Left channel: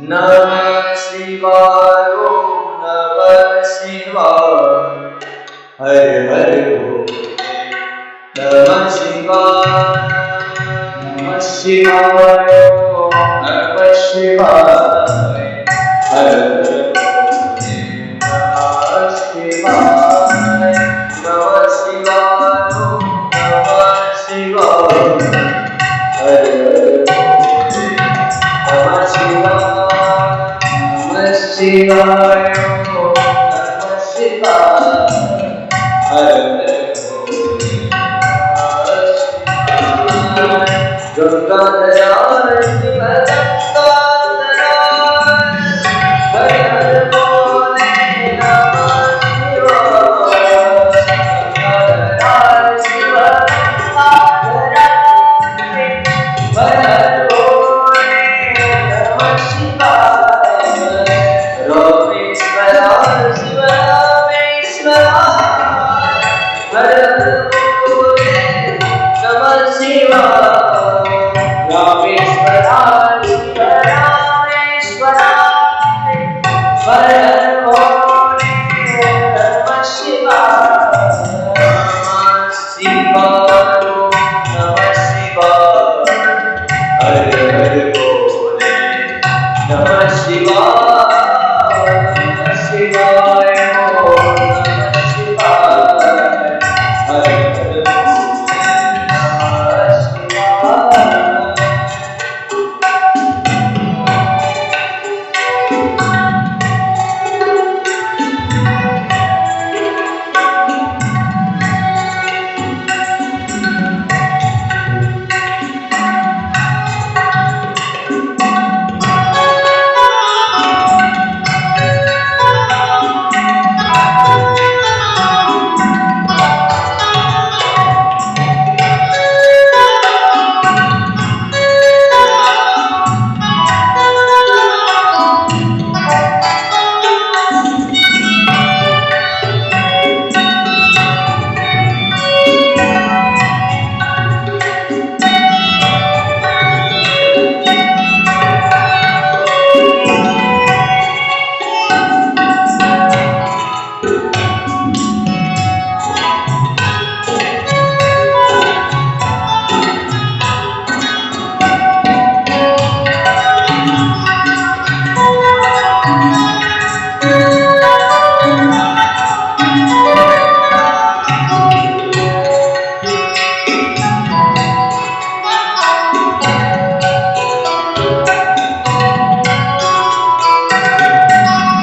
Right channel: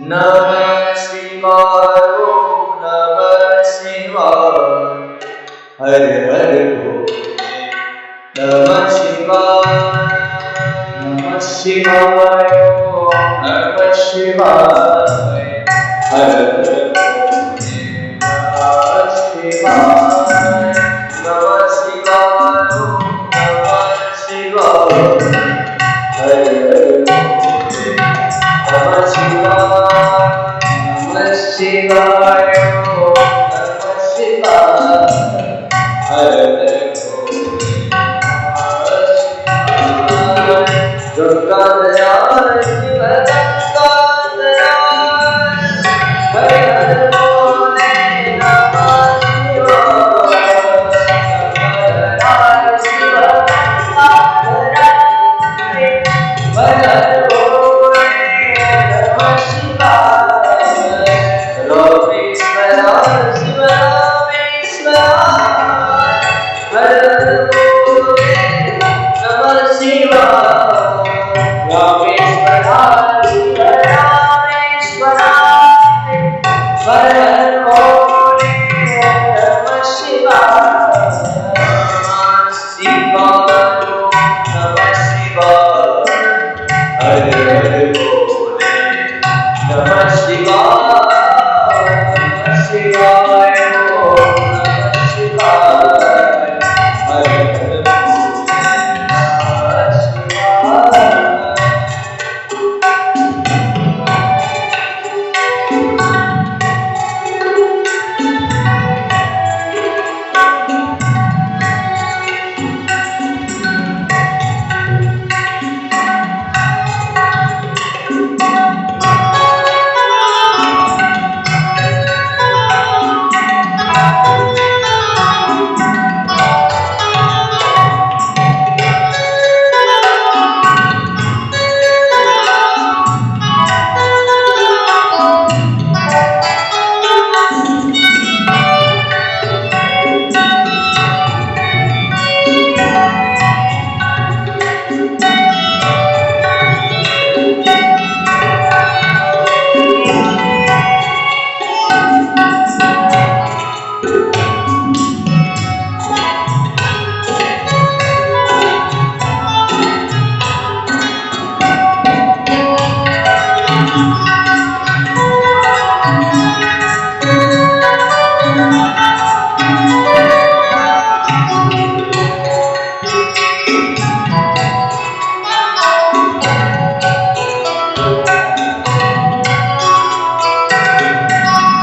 नमः शिवाय ओम नमः शिवाय हर हर भोले नमः शिवाय नमः शिवाय ओम नमः शिवाय हर हर भोले नमः शिवाय नमः शिवाय ओम नमः शिवाय हर हर भोले नमः शिवाय नमः शिवाय ओम नमः शिवाय हर हर भोले नमः शिवाय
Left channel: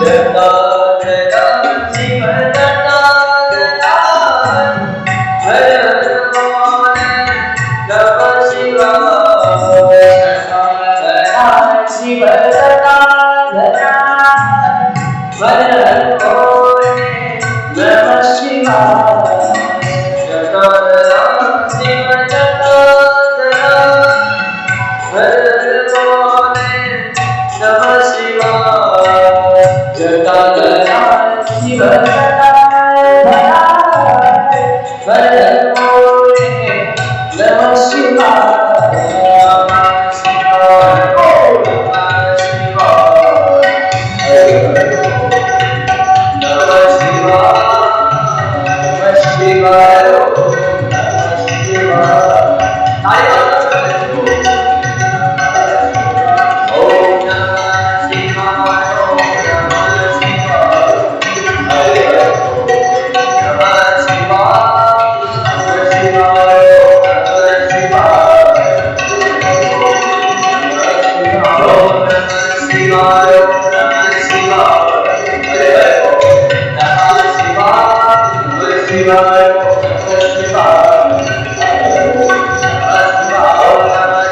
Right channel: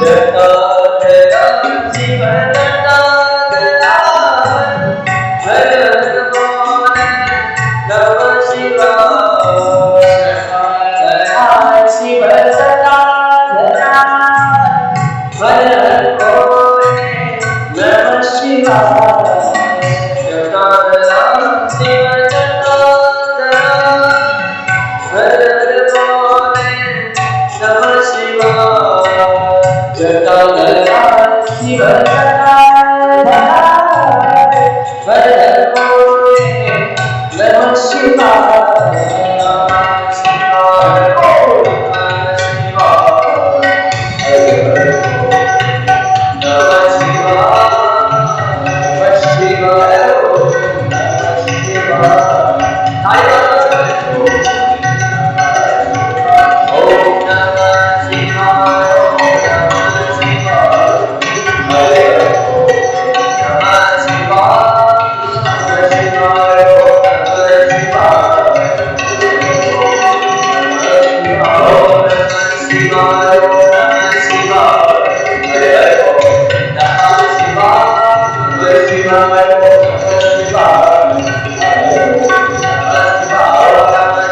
गंगाधराय शिव गंगाधराय हर हर भोले नमः शिवाय गंगाधराय शिव गंगाधराय हर हर भोले नमः शिवाय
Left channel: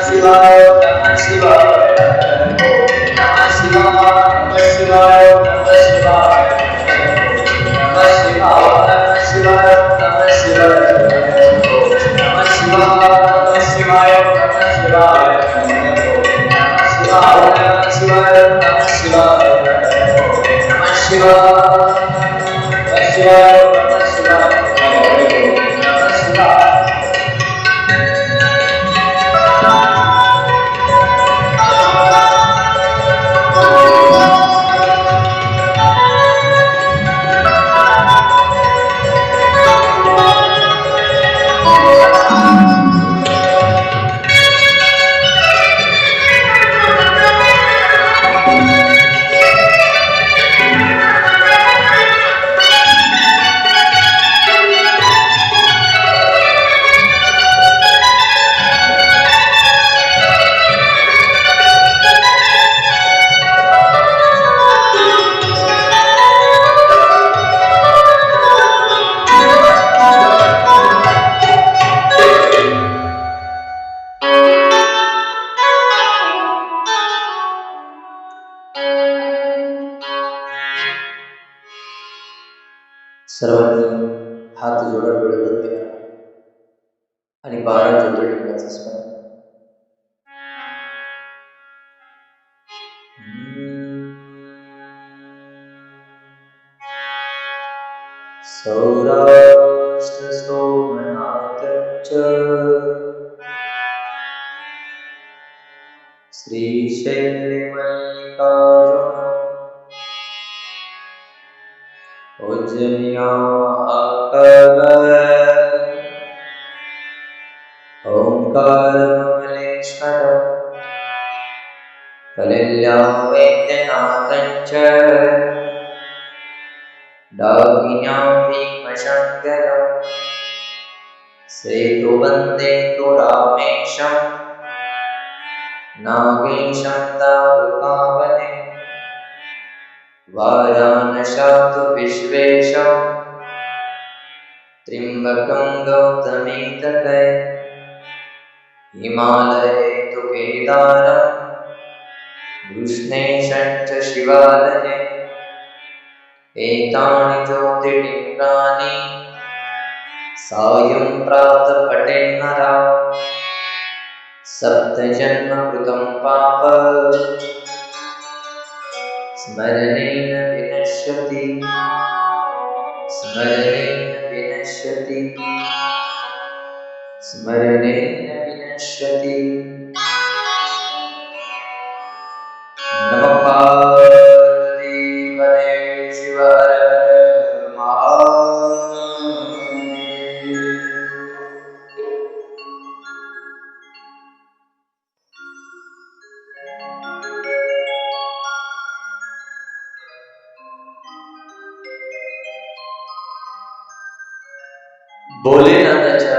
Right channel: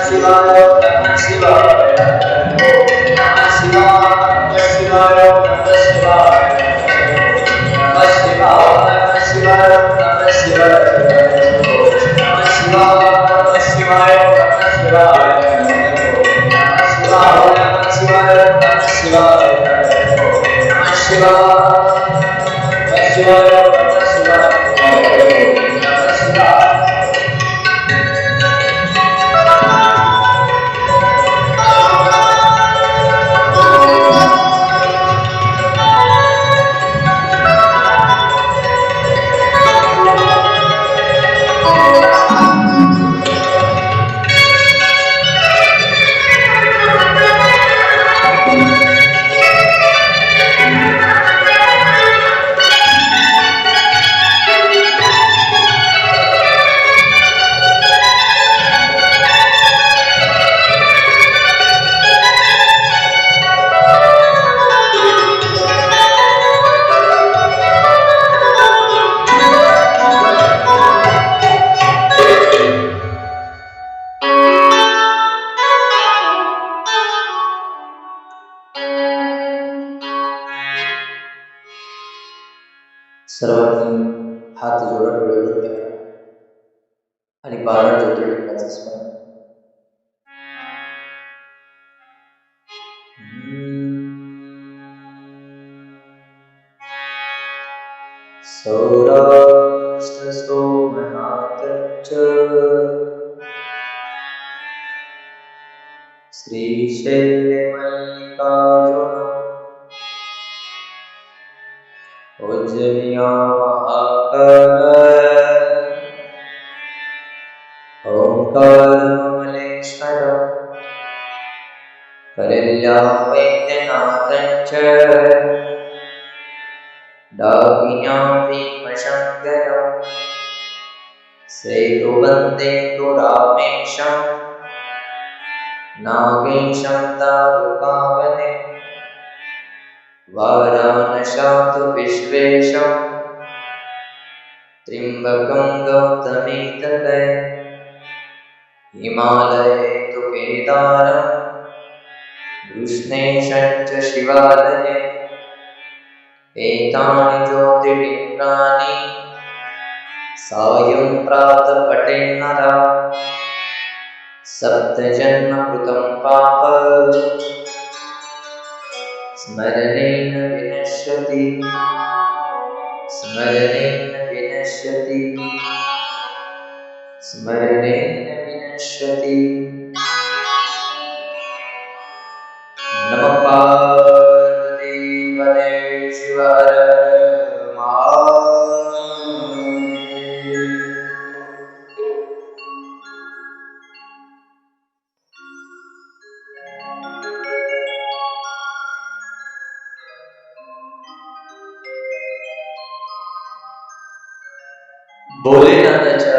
रामेश्वराय शिव रामेश्वराय हर हर भोले नमः शिवाय रामेश्वराय शिव रामेश्वराय हर हर भोले नमः शिवाय नमः शिवाय हर हर भोले नमः शिवाय नमः शिवाय ओम नमः शिवाय हर हर भोले नमः शिवाय सर्वांनी हात जोडा, डोळे बंद करा आणि 12 ज्योतिर्लिंगाचं स्मरण. सौराष्ट्र सोमनाथ श्रीशैल्य मल्लिकार्जुन उज्जनिया महाकाल ओंकारमलेश्वर कलिल्या वैद्यनाथञ्च डाकिन्या भीमशङ्करं सेतुबन्धेतु रामेशं नागेशं दारुकावने वाराणस्यातु विश्वेशं त्र्यम्बकं गौतमीतटे हिमालये तु केदारं कृष्णेशं च शिवालये एतानि ज्योतिर्लिङ्गानि सायं प्रातः पठेन्नरः सप्तजन्मकृतं पाप स्मरणेन विनश्यति स्मरणेन विनश्यति स्मरणेन विनश्यति. नमः पार्वती पते शिव हर हर महादेव. भोलेनाथाच्या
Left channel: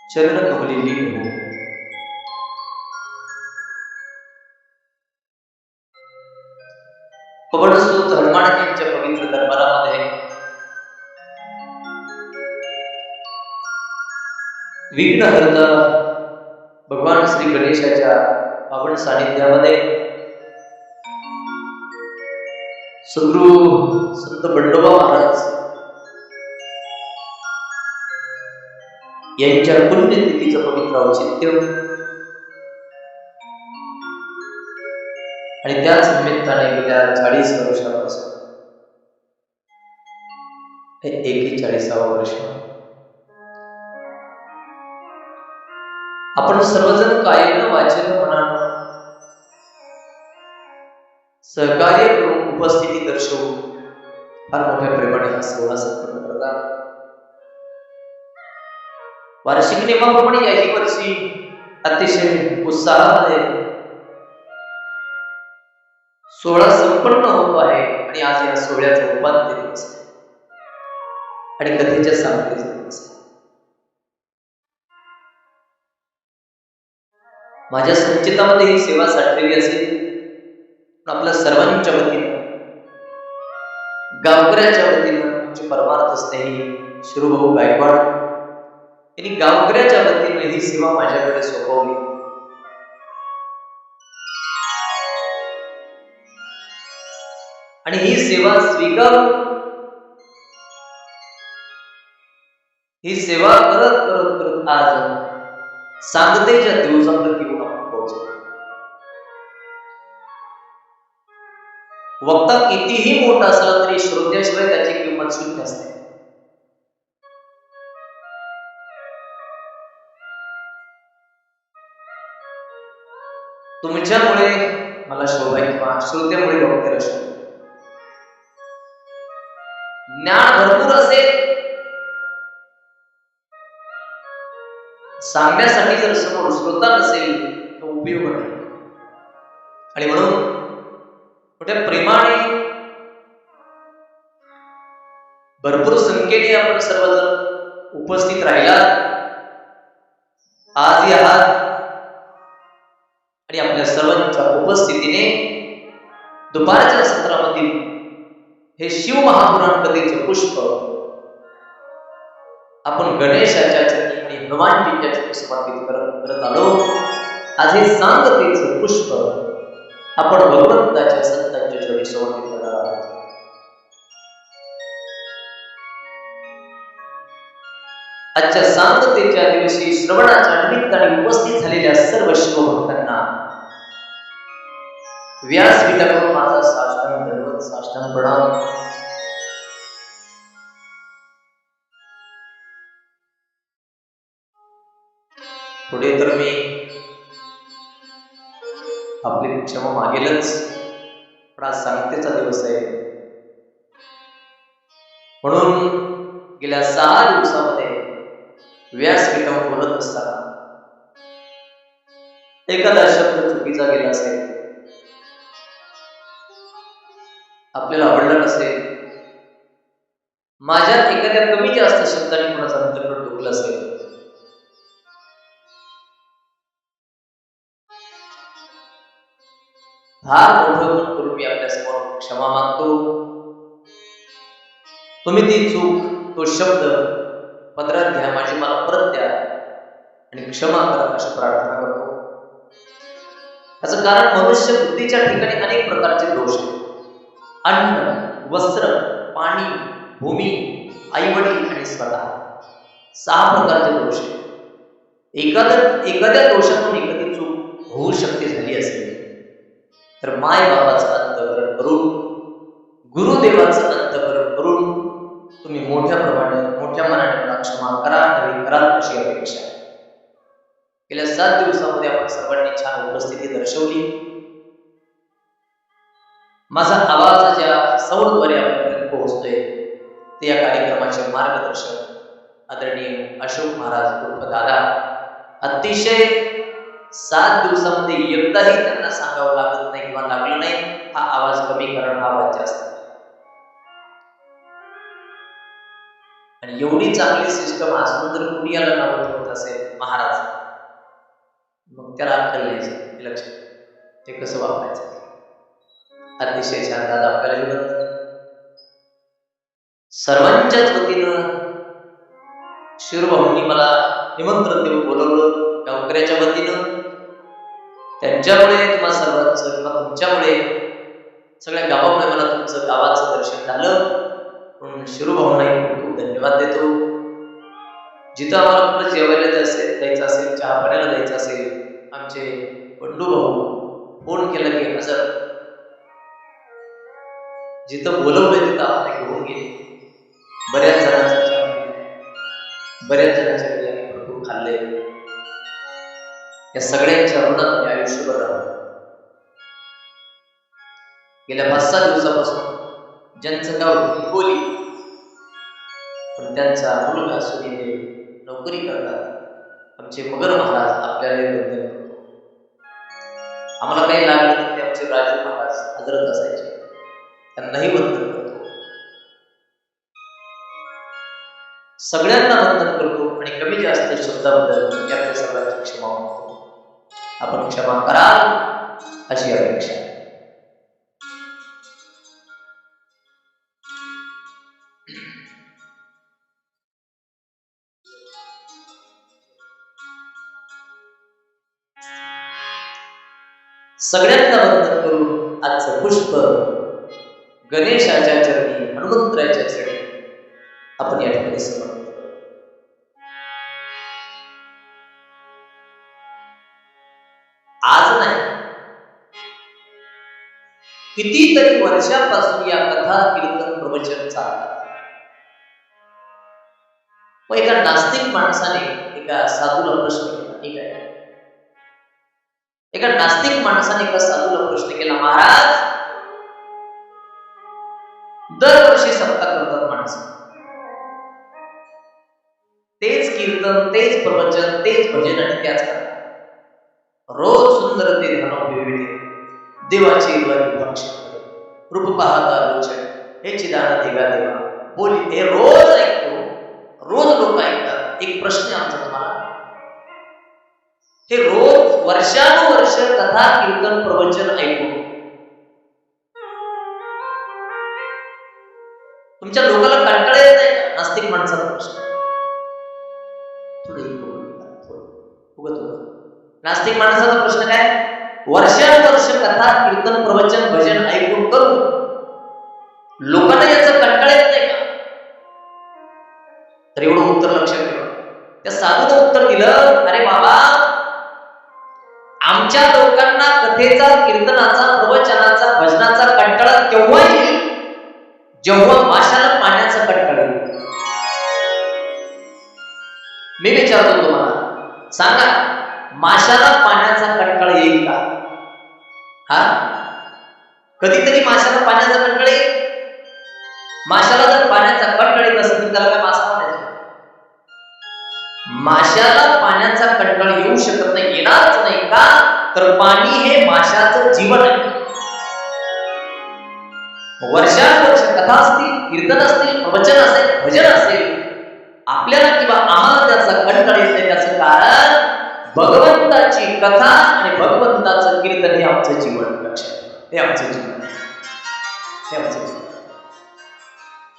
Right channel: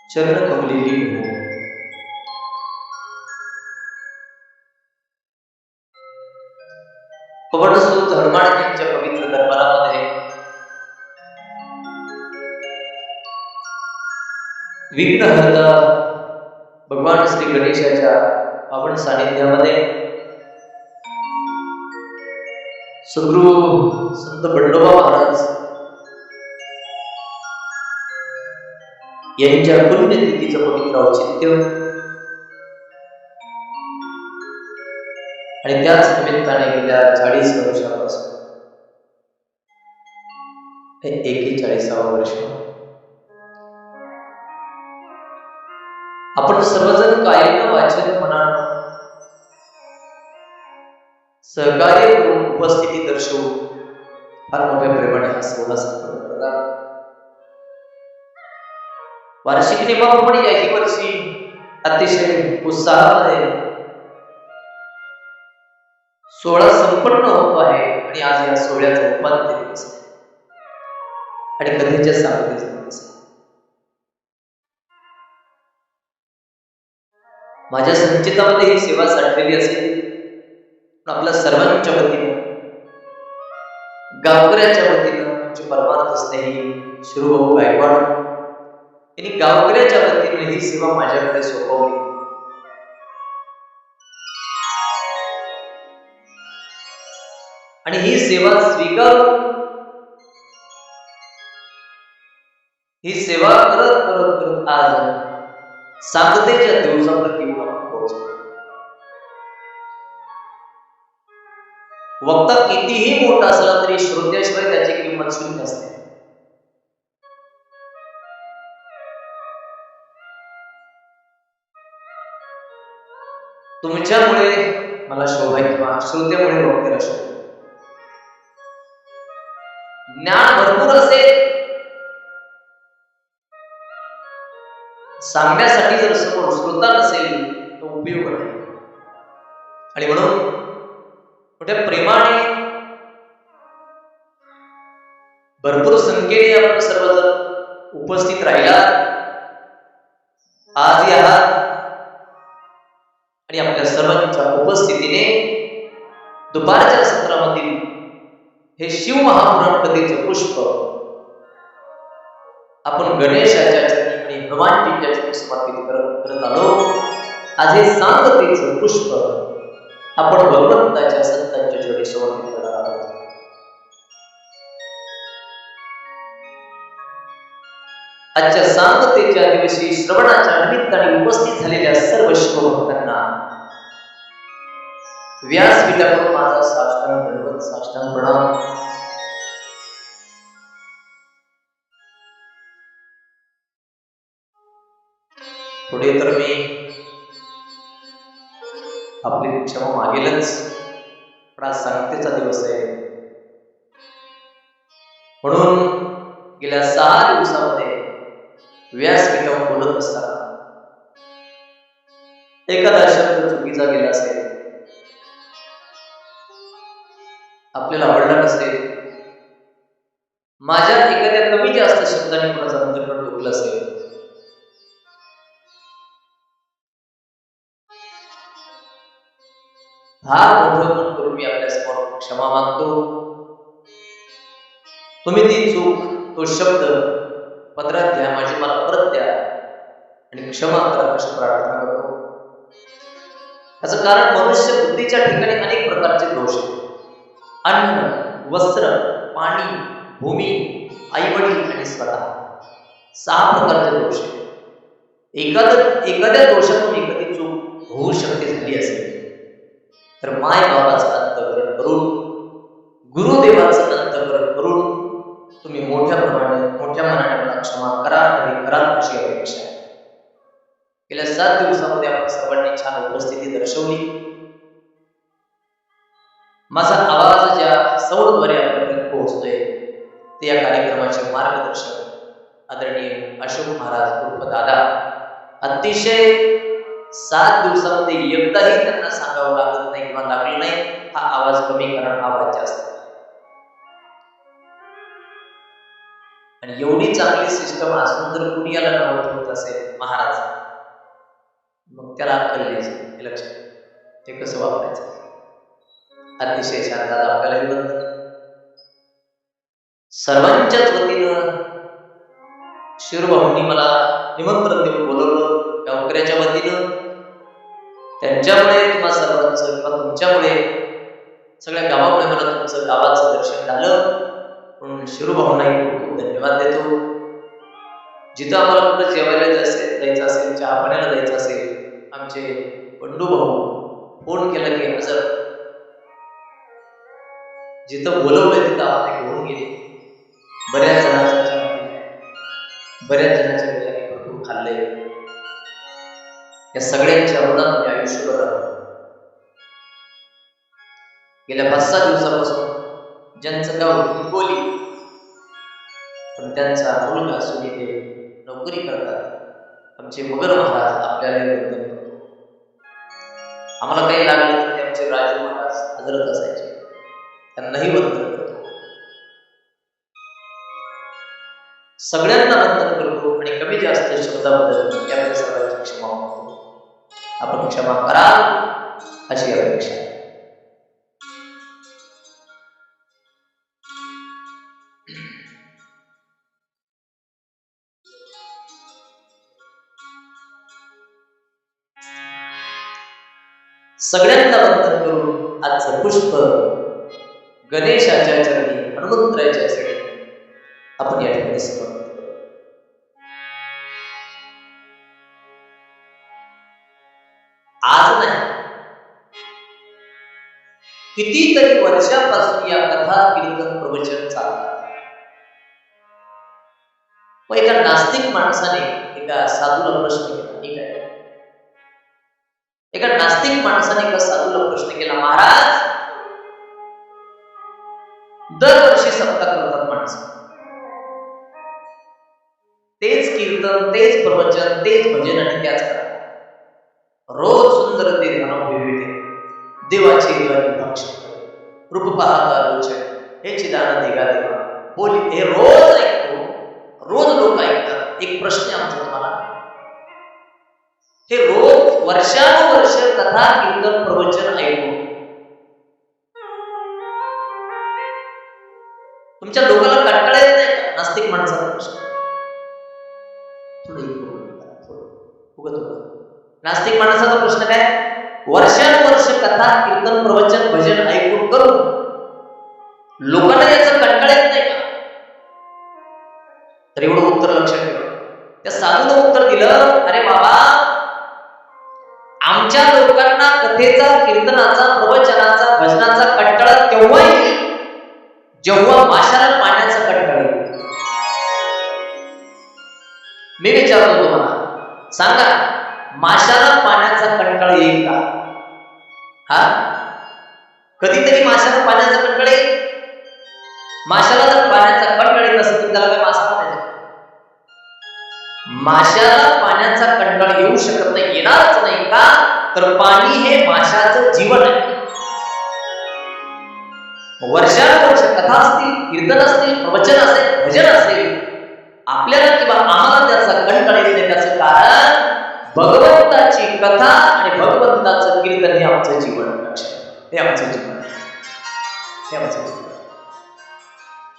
चरणकमली लीन हो. पवनसुत हनुमानजींच्या पवित्र दरबारामध्ये विघ्नहर्ता भगवान श्री गणेशाच्या पावन सानिध्यामध्ये सद्गुरु संत बंडोबा महाराज यांच्या पुण्यतिथीचं पवित्र औचित्य आणि त्याच निमित्ताने गेल्या 40 वर्षापासून हे 41वे वर्ष आपण सर्वजण कायेनं वाचेनं मनानं सहकार्य करून उपस्थिती दर्शवून फार मोठ्या प्रेमाने हा सोहळा संपन्न करतात. वार्षिक नियमाप्रमाणे याही वर्षी अतिशय उत्साहामध्ये सोहळा संपन्न होतो आहे आणि आज या सोहळ्याचा उपांत्य दिवस आहे आणि कथेच्या सांगतेचा दिवस आहे. माझ्या संचितामध्ये ही सेवा साठलेली असेल पण आपल्या सर्वांच्या वतीनं गावकऱ्याच्या वतीनं आमचे परमार्थ स्नेही शिरूभाऊ गायकवाड यांनी गावकऱ्याच्या वतीनं ही सेवा माझ्याकडे सोपवली. आणि ही सेवा स्वीकारून ही सेवा करत करत करत आज सांगतेच्या दिवसापर्यंत येऊन आपण पोहोचलो. वक्ता कितीही मोठा असला तरी श्रोत्याशिवाय त्याची किंमत शून्य असते. तुमच्यामुळे मला शोभा किंवा श्रोत्यामुळे वक्त्याला शोभा. ज्ञान भरपूर असेल सांगण्यासाठी जर समोर श्रोता नसेल तर उपयोग नाही. आणि म्हणून मोठ्या प्रेमाने भरपूर संख्येने आपण सर्वजण उपस्थित राहिला आजही आहात आणि आपल्या सर्वांच्या उपस्थितीने दुपारच्या सत्रामधील हे शिव महापुराण कथेचं पुष्प आपण गणेशाच्या चरणी आणि हनुमानजींच्या चरणी समर्पित करत आलो. आज हे सांगतेचं पुष्प आपण भगवंताच्या संतांच्या चरणी समर्पित करणार आहोत. आजच्या सांगतेच्या दिवशी श्रवणाच्या निमित्ताने उपस्थित झालेल्या सर्व शिवभक्तांना व्यासपीठाकडून माझा साष्टांग दंडवत, साष्टांग प्रणाम. पुढे तर मी आपली क्षमा मागेलच, पण आज सांगतेचा दिवस आहे म्हणून गेल्या 6 दिवसामध्ये व्यासपीठावर बोलत असताना एखादा शब्द चुकीचा गेला असेल, आपल्याला आवडला नसेल, माझ्यात एखाद्या कमी जास्त शब्दाने कोणाचा अंतःकरण दुखलं असेल, फार मोठं मन करून मी आपल्या समोर क्षमा मागतो. तुम्ही ती चूक, तो शब्द पदरात घ्या, माझी मला परत द्या आणि क्षमा करा अशी प्रार्थना करतो. याचं कारण मनुष्य बुद्धीच्या ठिकाणी अनेक प्रकारचे दोष आहेत. अन्न, वस्त्र, पाणी, भूमी, आईवडील आणि स्वतः 6 प्रकारचे दोष आहेत. एखाद्या दोषातून एखादी चूक होऊ शकते, झाली असेल तर माय बाबाचं अंतःकरण करून, गुरुदेवाचं अंतःकरण करून तुम्ही मोठ्या मनाने मला क्षमा करा, नवी कराल अशी अपेक्षा. गेल्या 7 दिवसामध्ये आपण सर्वांनी छान उपस्थिती दर्शवली. माझा आवाज ज्या सौरद्वारे आपल्यापर्यंत पोहोचतोय ते या कार्यक्रमाचे मार्गदर्शक आदरणीय अशोक महाराज उर्फ दादा. अतिशय 7 दिवसामध्ये एकदाही त्यांना सांगावं लागत नाही किंवा लागलं नाही हा आवाज कमी करा, हा आवाज जास्त. आणि एवढी चांगली सिस्टम असून जर कुणी याला नवत होत असेल महाराज, मग त्याला अक्कल नाही. हे लक्षात, ते कसं वापरायचं. अतिशय छान दादा, आपल्यालाही बंधन. सर्वांच्याच वतीनं शिवभाऊंनी मला निमंत्रण देऊन बोलवलं. गावकऱ्याच्या वतीनं, त्यांच्यामुळे तुम्हा सर्वांचं किंवा तुमच्यामुळे सगळ्या गावामुळे मला तुमचं गावाचं दर्शन झालं. म्हणून शिरूभाऊंनाही खूप खूप धन्यवाद देतो. जिथं आम्हाला कुठं जेवायला जायचं असेल, चहा पाण्याला जायचं असेल, आमचे बंडू भाऊ फोन केला की हजर. जिथं बोलवलंय तिथं आम्हाला घेऊन गेले. बऱ्याच जणांचा चहा पिला, बऱ्याच जणांच्या घरी आम्ही भरपूर खाल्लंय. या सगळ्यांच्या ऋणात आम्ही आयुष्यभर राहतो. गेल्या 5-6 दिवसापासून ज्यांचं गाव हिंगोली, पण त्यांचा मुलगा असून इथे नोकरी करतात, आमचे मगर महाराज, आपल्याला वंदन करतो. आम्हाला काही लागलं तर ते आमचे राजू महाराज हजरत असायचे, त्यांनाही वंदन करतो. सगळ्यांना वंदन करतो आणि कमी जास्त शब्दाबद्दल आपल्या सर्वांची क्षमा मागतो. आपण क्षमा कराल अशी अपेक्षा. सगळ्यांना वंदन करून आजचं पुष्प गणेशाच्या चरणी, हनुमंतरायाच्या चरणी आपण या ठिकाणी समर्पित करू. आज नाही, कितीतरी वर्षापासून या कथा, कीर्तन, प्रवचन चालतात. मग एका नास्तिक माणसाने एका साधूला प्रश्न केला. ठीक आहे, एका नास्तिक माणसाने एका साधूला प्रश्न केला, महाराज, दरवर्षी सप्ताह करतात माणसं, तेच कीर्तन, तेच प्रवचन, तेच भजन आणि त्याच करतात. रोज सुंदर ते ध्यान देवाची भक्ष रूप पाहता लोचन हे चिदान देगा देवा बोली. हे रोज ऐकतो, रोज लोक ऐकतात. एक प्रश्न आहे आमचा तुम्हाला, हे रोज वर्षानुवर्ष कथा, कीर्तन, प्रवचन ऐकून तुमच्या लोकांना कंटाळा येत नाही का? नास्तिक माणसाचा प्रश्न. नास्तिक माणसाचा प्रश्न काय? वर्षानुवर्ष कथा, कीर्तन, प्रवचन, भजन ऐकून करून लोकांना याचा कंटाळा येत नाही का? तर एवढं उत्तर लक्षात ठेवा. त्या साधूनं उत्तर दिलं, अरे बाबा, आमच्या लोकांना कथेचा, कीर्तनाचा, प्रवचनाचा, भजनाचा कंटाळा तेव्हा येईल जेव्हा माशाला पाण्याचा कंटाळा येईल. मी विचारतो तुम्हाला, सांगा, माशाला पाण्याचा कंटाळा येईल का? हा, कधीतरी माशाला पाण्याचा कंटाळा येईल? माशाला जर पाण्याचा कंटाळा येत नसेल तर त्याला काय मासा म्हणायचं? माशाला पाण्याचा कंटाळा येऊ शकत नाही, येणारच नाही. का? तर पाणी हे माशाचं जीवन आहे. वर्षानुवर्ष कथा असतील, कीर्तन असतील, प्रवचन असेल, भजन असेल, आपल्याला किंवा आम्हाला त्याचा कंटाळा येत नाही. त्याचं कारण भगवंताची कथा आणि भगवंताचं कीर्तन हे आमचं जीवन. लक्षात, हे आमचं जीवन, हे आमचं जीवन.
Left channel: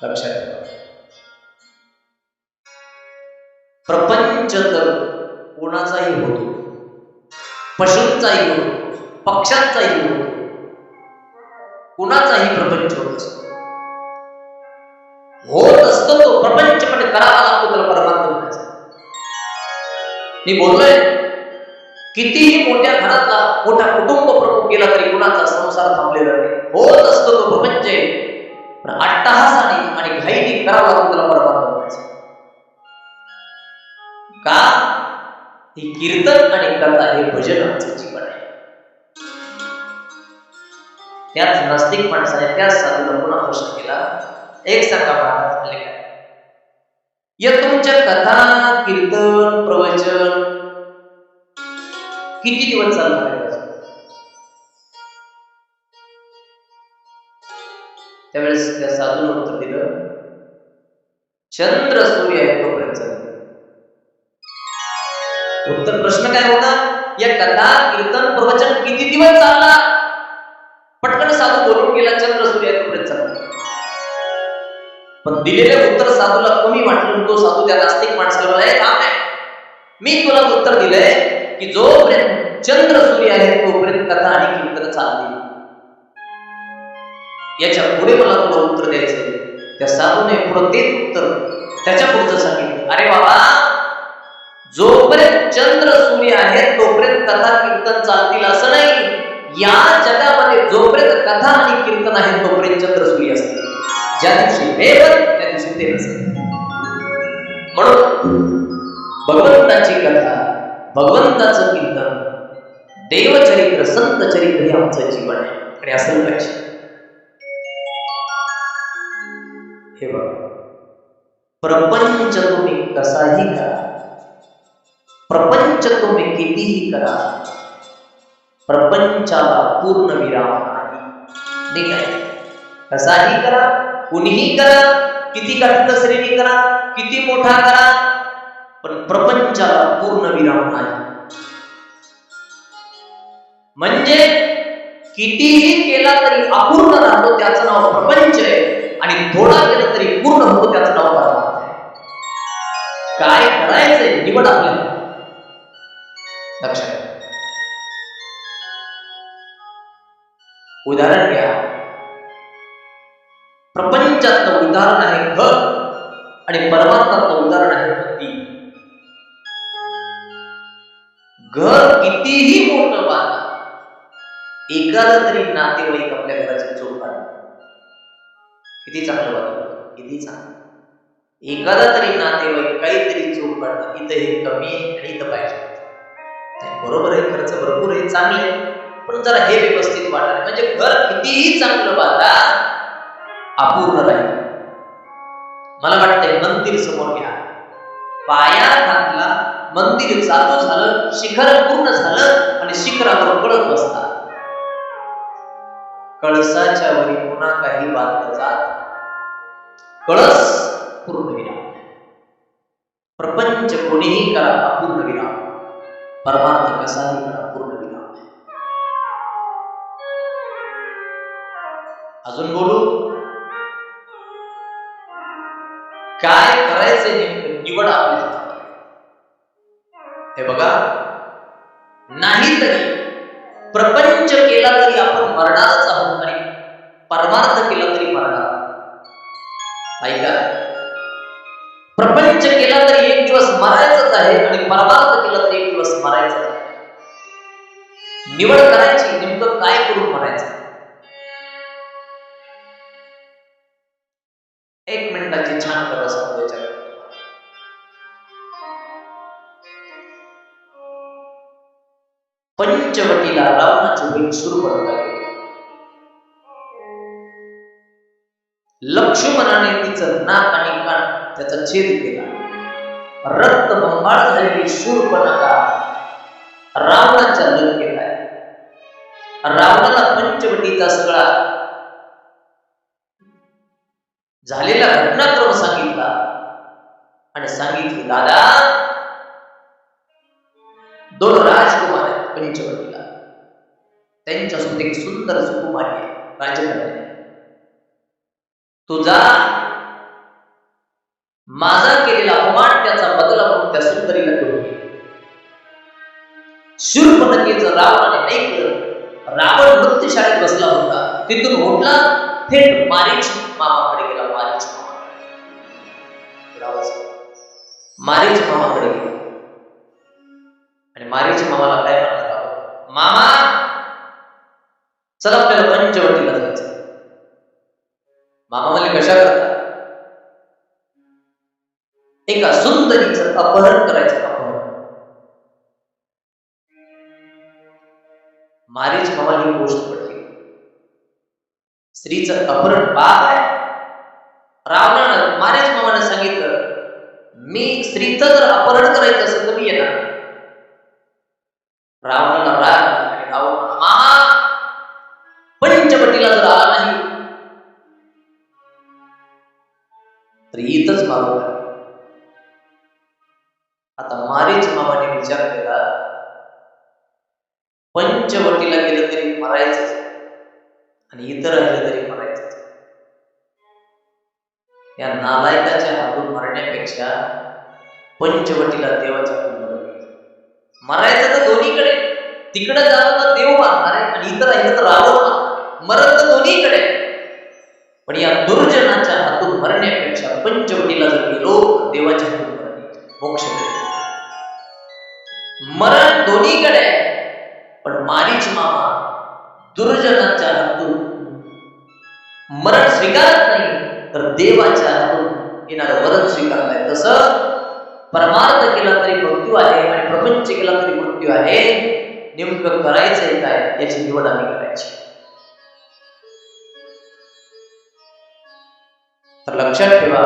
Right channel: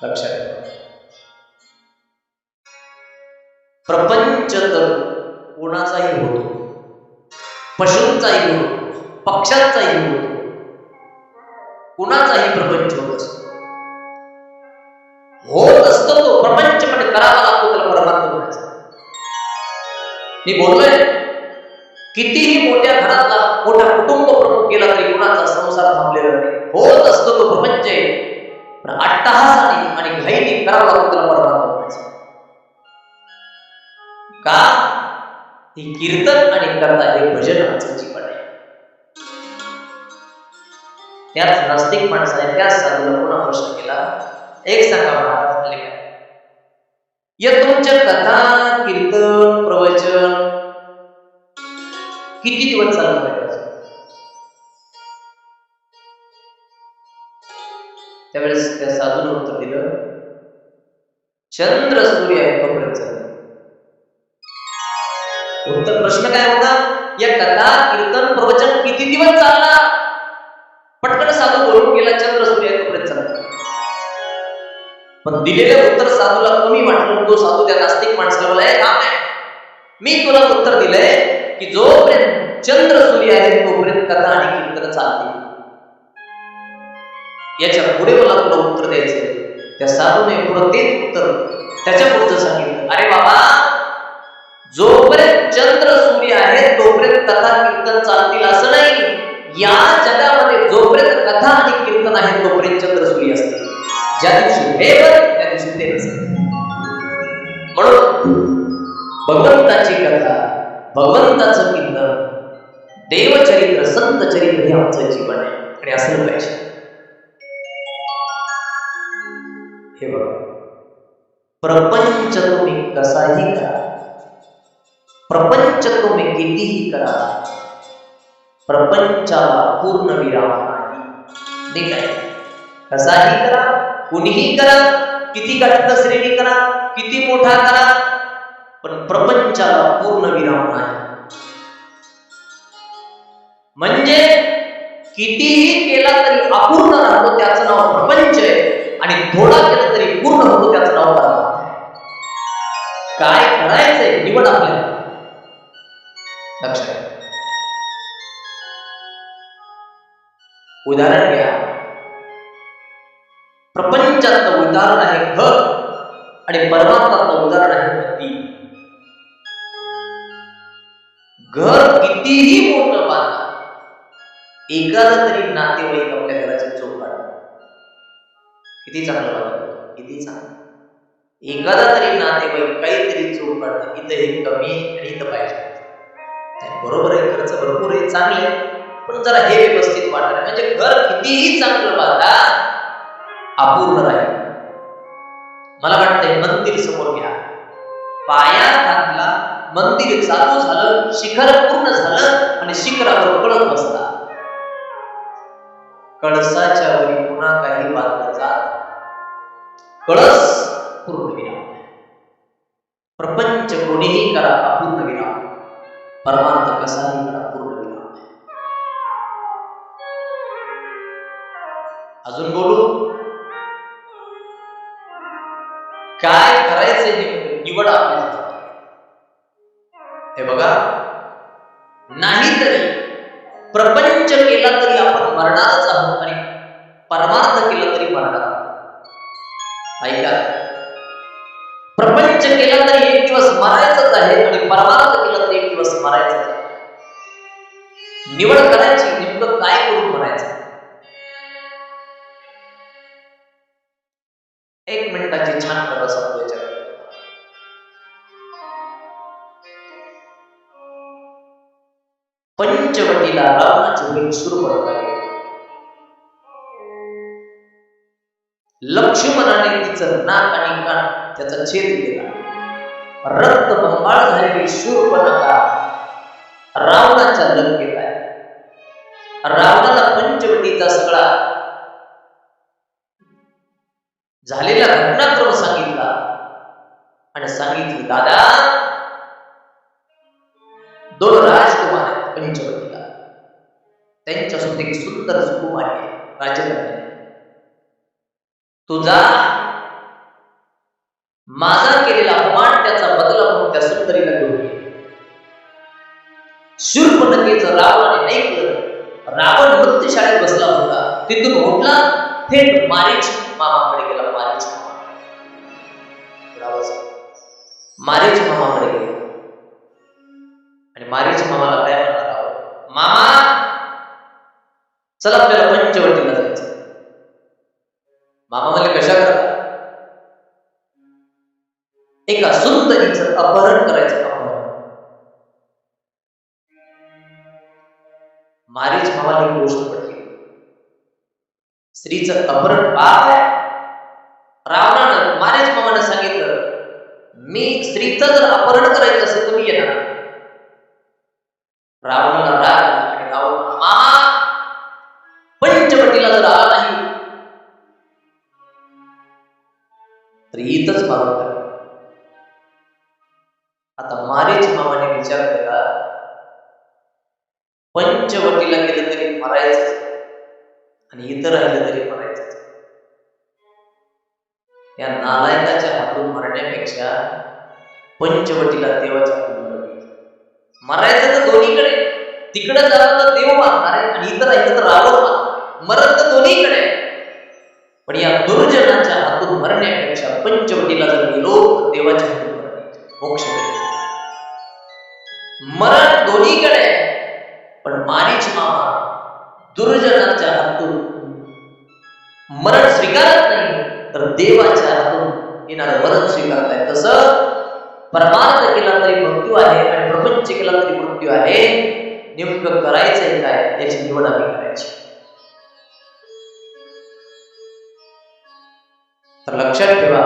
लक्षात ठेवा. प्रपंच तर कोणाचाही होतो, पशूंचाही होतो, पक्ष्यांचाही होतो, कुणाचाही प्रपंच होत असतो. होत असतो तो प्रपंच, पण करावा लागतो त्याला परमार्थ म्हणायचा. मी बोललोय, कितीही मोठ्या घरातला मोठा कुटुंब प्रमुख गेला तरी कुणाचा संसार थांबलेला नाही. होत असतो तो प्रपंच आहे, पण अट्टहासाने आणि घाईने करावा लागतो त्याला परमार्थ म्हणायचं. का? ही कीर्तन आणि कथा हे भजन आमचं जीवन आहे. त्याच नास्तिक माणसाने त्याच साधूला पुन्हा प्रश्न केला, एक सांगा महाराज, म्हणले काय? या तुमच्या कथा, कीर्तन, प्रवचन किती दिवस चालणार आहे? त्यावेळेस त्या साधूने उत्तर दिलं, चंद्र सूर्य आहे तोपर्यंत चालणार. उत्तर प्रश्न काय होता? या कथा, कीर्तन, प्रवचन किती दिवस चालणार? पटकन साधू बोलून गेला, चंद्र सूर्य आहे तोपर्यंत चालणार. पण दिलेले उत्तर साधूला कमी वाटलं. तो साधू त्या नास्तिक माणसाला बोला, हे थांब रे, मी तुला उत्तर दिलंय की जोपर्यंत चंद्र सूर्य आहे तोपर्यंत कथा आणि कीर्तन चालतील. याच्या पुढे मला तुला उत्तर द्यायचंय. त्या साधूने पुढे तेच उत्तर त्याच्या पुढचं सांगितलं, अरे बाबा, जोपर्यंत चंद्र सूर्य आहे तोपर्यंत कथा कीर्तन चालतील असं नाही. या जगामध्ये जोपर्यंत कथा आणि कीर्तन आहे तोपर्यंत चंद्र सूर्य असतील. ज्या दिवशी हे बन त्या दिवशी ते नसेल. म्हणून भगवंताची कथा, भगवंताचं कीर्तन, देवचरित्र, संत चरित्र हे आमचं जीवन आहे आणि असं पाहिजे. हे बघा, प्रपंच तुम्ही कसाही करा, प्रपंच तुम्ही कितीही करा, प्रपंचाला पूर्ण विराम नाही. नीट आहे. कसाही करा, कुणीही करा, किती काटकसरीने करा, किती मोठा करा, पण प्रपंचाला पूर्ण विराम नाही. म्हणजे कितीही केला तरी अपूर्ण राहतो त्याचं नाव प्रपंच आहे, आणि थोडा केलं तरी पूर्ण होतो त्याचं नाव परमार्थ आहे. काय करायचंय निवड आपल्याला. लक्षात. उदाहरण घ्या. प्रपंचातलं उदाहरण आहे घर आणि परमार्थातलं उदाहरण आहे मंदिर. घर कितीही मोठं बांधा, एखादा तरी नातेवाईक आपल्या घराची चोख काढतो. किती चांगलं बांधलं, किती चांगलं. एखादा तरी नातेवाईक काहीतरी चोख काढतात. इथं हे कमी आहे आणि इथं पाहिजे. बरोबर आहे, खर्च भरपूर आहे, चांगले, पण जरा हे व्यवस्थित वाटत. म्हणजे घर कितीही चांगलं बांधा, अपूर्ण राहील. मला वाटतंय मंदिर समोर घ्या, पाया घातला, मंदिर चालू झालं, शिखर पूर्ण झालं आणि शिखरावर कळस बसला. कळसाच्या वरी पुन्हा काही बांधलं जात, कळस पूर्ण विराम. प्रपंच कोणीही करा अपूर्ण विराम, परमार्थ कसाही करा पूर्ण विराम. अजून बोलू. काय करायचे निवड आपल्या हातात. हे बघा, नाहीतरी प्रपंच केला तरी आपण मरणारच आहोत आणि परमार्थ केला तरी मरणार आहोत. ऐका, प्रपंच केला तरी एक दिवस मरायचंच आहे आणि परमार्थ केला तरी एक दिवस मरायचंच आहे. निवड करायची, नेमकं काय करून म्हणायचं. 1 मिनिटाची छान कथा सांगतो याच्याकडे. पंचवटीला रावणाची बहीण शूर्पणखा गेली. लक्ष्मणाने तिचं नाक आणि कान त्याचा छेद केला. रक्तबंबाळ झालेली शूर्पणखा रावणाच्या लंकेत आहे. रावणाला पंचवटीचा सगळा झालेला घटनाक्रम सांगितला आणि सांगितलं, दादा 2 राजकुमार आहेत पंचवटीला, त्यांच्यासोबत एक सुंदर सुकुमारी आहे राजकन्या. तुझा माझा केलेला अपमान त्याचा बदला म्हणून त्या सुंदरीला घेऊन ये. शूर्पणखेचं रावणाने ऐकलं. रावण मृत्यूशाळेत बसला होता, तिथून उठला, थेट मारीच मामाकडे गेला. मारीच मामाकडे गेला आणि मारीच मामाला काय म्हणणार आहोत, मामा चल आपल्याला पंचवटीला जायचं. मामा म्हणले, कशा करता? एका सुंदरीचं अपहरण करायचं. अपहरण. मारीच मामाला ही गोष्ट पडली. स्त्रीचं अपहरण पाप आहे. रावणानं मारीच मामाने सांगितलं, मी स्त्रीचं जर अपहरण करायचं असेल तर मी येणार. रावणाला राग आला आणि रावण म्हणा, मामा पंचवटीला जर आला नाही तर इथंच मारून टाक. आता मारीच मामाने विचार केला, पंचवटीला गेलं तरी मरायचं आणि इथं राहिलं तरी मरायचं. या नालायकाच्या हातून मरण्यापेक्षा पंचवटीला देवाच्या हातून मरायचं तर दोन्हीकडे. तिकडे जावं तर देव मारणार आहे आणि इथं राहिलं तर रावण मारणार आहे. मरण तर दोन्हीकडे. पण या दुर्जनाच्या हातून मरण्यापेक्षा पंचवटीला जर गेलो तर देवाच्या हातून मरण मोक्ष मिळेल. मरण दोन्हीकडे, पण मारीच मामा दुर्जनाच्या हातून मरण स्वीकारत नाही तर देवाच्या हातून येणारं मरण स्वीकारताय. तसं परमार्थ केला तरी मृत्यू आहे आणि प्रपंच केला तरी मृत्यू आहे. नेमकं करायचंय काय याची निवड आम्ही करायची. तर लक्षात ठेवा,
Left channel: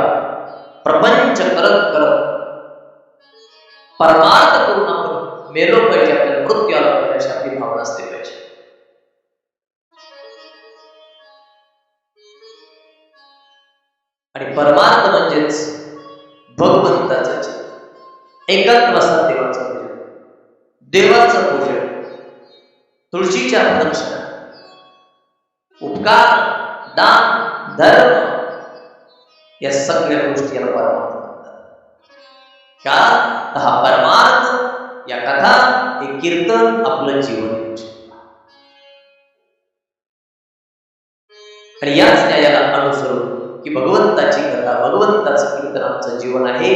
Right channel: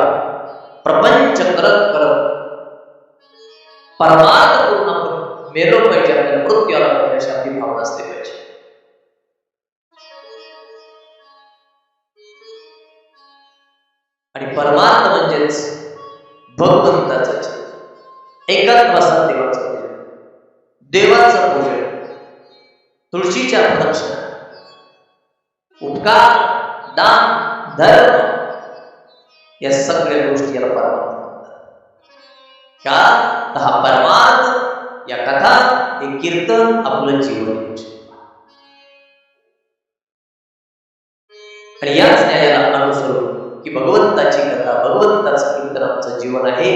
प्रपंच करत करत परमार्थ करून आपण मेलो पाहिजे, आपल्याला मृत्यू आला पाहिजे अशी आपली भावना असली पाहिजे. आणि परमार्थ म्हणजेच भगवंताचं जीवन, एकात्मसात देवाचं पूजन, देवाचं पूजन, तुळशीच्या प्रदक्षिणा, उपकार, दान, धर्म, या सगळ्या गोष्टी याला परमार्थ म्हणतात. का? हा परमार्थ, या कथा, हे कीर्तन आपलं जीवन येऊ शकतं. आणि याच न्यायाला अनुसरून की भगवंताची कथा, भगवंताचं कीर्तन आमचं जीवन आहे,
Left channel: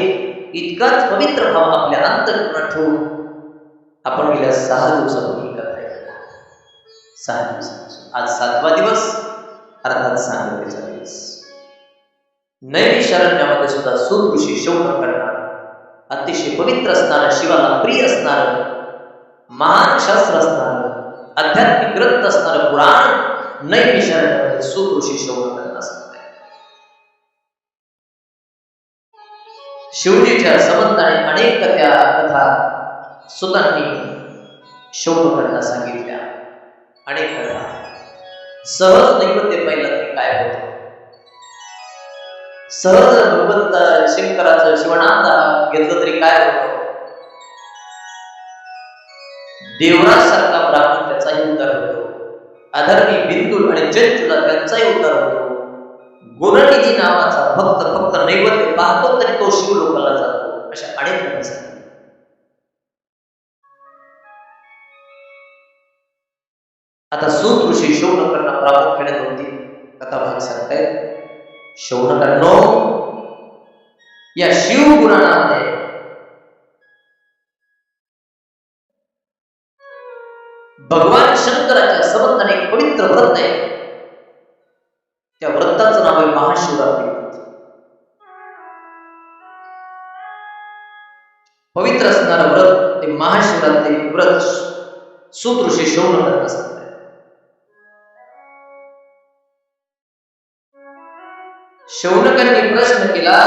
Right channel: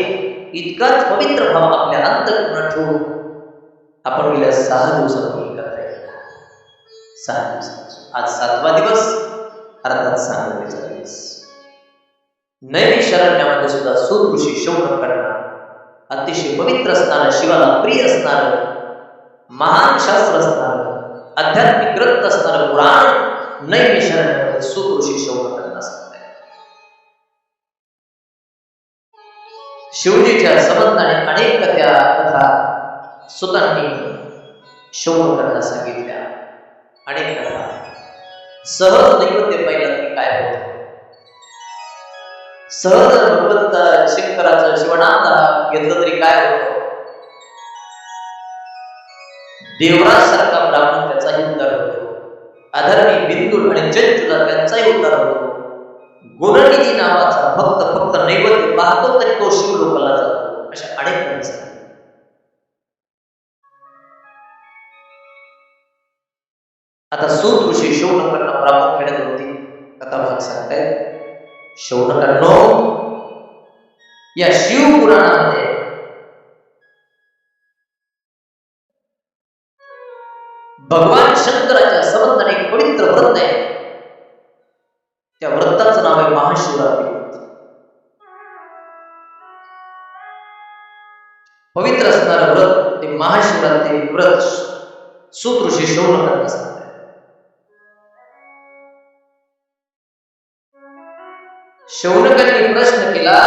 इतकाच पवित्र भाव आपल्या अंतःकरणात ठेवून आपण गेल्या 6 दिवसापूर्वी कथा ऐकला. 6 दिवसापासून आज 7वा दिवस, अर्थात सांगतेचा दिवस. नैमिषारण्यामध्ये सुद्धा सूत ऋषी शौनकांना अतिशय पवित्र असणारं, शिवाला प्रिय असणारं, महान शास्त्र असणारं, आध्यात्मिक ग्रंथ असणारं पुराण नैमिषारण्यामध्ये सूत ऋषी शौनकांना सांगताय. शिवजीच्या संबंधाने अनेक कथा सुतांनी शौनकांना सांगितल्या. अनेक कथा. सहज नैवेद्य पाहिला तरी काय होतं, सहज भगवंत शंकराचं शिवनाम घेतलं तरी काय होतं, देवराज सारखा ब्राह्मण त्याचाही उद्धार होतो, अधर्मी बिंदुल आणि चंचुला त्यांचाही उद्धार होतो, गुणनिधी नावाचा फक्त नैवेद्य पाहतो तरी तो शिवलोकाला जातो. अशा अनेक कथा सांगतात. आता सूत ऋषी शौनकांना प्रामुख्याने 2-3 कथा भाग सांगतायत. शौनकांनो, या शिवपुराणामध्ये भगवान शंकराच्या संबंधाने एक पवित्र व्रत आहे. त्या व्रताचं नाव आहे महाशिवरात्री व्रत. पवित्र असणारं व्रत ते महाशिवरात्री व्रत सूत ऋषी शौनकांना सांगतात. शौनकांनी प्रश्न केला,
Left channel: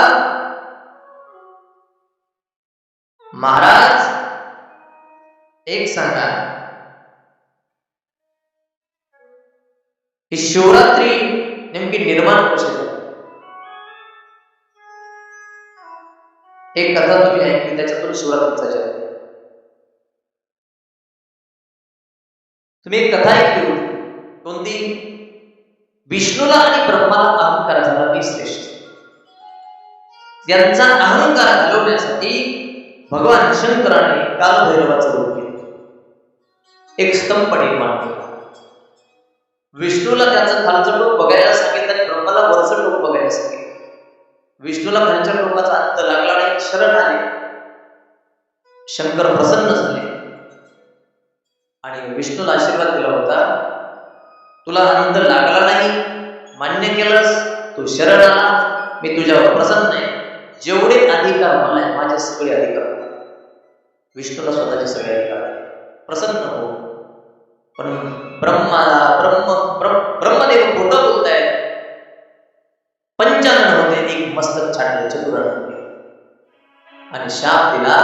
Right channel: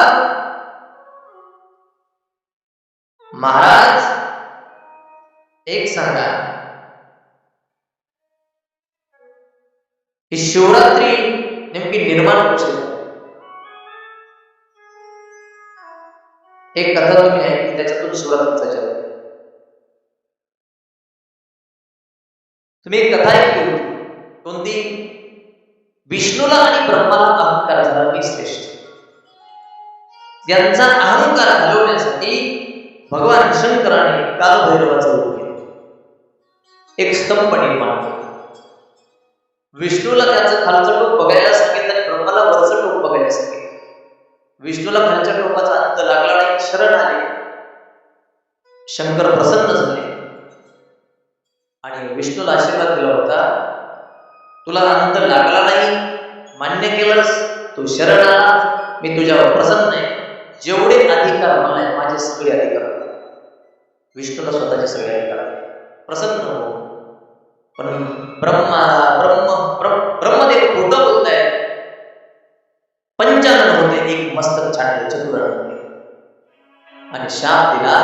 महाराज एक सांगा, ही शिवरात्री नेमकी निर्माण कशी झाली? एक कथा तुम्ही ऐकली, त्याच्यातून शिवरात्रीचा जन्म. तुम्ही एक कथा ऐकली होती, कोणती? विष्णूला आणि ब्रह्माला अहंकार झाला मी श्रेष्ठ. त्यांचा अहंकार घालवण्यासाठी भगवान शंकराने कालभैरवाचं रूप घेतलं, एक स्तंभ निर्माण केला. विष्णूला त्याचं खालचं टोक बघायला सांगितलं आणि ब्रह्माला वरचं टोक बघायला सांगितलं. विष्णूला खालच्या टोकाचा अंत लागला नाही, शरण आले. शंकर प्रसन्न झाले आणि विष्णूला आशीर्वाद दिला होता, तुला अंत लागला नाही, मान्य केलंस, तू शरण आला, मी तुझ्यावर प्रसन्न आहे, जेवढे अधिकार मला आहे माझे सगळे अधिकार मला. विष्णूला स्वतःचे सगळे अधिकार प्रसन्न हो. पण ब्रह्मदेव खोटं बोलतायत. 95 होते, एक मस्तक छाटलं चतुराने आणि शाप दिला,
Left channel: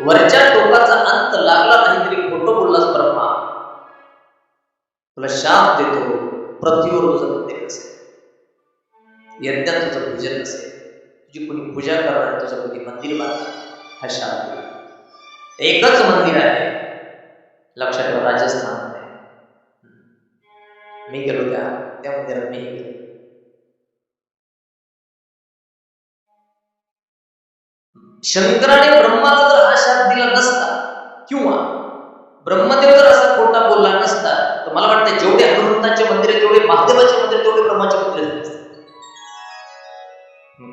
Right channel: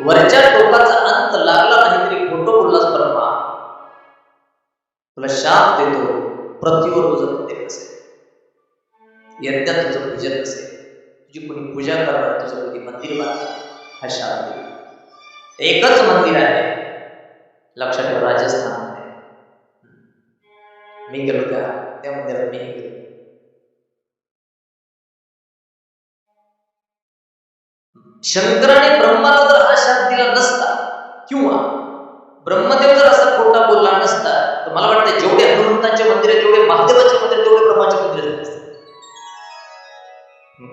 वरच्या टोकाचा अंत लागला नाही तरी खोटं बोललास ब्रह्मा, तुला शाप देतो, पृथ्वीवर तुझं मंदिर नसेल, यज्ञात तुझं पूजन नसेल, तुझी कोणी पूजा करणार, तुझं कोणी मंदिर बांधणार, हा शाप दिला. एकच मंदिर आहे, लक्षात ठेवा, राजस्थानमध्ये. मी गेलो त्या मंदिरात, मी गेलो. शंकराने ब्रह्माला जर हा शाप दिला नसता किंवा ब्रह्मदेव जर असा खोटा बोलला नसता, तर मला वाटतं जेवढे हनुमंताचे मंदिर आहे, जेवढे महादेवाचे मंदिर, तेवढे ब्रह्माचे मंदिर झाले असते.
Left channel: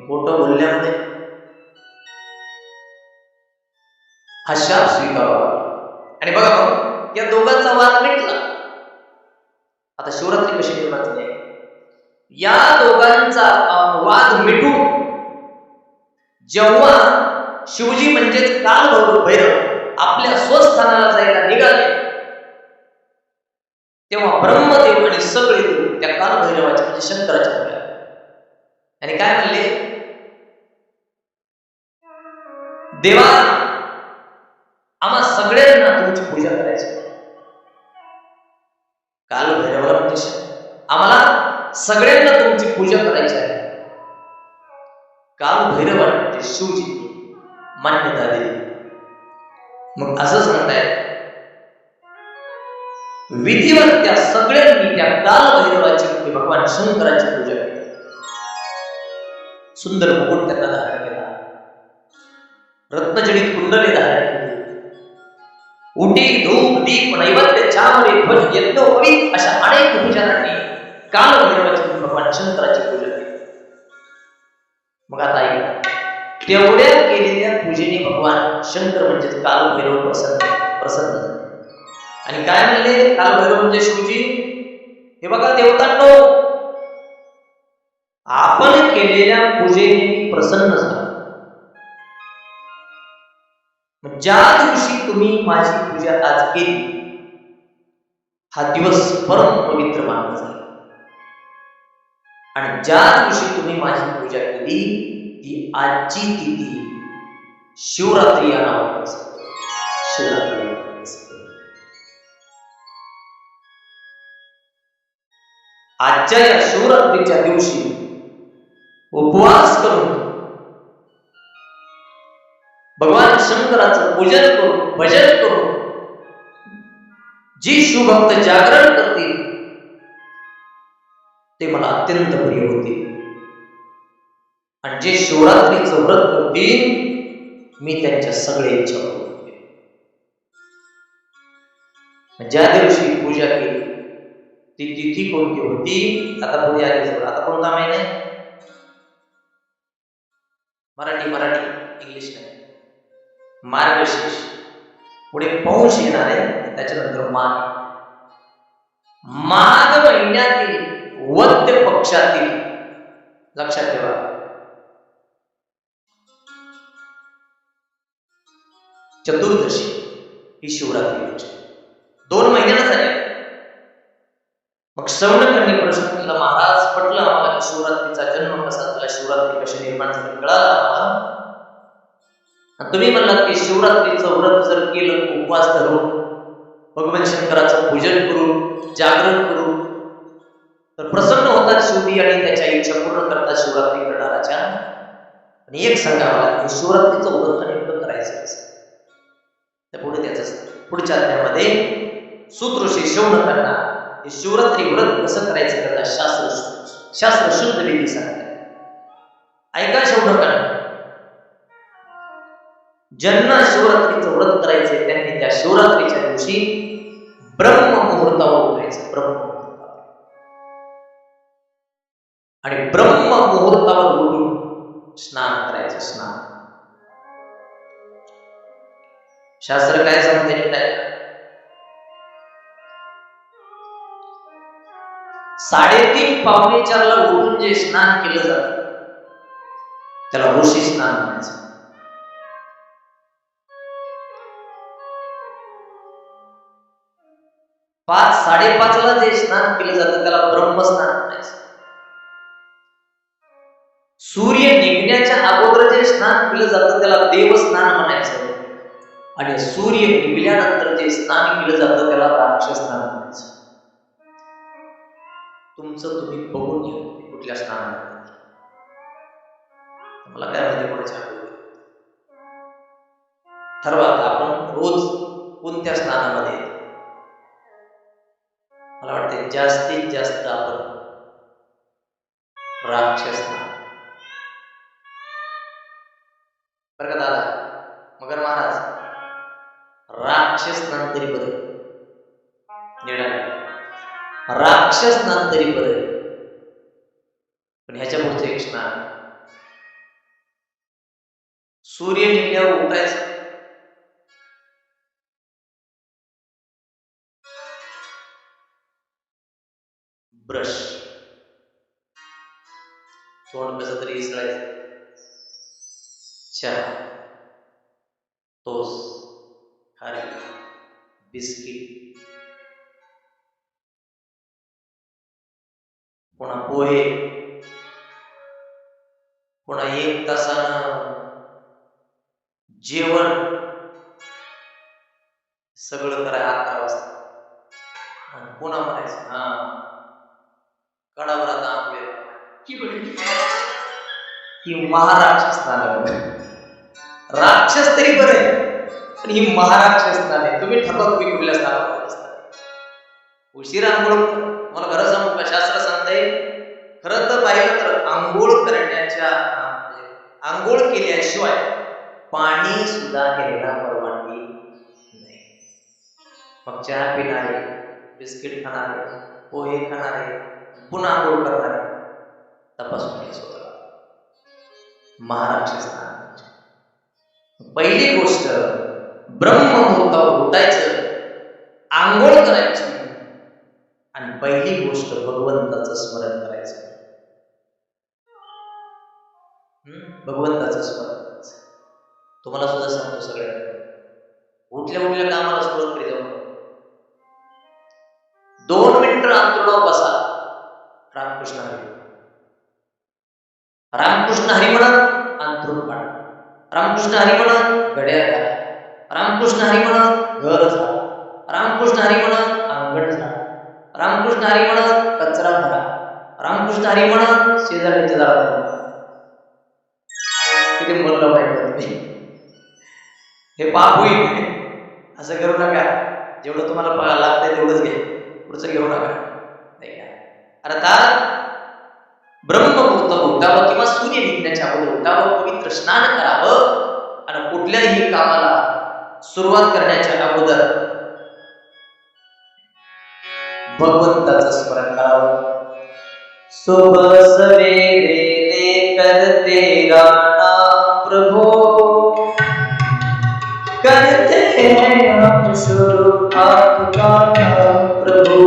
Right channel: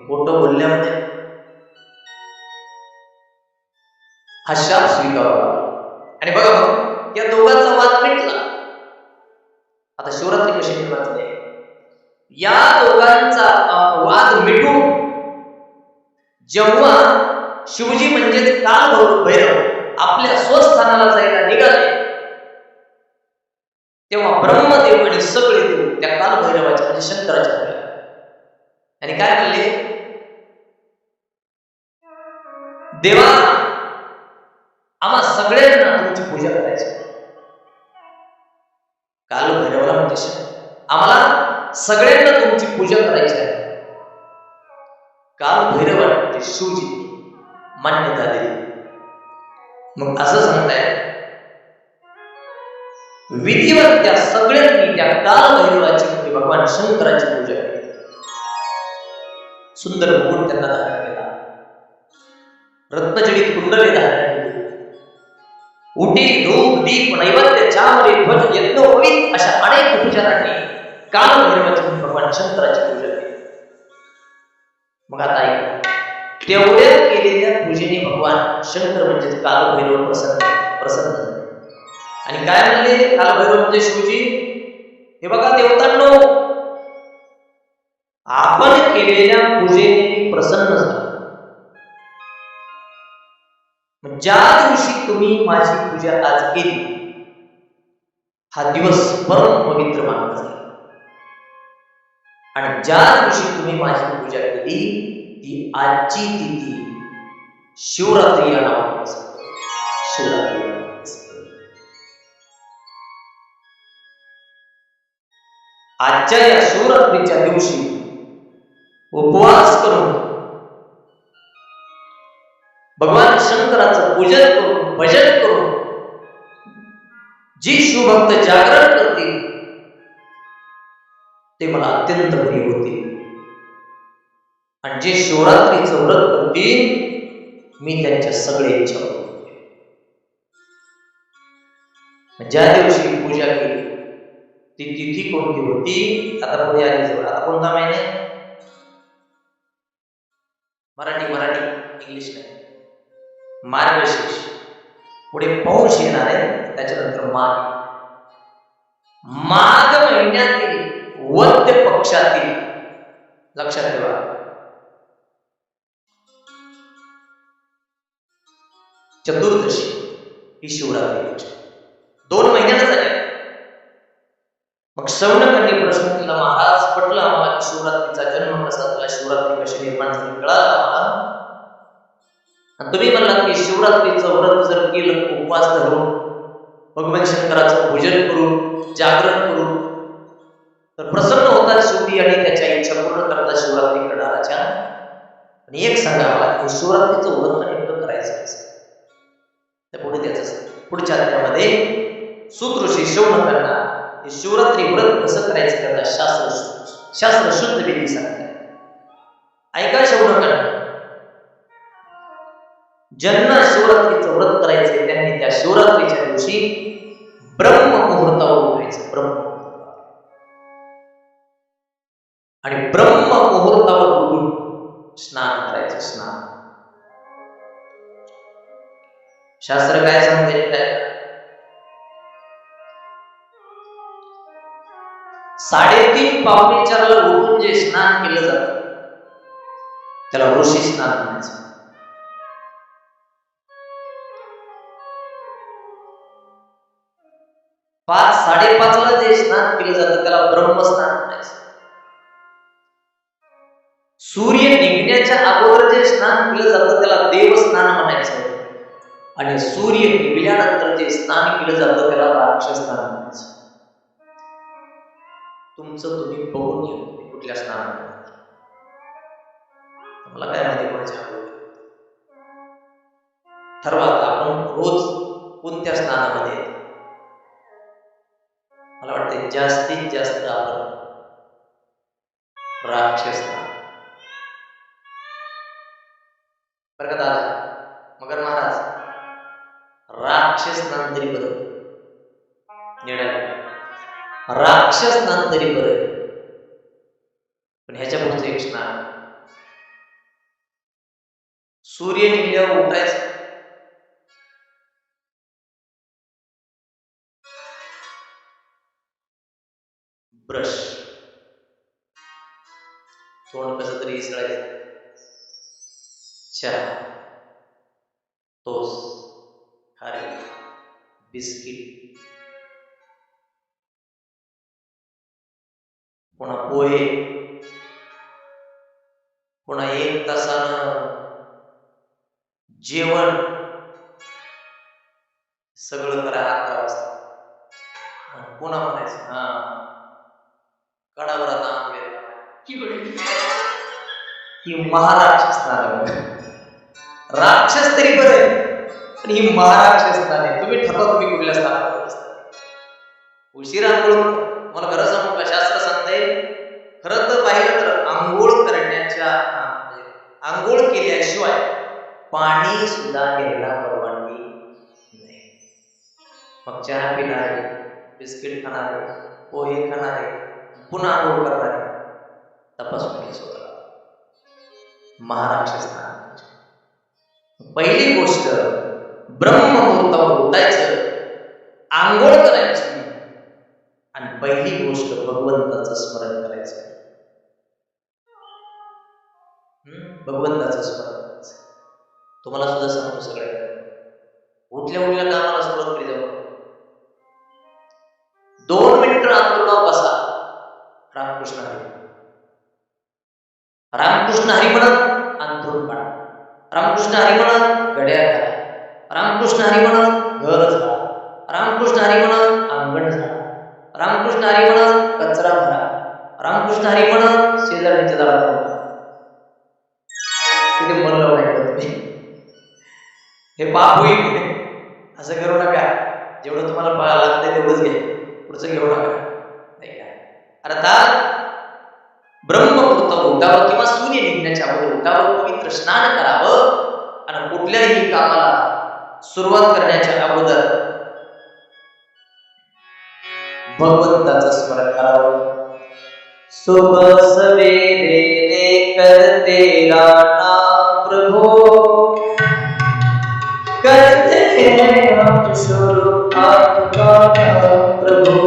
खोटं बोलल्यामुळे हा शाप स्वीकारावा लागला. आणि बघा मग या दोघांचा वाद मिटला. आता शिवरात्री कशी निर्माण झाली? या दोघांचा वाद मिटून जेव्हा शिवजी म्हणजेच कालभैरव आपल्या स्वस्थानाला जायला निघाले, तेव्हा ब्रह्मदेव आणि सगळे देव त्या कालभैरवाच्या म्हणजे शंकराच्या पुढे आणि काय म्हणले, देवा आम्हा सगळ्यांना तुमची पूजा करायची. कालभैरवाला म्हणजे आम्हाला सगळ्यांना तुमची पूजा करायची आहे. कालभैरवाला म्हणजे शिवजी मान्यता दिली. मग असं सांगताय, विधिवत त्या सगळ्यांनी त्या कालभैरवाची म्हणजे भगवान शंकराची पूजा केली. सुंदर मुकुट त्यांना धारण केला, रत्नजडित कुंडले धारण केली, उटी धूप दीप नैवेद्य चामरे ध्वज यज्ञोपवीत अशा अनेक उपचारांनी कालभैरवाची भगवान शंकराची पूजा केली. मग आता ऐक, तेवढ्या केलेल्या पूजेने भगवान शंकर म्हणजेच कालभैरव प्रसन्न झाले आणि काय म्हणले, कालभैरव म्हणजे शिवजी, हे बघा देवतांनो, आपण केलेल्या पूजेने मी प्रसन्न झालो. ज्या दिवशी तुम्ही माझी पूजा आज केली, हा दिवस परम पवित्र मानला जाईल आणि ज्या दिवशी तुम्ही माझी पूजा केली ती आजची तिथी शिवरात्री या नावाने शिवरात्री. आजच्या या शिवरात्रीच्या दिवशी उपवास करून भगवान शंकराचं पूजन करून भजन करून जी शिवभक्त जागरण करतील ते मला अत्यंत प्रिय होतील आणि जे शिवरात्रीचं व्रत करतील मी त्यांच्या सगळ्या इच्छा करू. ज्या दिवशी पूजा केली ती तिथी कोणती होती? आता पुढे आली जवळ. आता कोणता महिना आहे? मराठी इंग्लिश नाही. मार्गशीर्ष पुढे पौष येणार आहे, त्याच्यानंतर माघ महिन्यातील वद्य पक्षातील, लक्षात ठेवा, चतुर्दशी ही शिवरात्री लक्षात. 2 महिन्याला झाल्या. मग शौनकांनी प्रश्न केला, महाराज पटलं आम्हाला की शिवरात्रीचा जन्म कसा झाला, शिवरात्री कशी निर्माण झाली कळालं आम्हाला. आणि तुम्ही म्हणलात की शिवरात्रीचं व्रत जर केलं, उपवास धरून, भगवान शंकराचं पूजन करून, जागरण करून, तर प्रसन्न होतात शिवजी आणि त्याच्या इच्छा पूर्ण करतात शिवरात्री करणाराच्या. आणि एक सांगा मला, की शिवरात्रीचं व्रत नेमकं करायचं कसं? तर पुढे त्याच पुढच्या अध्यायामध्ये सूत ऋषी शौनकांना हे शिवरात्री व्रत कसं करायचं करता शास्त्र शुद्ध विधी सांगतात. ऐका शौनकांना, ज्यांना शिवरात्रीचं व्रत करायचंय त्यांनी त्या शिवरात्रीच्या दिवशी ब्रह्म मुहूर्तावर उठायचं. आणि ब्रह्म मुहूर्तावर उठून स्नान करायचं. स्नान शास्त्र काय सांगते काय? 3:30 पावणे 4ला उठून जे स्नान केलं जातं त्याला ऋषी स्नान म्हणायचं. 5:30ला जे स्नान केलं जातं त्याला ब्रह्मस्नान म्हणायचं. सूर्य निघण्याच्या अगोदर जे स्नान केलं जातं त्याला देवस्नान म्हणायचं. आणि सूर्य निघल्यानंतर जे स्नान केलं जातं त्याला राक्षस स्नान म्हणायचं. तुमचं तुम्ही बघून घ्या कुठल्या स्नानामध्ये. मला काय माहिती कोणाच्या ठरवा आपण रोज कोणत्या स्नानामध्ये येतो. मला वाटते जास्तीत जास्त आपण राक्षस स्नान. बरं का दादा, मगर महाराज, राक्षस स्नान तरी बरं, राक्षस स्नान तरी बरं. पण ह्याच्या पुढचं एक स्नान, सूर्य निघल्यावर उठायचं, ब्रश, तोंड कसं तरी इसळायचं, चहा, टोस्ट, खारी, बिस्किट, पुन्हा पोहे, पुन्हा 1 तासानं जेवण, सगळं करा 11 वाजता. पुन्हा म्हणायचं हा कडावर आता आंघोळीला ही महाराक्षस स्नान आहे. राक्षस तरी बरे, पण ही महाराक्षस स्नान आहे. तुम्ही ठरवा तुम्ही कुठल्या स्नानामध्ये असता. उशीर आंघोळ, मला खरं सांगू का, शास्त्र सांगताय खरं तर पाहिलं तर आंघोळ करण्याच्या आंघोळ केल्याशिवाय पाणी सुद्धा घ्यायला परवानगी नाही. मग चहा पिणारे, बिस्किट खाणारे, पोहे खाणारे, पुन्हा आंघोळ करणारे तपासून स्वतःला महाराक्षस स्नान. पहिली गोष्ट ब्रह्ममुहूर्तावर उठायचं, आंघोळ करायची, आणि पहिली गोष्ट भगवंताचं स्मरण करायचं. भगवंताचं स्मरण करायचं. तुम्हाला सुद्धा सांगतो सगळ्यांना, उठल्या कामाला सुरुवात करी जाऊ. 2 मिनिटं अंतरुणावर बसा, रामकृष्ण हरी, रामकृष्ण हरी म्हणत अंतरुण काढा, रामकृष्ण हरी म्हणत गड्या घाला, रामकृष्ण हरी म्हणत घर झाडा, रामकृष्ण हरी म्हणत अंगण झाडा, रामकृष्ण हरी म्हणत कचरा भरा, रामकृष्ण हरी म्हणत शेजारच्या दारात उभा. किती मन लावून ऐकलं तुम्ही. हे पाप होईल, असं करू नका. जेवढं तुम्हाला लागतंय तेवढंच घ्या, पुढचं घेऊ नका. नाही का, अर्थात ब्रह्ममुहूर्तावर उठावं किंवा सूर्य निघण्याच्या अगोदर उठावं, पवित्र स्नान करावं, आणि कुठल्याही कामाला सुरुवात करण्याच्या अगोदर भगवंताचं स्मरण करावं. सुबह सवेरे लेकर तेरा नाम प्रभु, करते हैं हम शुरू आपका नाम प्रभु।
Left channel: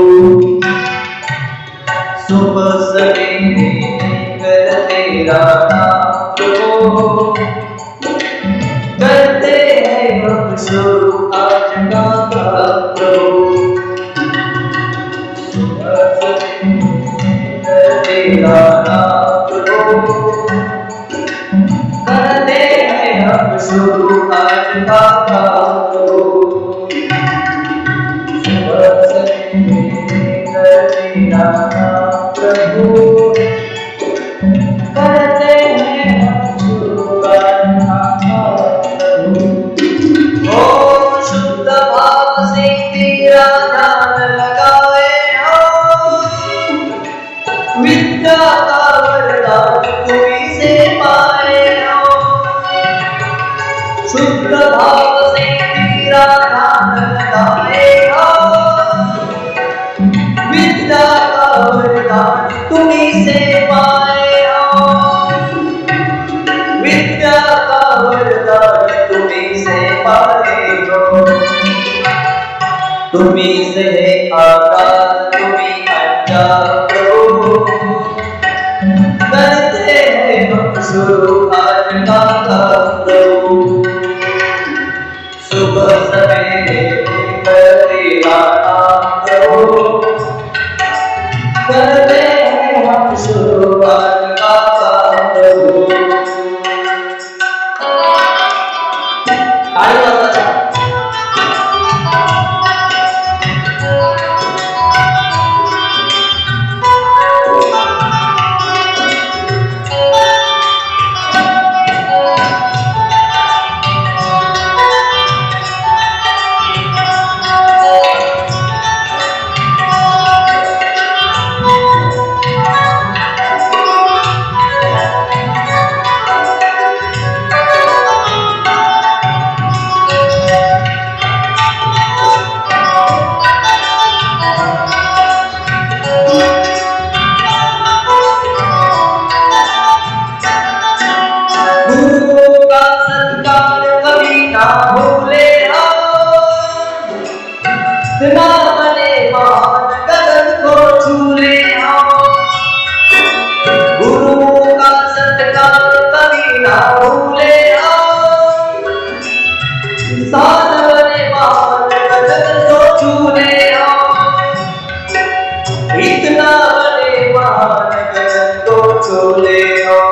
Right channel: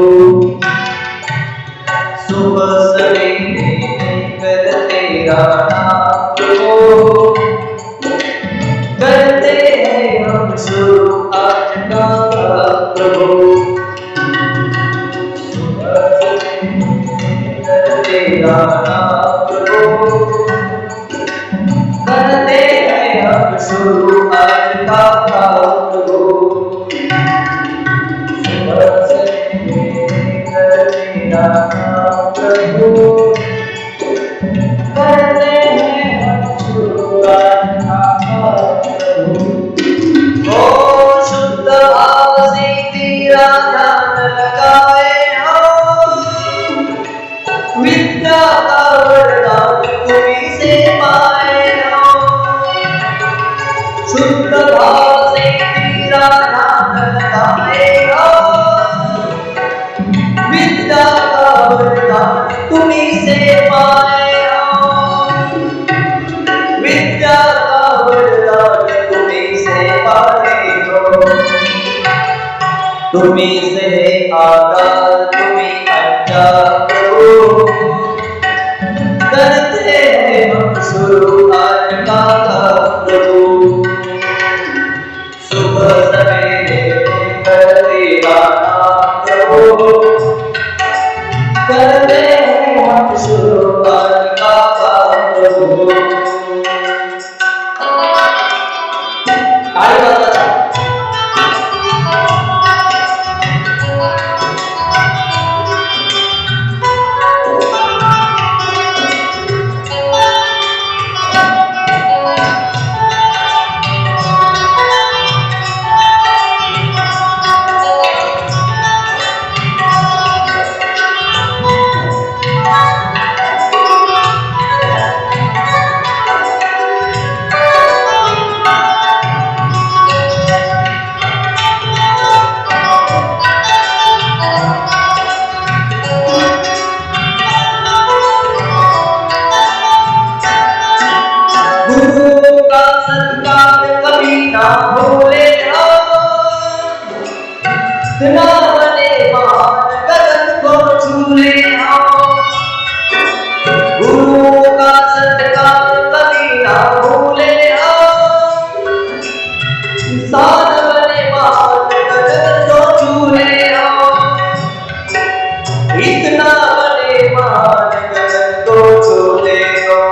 सुबह सवेरे लेकर तेरा नाम प्रभु, करते हैं हम शुरू आज का काम प्रभु। सुबह सवेरे लेकर तेरा नाम प्रभु, करते हैं हम शुरू आज का काम प्रभु। सुबह सवेरे लेकर तेरा नाम प्रभु, करते हैं हम शुरू आज का काम प्रभु। ओ शुद्ध भाव से तेरा ध्यान लगाए हम, विद्या का वरदान तुम्हीं से पाए हम। शुद्ध भाव से तेरा ध्यान लगाए हम, विद्या का वरदान तुम्हीं से पाए हम। विद्या का वरदान तुम्हीं से पाए हो। तुम्हीं से है आगाज, तुम्हीं अंजाम प्रभु, करते हैं हम शुरू आज का काम प्रभु। सुबह सवेरे लेकर तेरा नाम प्रभु, करते हैं हम शुरू आज का काम प्रभु। ताली वाजवा। गुरु का सत्कार कभी ना भूले हम, ना बने महान गगन को छूले हम। गुरु का सत्कार कभी ना भूले हम, इंसान बने महान गगन को छूले हम। इतना बने महान गगन को छूले हम।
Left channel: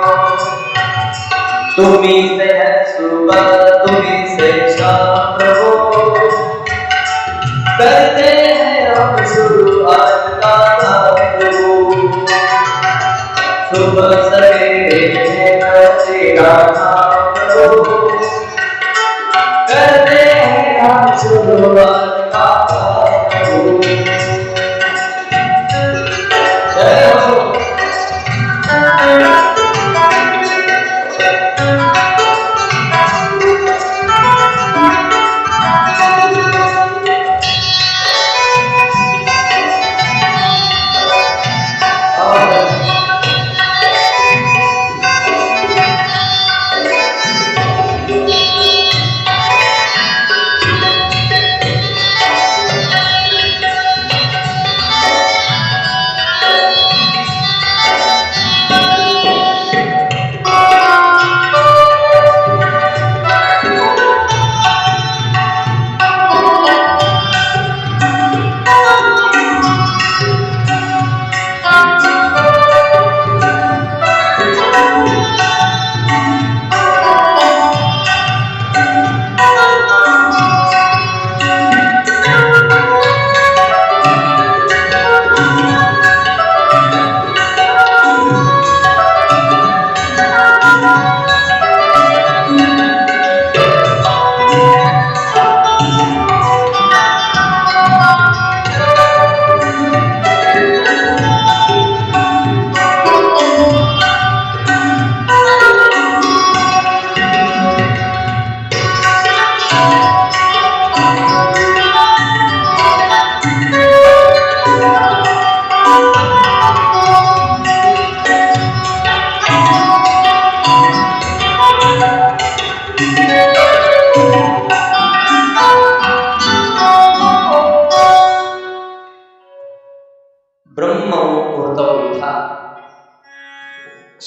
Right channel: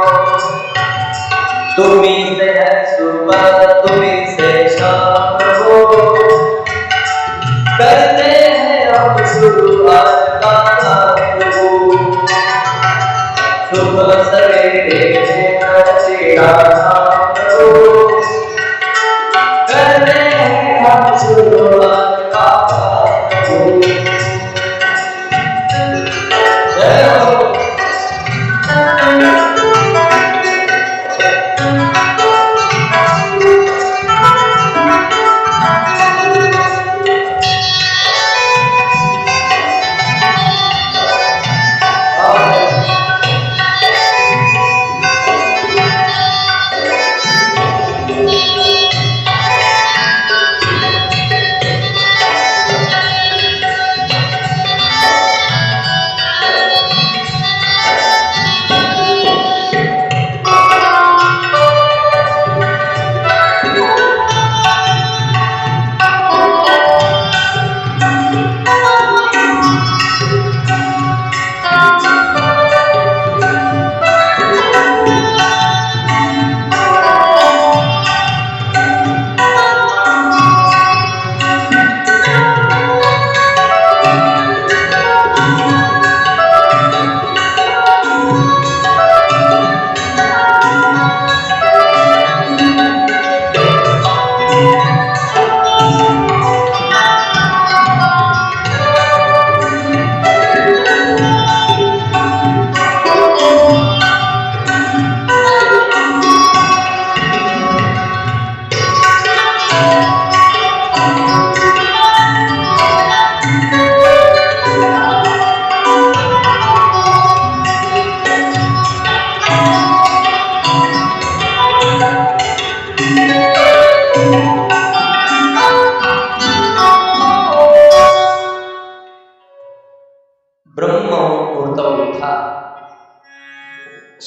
तुम्हीं से है सुबह, तुम्हीं से शाम प्रभु, करते हैं हम शुरू आज का काम प्रभु। सुबह सवेरे लेकर तेरा नाम प्रभु, करते हैं हम शुरू आज का काम प्रभु। जय हो।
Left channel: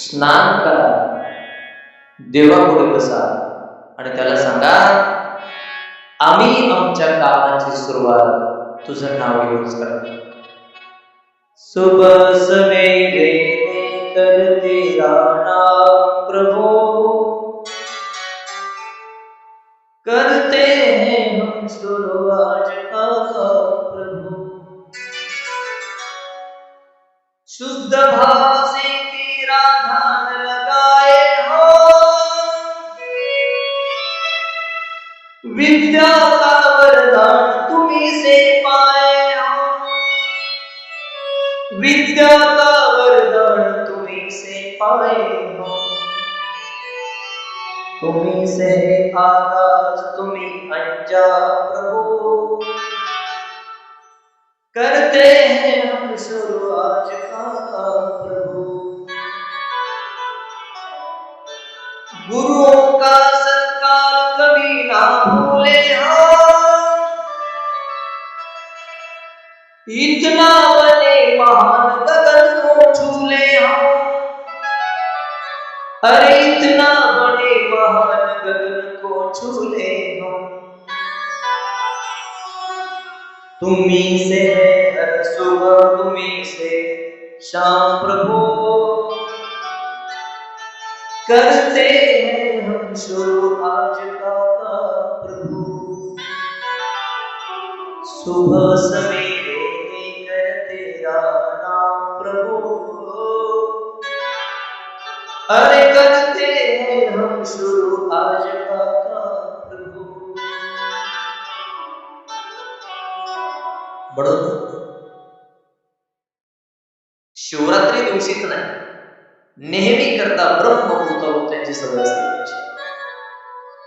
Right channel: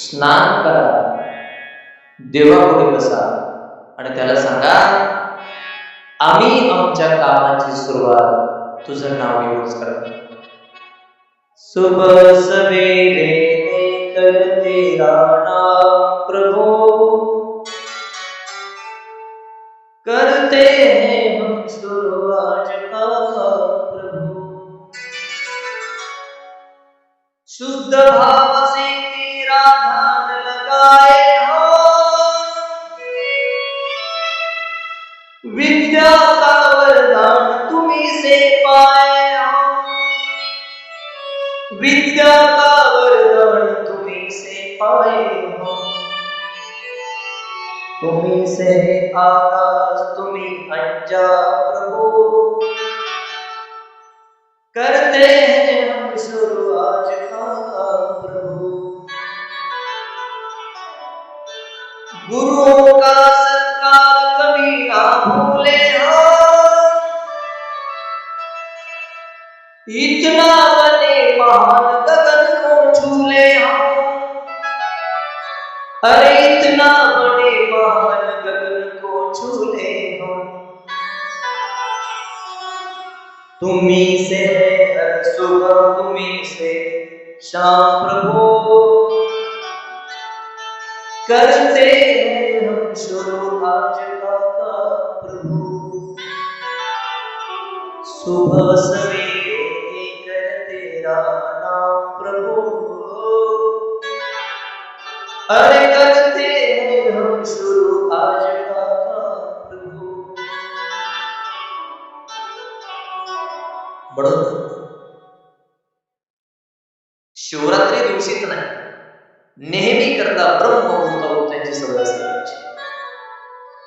स्नान करा, देवापुढे बसा आणि त्याला सांगा, आम्ही आमच्या कामाची सुरुवात तुझं नाव घेऊनच करतो. सुबह सवेरे लेकर तेरा नाम प्रभु, करते हैं हम शुरू आज का काम प्रभु. शुद्ध भाव से तेरा ध्यान लगाए हो, विद्या का वरदान तुम्ही से पाए हो, विद्या का वरदान तुम्ही से पाए हो. तुम्ही से है आगाज तुम्ही अंजाम प्रभु, करते हैं हम शुरू आज का काम प्रभु. गुरुओं का सत्कार कभी ना भूले हम, इतना बने महान गगन को छूले हम. अरे इतना बड़े महान गगन को छूले हम. तुम्ही से है हर सुबह तुम्ही से शाम प्रभु, करते हैं हम शुरू आज का काम प्रभु. सुबह सवेरे लेकर तेरा नाम प्रभु, अरे करते हैं हम शुरू आज का काम प्रभु. म्हणून शिवरात्री दिवशीच नाही, नेहमी करता ब्रह्ममुहूर्तावर त्यांची सवय असली पाहिजे.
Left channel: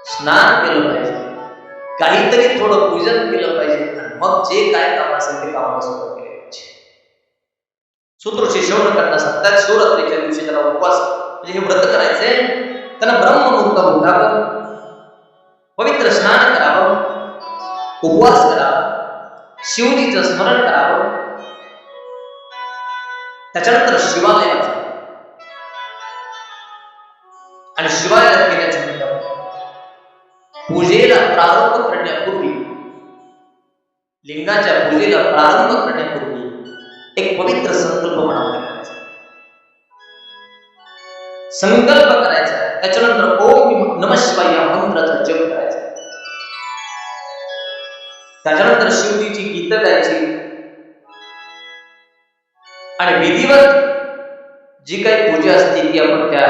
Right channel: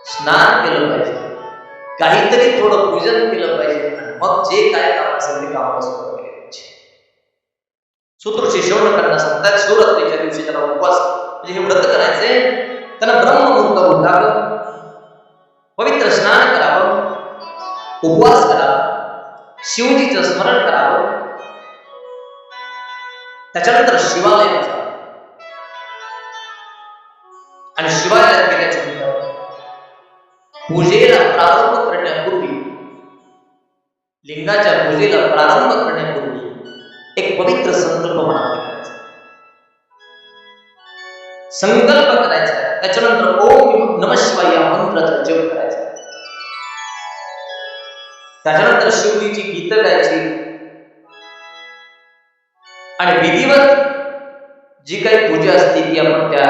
स्नान केलं पाहिजे, काहीतरी थोडं पूजन केलं पाहिजे आणि मग जे काय काम असेल ते कामाला सुरुवात केली पाहिजे. सूत्रऋषी शौनकांना सांगतात, शिवरात्रीच्या दिवशी त्याला उपवास म्हणजे हे व्रत करायचंय, त्यांना ब्रह्ममुहूर्तावर उठावं, पवित्र स्नान करावं, उपवास करावा, शिवजीचं स्मरण करावं, त्याच्यानंतर शिवालयात जावं आणि शिवालयात गेल्याच्या नंतर पूजेला प्रारंभ करण्यापूर्वी, लिंगाच्या पूजेला प्रारंभ करण्यापूर्वी एक पवित्र संकल्प मनामध्ये करायचा. संकल्प करायचा, त्याच्यानंतर ओम नमः शिवाय या मंत्राचा जप करायचा. त्याच्यानंतर शिवजीची गीत गायची आणि विधिवत जी काही पूजा असते ती आपण त्या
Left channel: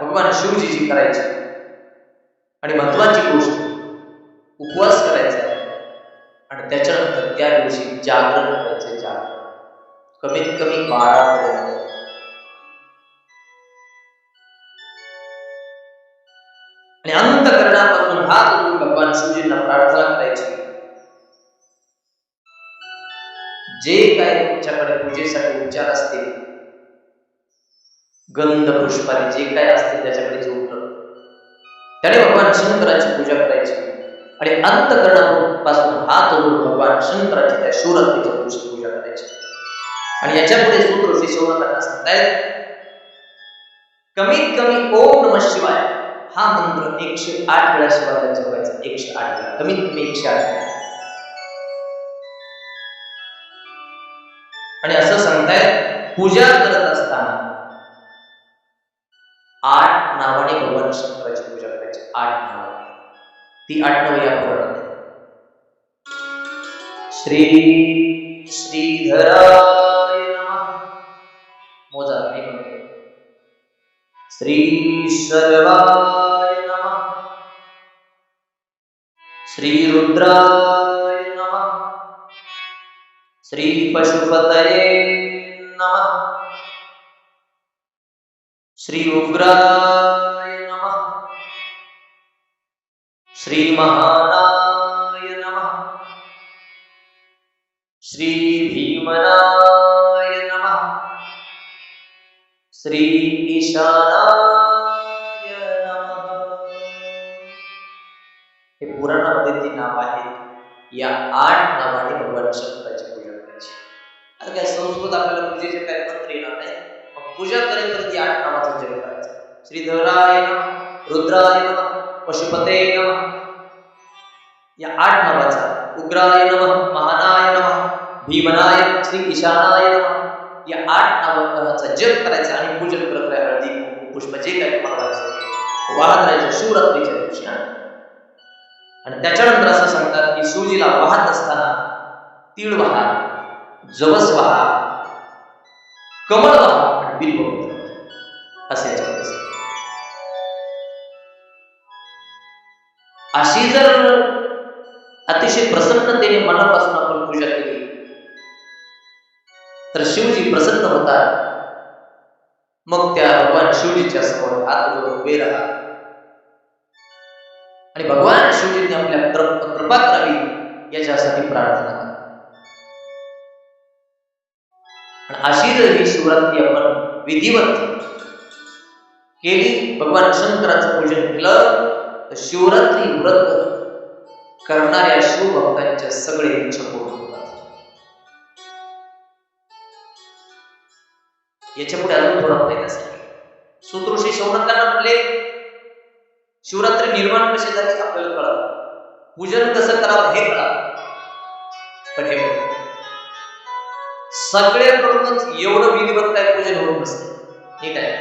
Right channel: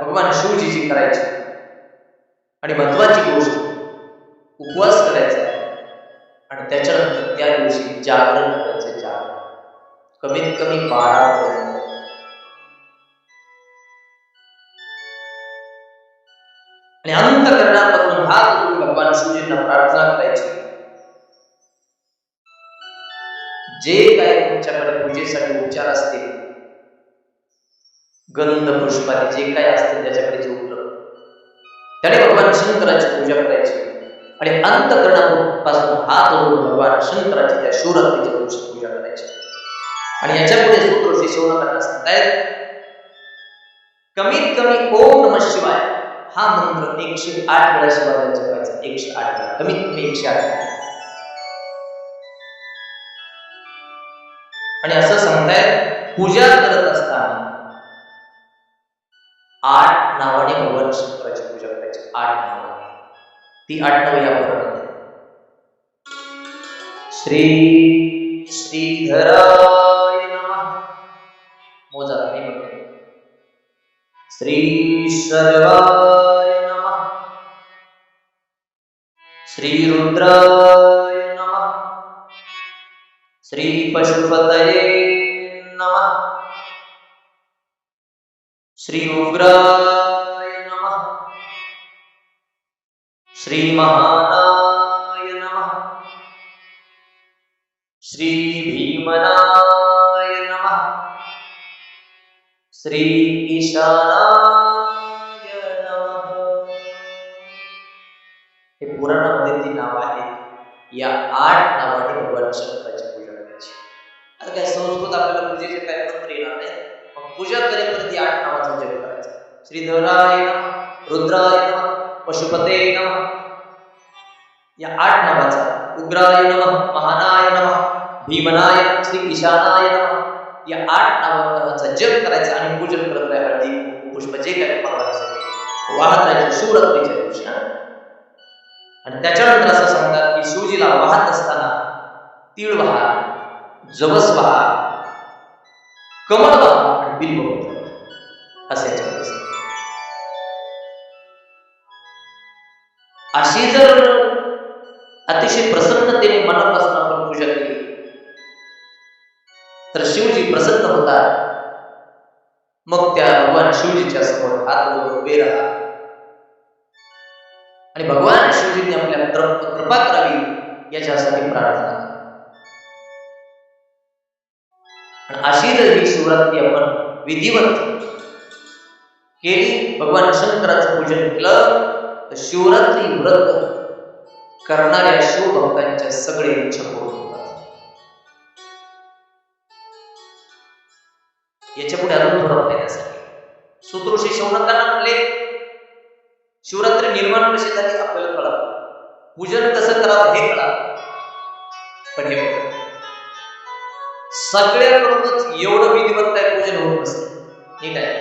भगवान शिवजीची करायची. आणि महत्वाची गोष्ट, उपवास करायचा आणि त्याच्यानंतर त्या दिवशी जागरण करायचं. जागरण कमीत कमी 12 पर्यंत. आणि अंतःकरणापासून हात जोडून भगवान शिवजींना प्रार्थना करायची, जे काय तुमच्याकडे पूजेसाठी उपचार असतील, गंध पुष्पादी जे काय असतील त्याच्याकडे जे उपलब्ध, त्याने भगवान शंकराची पूजा करायची आणि अंतःकरणापासून हात जोडून भगवान शंकराची त्या शिवरात्रीच्या दिवशी पूजा करायची. आणि याच्या पुढे सूत्रऋषी शौनकांना सांगतायत, कमीत कमी ओम नमः शिवाय हा मंत्र 108 वेळा शिवालयात जपायचा. 108 वेळा, कमीत कमी 108 वेळा. आणि असं सांगतायत, पूजा करत असताना 8 नावाने भगवान शंकराची पूजा करायची. 8 नावाने. ती 8 नावे या पुराणात आहेत. श्री श्रीधराय नमः, मोजा नाही म्हणतो. श्री सर्वाय नमः, श्री रुद्राय नमः, श्री पशुपतये नमः, श्री उग्राय नमः, श्री महानाय नमः, श्री भीमनाय नमः, श्री ईशानाय नमः. हे पुराणामध्ये ती नाव आहेत. या 8 नावाने भगवान शंकराची पूजा करायची. आता काय संस्कृत आपल्याला पूजेचे काय मंत्र येणार नाही, मग पूजा करेपर्यंत 8 नावाचा जप करायचा. श्रीधराय नमः, रुद्राय नमः, पशुपते नमः, या 8 नावाचा, उग्राय नमः, महानाय नमः, भीमनाय, श्री ईशानाय नमः, या 8 नावाचा जप करायचा आणि पूजन करत राहा. हळदी कुंकू पुष्प जे काय तुम्हाला व्हायचं वाहत राहायचं शिवरात्रीच्या दिवशी. आणि त्याच्यानंतर असं सांगतात की शिवजीला वाहत असताना तीळ वहा, जवस वहा, कमळ वहा आणि बिल्वपत्र असे याच्यामध्ये सांगतात. अशी जर अतिशय प्रसन्नतेने मनापासून आपण पूजा केली तर शिवजी प्रसन्न होतात. मग त्या भगवान शिवजीच्या समोर हात जोडून उभे राहा आणि भगवान शिवजींनी आपल्या कृपा करावी याच्यासाठी प्रार्थना करा. आणि अशी जर ही शिवरात्री आपण विधिवत केली, भगवान शंकराचं पूजन केलं, तर शिवरात्री व्रत करणाऱ्या शिवभक्तांच्या सगळे इच्छा पूर्ण होतात. याच्या पुढे अजून थोडा फायदा सांगेल. सूत्रऋषी शौनकांना म्हणले शिवरात्री निर्माण कशी झाली आपल्याला कळालं, पूजन कसं करावं हे कळालं, पण हे बघा सगळ्याकडूनच एवढं विधिवत काय पूजन होत नसते. नीट आहे,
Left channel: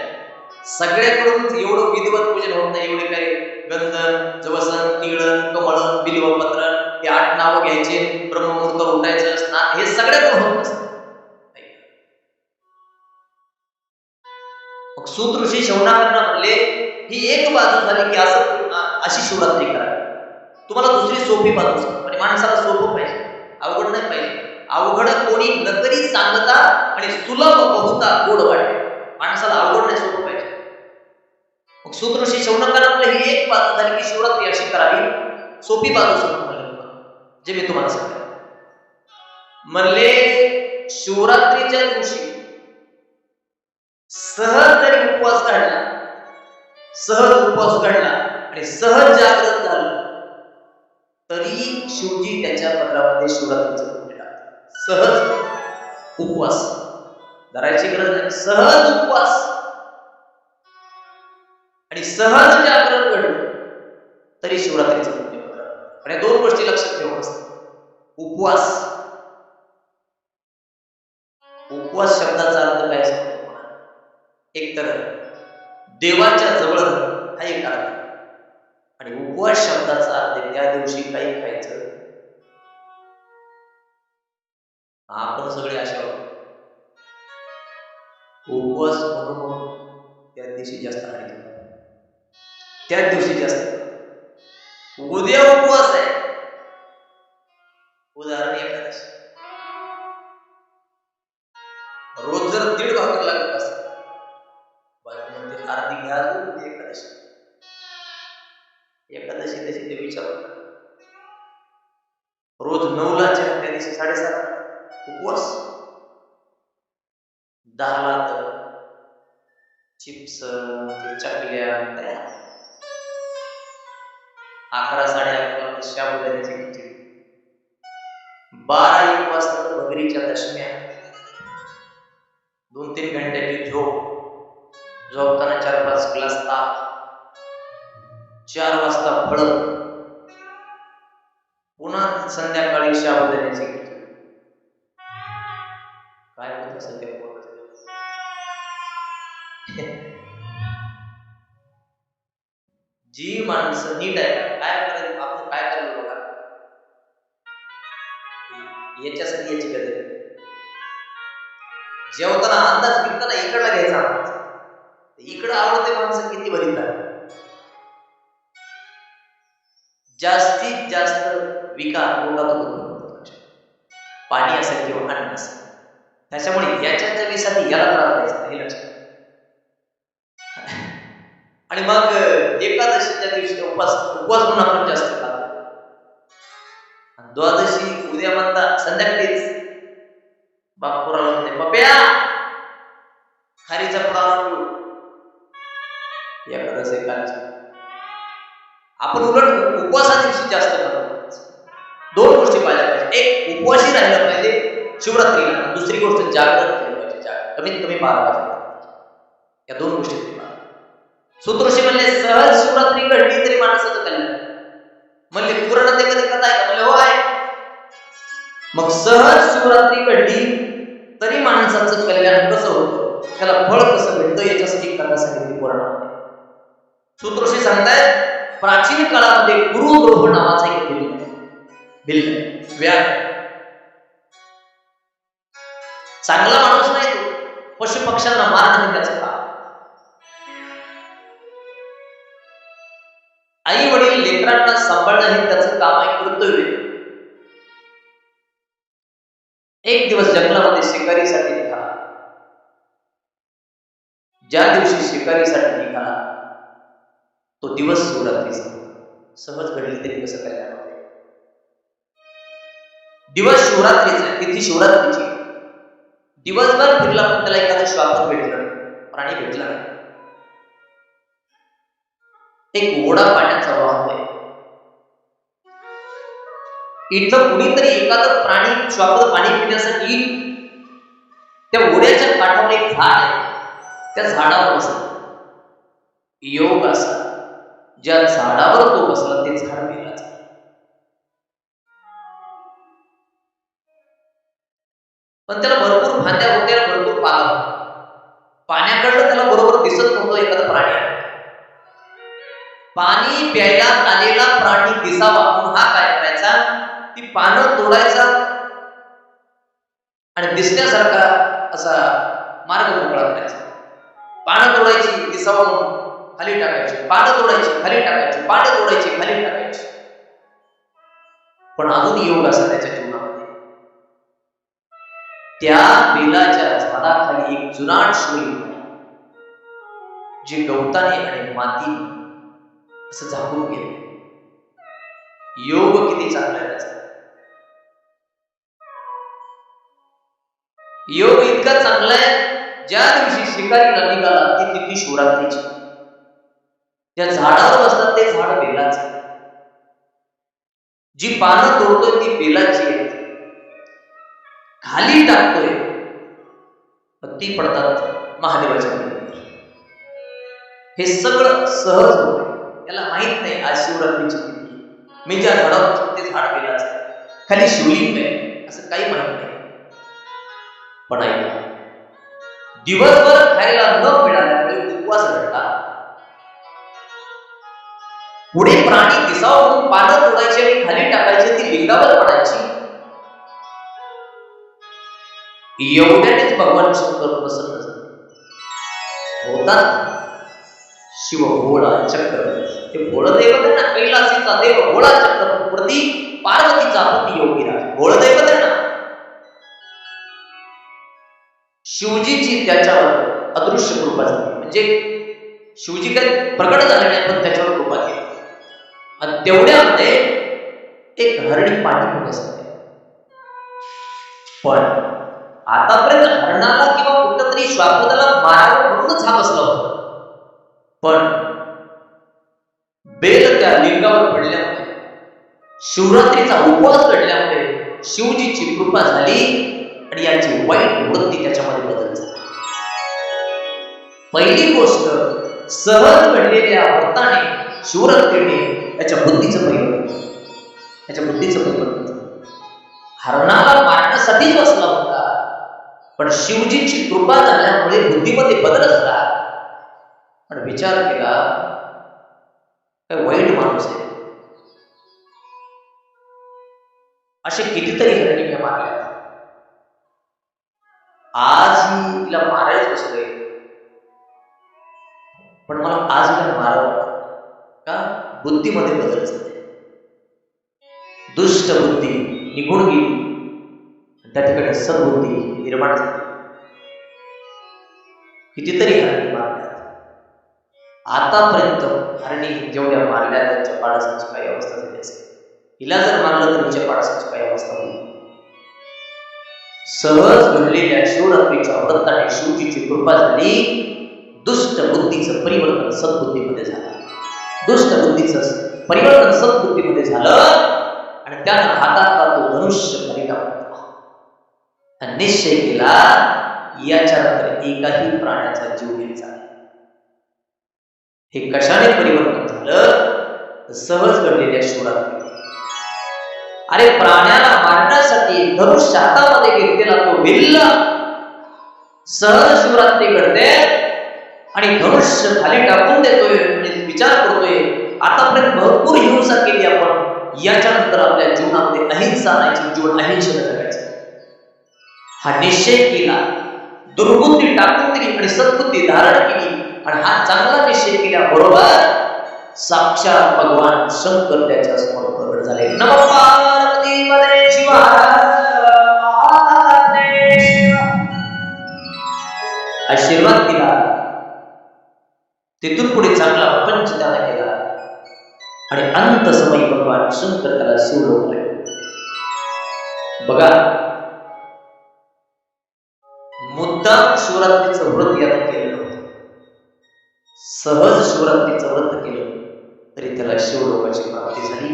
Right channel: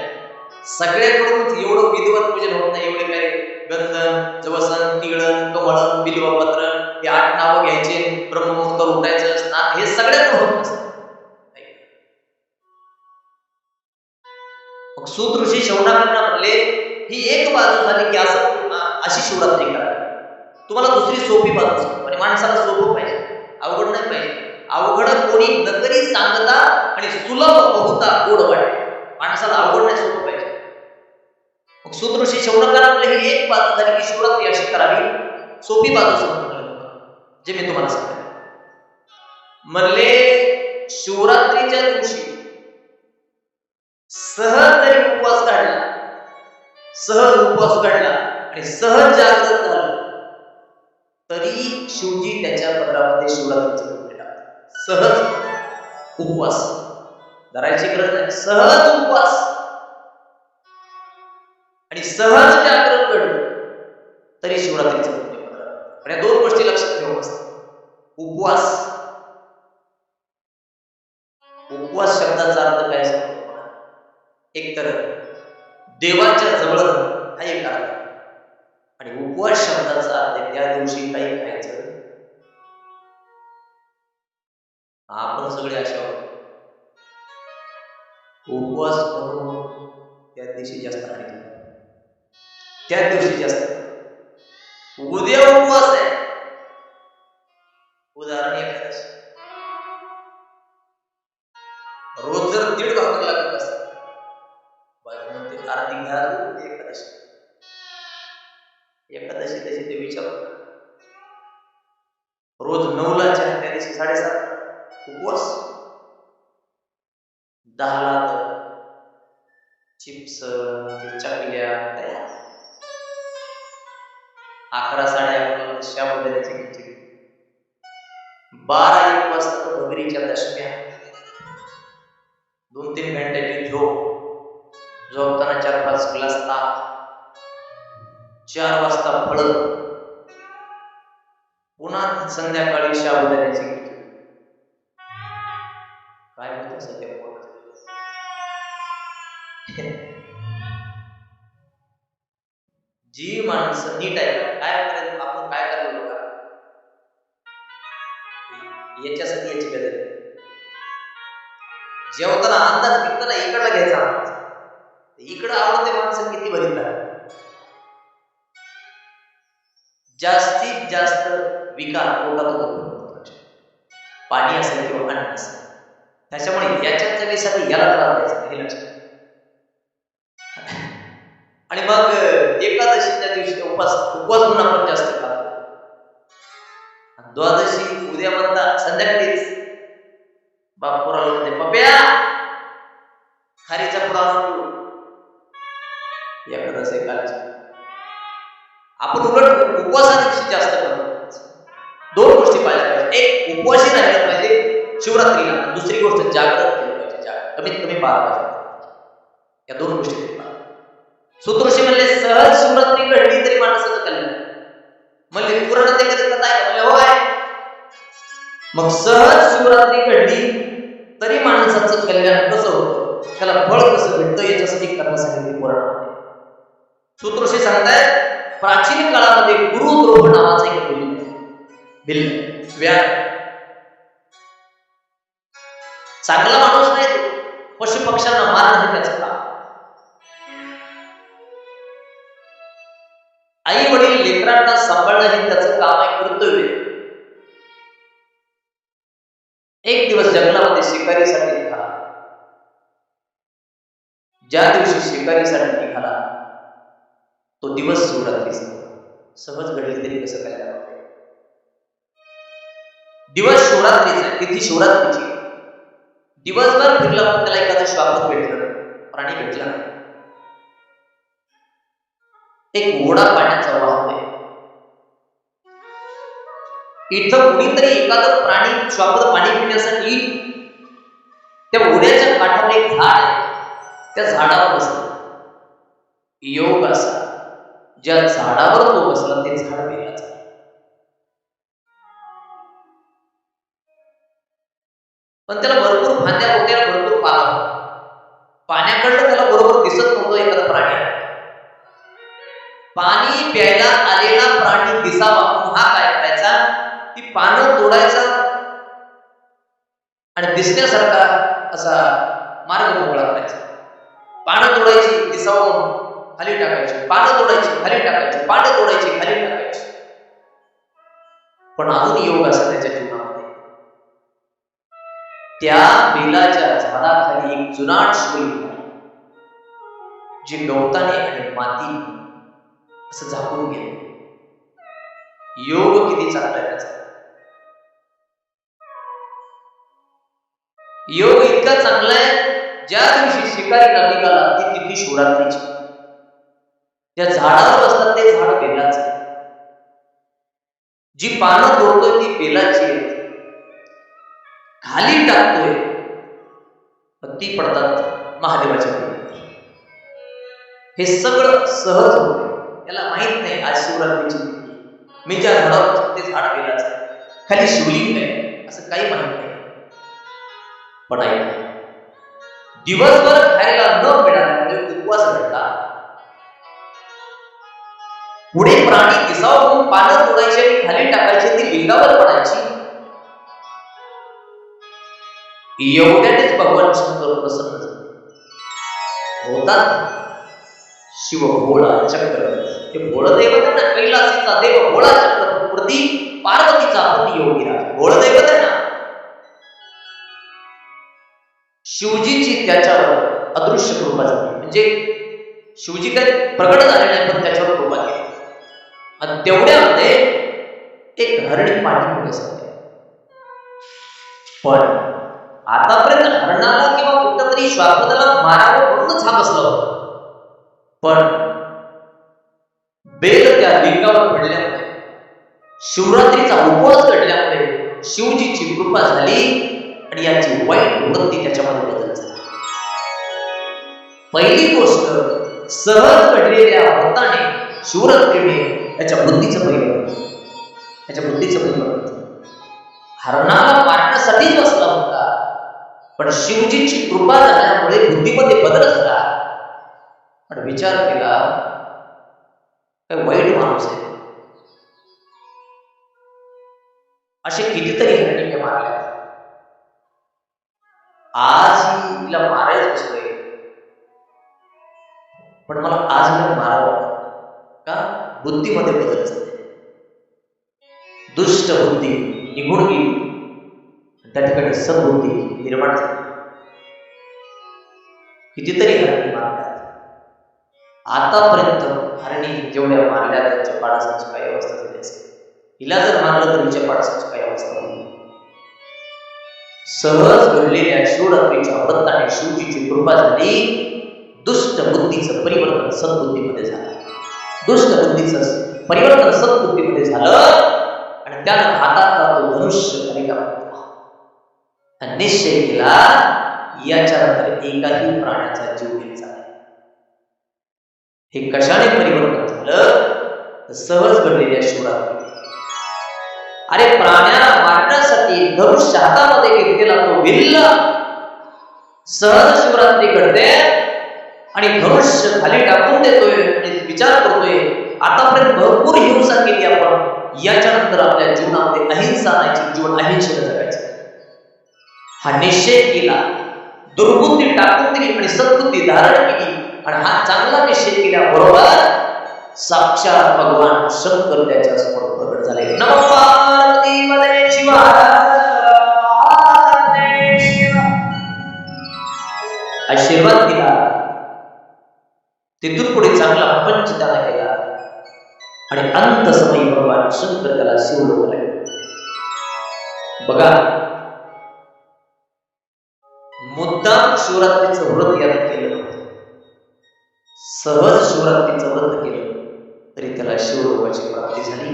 सगळ्याकडूनच एवढं विधिवत पूजन होत नाही. एवढे काय गंधन, जवसन, तिळण, कमळन, बिल्वपत्रण हे 8 नावं घ्यायचे, ब्रह्ममुहूर्तावर उठायचं, स्नान, हे सगळ्याकडून होत नसतं. मग सूत ऋषी शौनकांना म्हणले ही एक बाजू झाली की अशी शिवरात्री करावी. तुम्हाला दुसरी सोपी बाजू सांगतो. आणि माणसाला सोपं पाहिजे, अवघड नाही पाहिजे. अवघड कोणी नकरी सांगता आणि सुलभ बहुता गोड वाटे. माणसाला अवघड नाही, सोपं पाहिजे. मग सूत ऋषी शौनकांना म्हणले ही एक बाजू झाली की शिवरात्री अशी करावी. सोपी बाजू सांगतो म्हणले तुम्हाला, जे मी तुम्हाला सांगतो. म्हणले शिवरात्रीच्या दिवशी सहज जरी उपवास काढला, सहज उपवास काढला आणि सहज जागृत झालं तरी शिवजी त्याच्या पदरामध्ये शिवरात्रीचं पुण्य टाकतात. सहज उपवास धरायची गरज नाही, सहज उपवास आणि सहज जागरण घडलं तरी शिवरात्रीचं पुण्य पदरात. आणि 2 गोष्टी लक्षात ठेवून असतात. उपवास, उपवास शब्दाचा अर्थ काय सांगतो? एक तर देवाच्या जवळ हा एक अर्थ, आणि उपवास शब्दाचा अर्थ त्या दिवशी काही खायचं. आपण सगळे अशा उपवास म्हणून त्या दिवशी जास्त हानी होतात. त्या दिवशी जास्त उद्या उपवास आहे, उदाहरण एकादशी. रोज जर 1.5 भाकर लागत असत, बायको म्हणते अर्धी घ्या एकादशी. एकादशी तशी ते विचार रोज 9ला चहा, त्या दिवशी 7:30 उपवास. 10ला तर चिप्स, चकल्या तयार. 11, 11:30 शाबुदाण्याची खिचडी. 12-1 वाजता तर भगरीच्या दशम्या. 2-3 घंट्याची झोप, झोपताना 4-5 ग्लास ताक. 4 वाजता फळ, पुन्हा संध्याकाळी शाबुदाण्याची खिचडी. काय होत असेल त्या पोटात? जी माणसं नीट आहे काय करायचं, आपण काय करायला बघा, याच्यासाठी याची गरज. जेवताना अंदाज घेताना इकडला घ्यायचा अंदाज. इकडं आवडते माणसं किती भरीत राहतात. जास्तीत जास्त विकार पोटातून उत्पन्न होतात, पाणी असेल किंवा अन्न असेल. त्याच्यामुळे याच्या चवीसाठी याला त्रास द्यायचा हे लक्षात. आणि मग एकादशीच्या दिवशी उपवास म्हणून आपण जास्त खातो. द्वादशी उद्या म्हणता संध्याकाळीच बाप पोराला म्हणते पप्या खारीचा पुडा आणून ठेवू. एकादशी कालची आपण उलट उपवासा दिवशी जास्त खातो. 2 गोष्टी पाहिल्या पाहिजे. एक, उपवासी राहिलं पाहिजे शिवरात्रीला. दुसरी गोष्ट जागरण केलं पाहिजे. कमीत कमी 12 वाजता. या दोन गोष्टी तरी पहा. सूत्रऋषी म्हणले सहज शिवरात्री घडली तरी माणसाचं कल्याण. म्हणले पुराणात एखादी कथा आहे का? म्हणले हो आहे. मग सहज शिवरात्री घडली तरी माणसाचं कल्याण कसं होतं, त्याला फळ कसं भेटतं, याच्यासाठी कथा सांगितली पुराणामध्ये. सूत्रऋषी सांगतायत प्राचीन काळामध्ये गुरुद्रोह नावाचा एक भिल्ल व्याध, चांगला माणूस नाही तो, पशु पक्ष्यांना मारणं हे त्याचं काम. आई वडील लेकरांना सांभाळणं हे त्याचं काम आहे, कर्तव्य. एक दिवस जंगलामध्ये शिकारीसाठी निघाला. ज्या दिवशी शिकारीसाठी निघाला तो दिवस शिवरात्रीचा. सहज घडली तरी कसं कल्याण होते. दिवस शिवरात्रीचा आहे, तिथी शिवरात्रीची. दिवसभर फिरला पण त्याला एखादं श्वापद भेटलं नाही, प्राणी भेटला नाही. एक ओढा पाण्याचा वाहतोय. इथं कुणीतरी एखादं प्राणी श्वापद पाणी पिण्यासाठी त्या ओढ्याच्या काठावर एक झाड आहे, त्या झाडावर बसला. योग असा ज्या झाडावर तो बसला ते झाड बेलाचं. पण त्याला भरपूर फांद्या होत्या, भरपूर पाला होता. पाण्याकडलं त्याला बरोबर दिसत नव्हतं एखादा प्राणी आहे. पाणी प्यायला आलेला प्राणी दिसावा म्हणून हा काय करायचा, ती पानं तोडायचा आणि दिसण्यासारखा असा मार्ग मोकळा करायचा. पानं तोडायची दिसावं म्हणून खाली टाकायची, पानं तोडायची खाली टाकायची, पानं तोडायची खाली टाकायची. पण अजून योग असा त्याच्या जीवनामध्ये. त्या बेलाच्या झाडाखाली एक जुनाट शिवलिंग आहे, जे गवताने आणि मातीने असं झाकून गेलं. योग किती चांगला आहे त्याचा. योग इतका चांगला आहे, ज्या दिवशी शिकारीला निघाला ती तिथी शिवरात्रीची. ज्या झाडावर बसतात ते झाड बेलाचं. जी पानं तोडतोय ती बेलाची आहेत, खाली टाकतोय ती पडतात महादेवाच्या पिंडीवर. हे सगळं सहज होते. त्याला माहित नाही आज शिवरात्रीची तिथी, मी ज्या झाडावर बसतो ते झाड बेलाचं आहे, खाली शिवलिंग आहे, असं काही माहित नाही. पण ऐका, दिवसभर खायला न मिळाल्यामुळे उपवास घडला. पुढे प्राणी दिसावं म्हणून पानं तोडायची आणि खाली टाकायची, ती लिंगावर पडायची. एवढ्यानेच भगवान शंकर प्रसन्न झाले. होतात शिव भोळा चक्रवर्ती. ते भोळ दैवत आहे ना, कैलासीचा देव भोळा चक्रवर्ती, पार्वतीचा पती योगीराज. भोळ दैवत आहे ना. शिवजीची त्याच्यावर अदृश्य कृपा झाली. म्हणजे शिवजी काही प्रकट झाले नाही, पण त्याच्यावर कृपा केली. आणि तेवढ्यामध्ये एक हरणी पाणी पिण्यासाठी. पण आतापर्यंत हरणाला किंवा कुठंतरी श्वापदाला मारावं म्हणूनच हा बसला होता. पण बेल त्या लिंगावर पडल्यामुळे, शिवरात्रीचा उपवास घडल्यामुळे शिवजीची कृपा झाली आणि याची वाईट वृत्ती त्याच्यामध्ये बदल झाला. पहिली गोष्ट, सहज घडलेल्या व्रताने शिवरात्रीने याच्या बुद्धीचं परिवर्तन झालं. हरणाला मारण्यासाठीच बसला होता, पण शिवजीची कृपा झाल्यामुळे बुद्धीमध्ये बदल झाला. आणि विचार केला, काय वाईट माणूस आहे. असे कितीतरी हरणी मी मारल्या. आज हिला मारायच बसलोय, पण मला आज हिला मारावं वाटत का? बुद्धीमध्ये बदल झाले. दुष्ट बुद्धी निघून गेली, त्या ठिकाणी सद्बुद्धी निर्माण झाली. कितीतरी हरणी मारल्यात. आतापर्यंत हरणी जेवढ्या मारल्या त्यांच्या पाडसाची काही अवस्था झाली असेल. हिला जर मारलं तर हिच्या पाडसाची काही अवस्था होईल. सहज घडलेल्या शिवरात्रीच्या व्रताने शिवजीची कृपा झाली. दुष्ट बुद्धीचं परिवर्तन सद्बुद्धीमध्ये झालं. दुष्ट बुद्धीचं परिवर्तन सद्बुद्धीमध्ये झालं आणि त्यानं हातातला तो धनुष्य खाली टाकला. निश्चय केला, याच्यानंतर एकाही प्राण्याचा जीव घ्यायचा नाही. हे कशाने परिवर्तन झालं? तर सहज घडलेल्या शिवरात्री. अरे प्राण्याला मारण्यासाठी धनुष्य हातामध्ये घेतलेला तो भिल्ल सहज शिवरात्री घडते आणि धनुष्य खाली टाकून देतोय आणि विचार करतोय आतापर्यंत भरपूर हिंसा केली आपण, याच्यानंतर आपल्या जीवनामध्ये अहिंसा आणायची, जीवन अहिंसेनं जगायचं. हा निश्चय केला, दुर्बुद्धी टाकून दिली आणि सद्बुद्धी धारण केली. आणि हा चांगला निश्चय केल्याबरोबर साक्षात भगवान शंकर त्याच्या समोर प्रकट झाले. नमः पार्वतीपते शिव हर महादेव. आशीर्वाद दिला. तिथून पुढे चांगला प्रपंच त्याला केला आणि अंत समयी भगवान शंकर त्याला शिवलोकाला घेऊन गेले. बघा, मुद्दाम शिवरात्रीचं व्रत यानं केलं नव्हतं. सहज शिवरात्रीचं व्रत केलं तरी त्याला शिवलोकाची प्राप्ती झाली.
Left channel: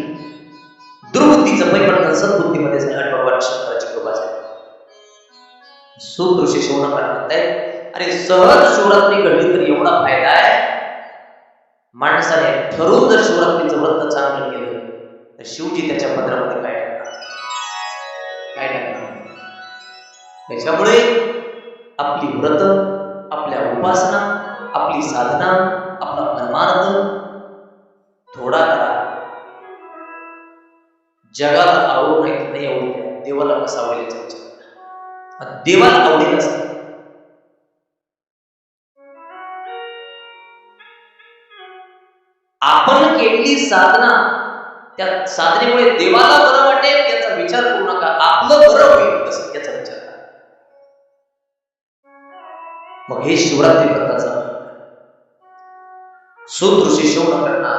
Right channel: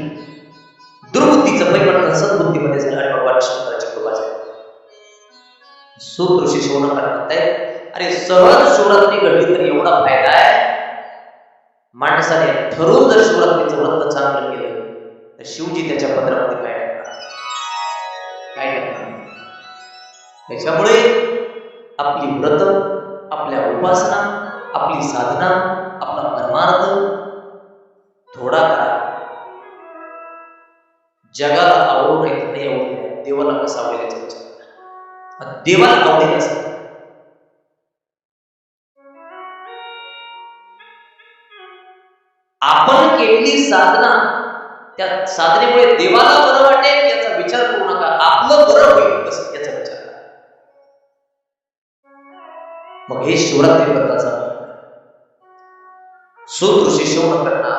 दुर्बुद्धीचं परिवर्तन सद्बुद्धीमध्ये झालं आणि भगवान शंकराची कृपा झाली. सूत ऋषी शौनकांना म्हणतायत, अरे सहज शिवरात्री घडली तर एवढा फायदा आहे. माणसाने ठरवून जर शिवरात्रीचं व्रत चांगलं केलं तर शिवजी त्याच्या पदरामध्ये काय टाकणार? काय टाकणार? त्याच्यामुळे आपली व्रत, आपल्या उपासना, आपली साधना, आपला परमार्थ थोडा करा. जगाला आवडू नाही आवडू द्या, देवाला कसा आवडेल याचा विचार करा. देवाला आवडेल असं आपण केलेली साधना, त्या साधनेमुळे देवाला बरं वाटेल याचा विचार करू नका. आपलं बरं होईल कसं याचा विचार करा. मग हे शिवरात्री व्रताचा सूत ऋषी शौनकांना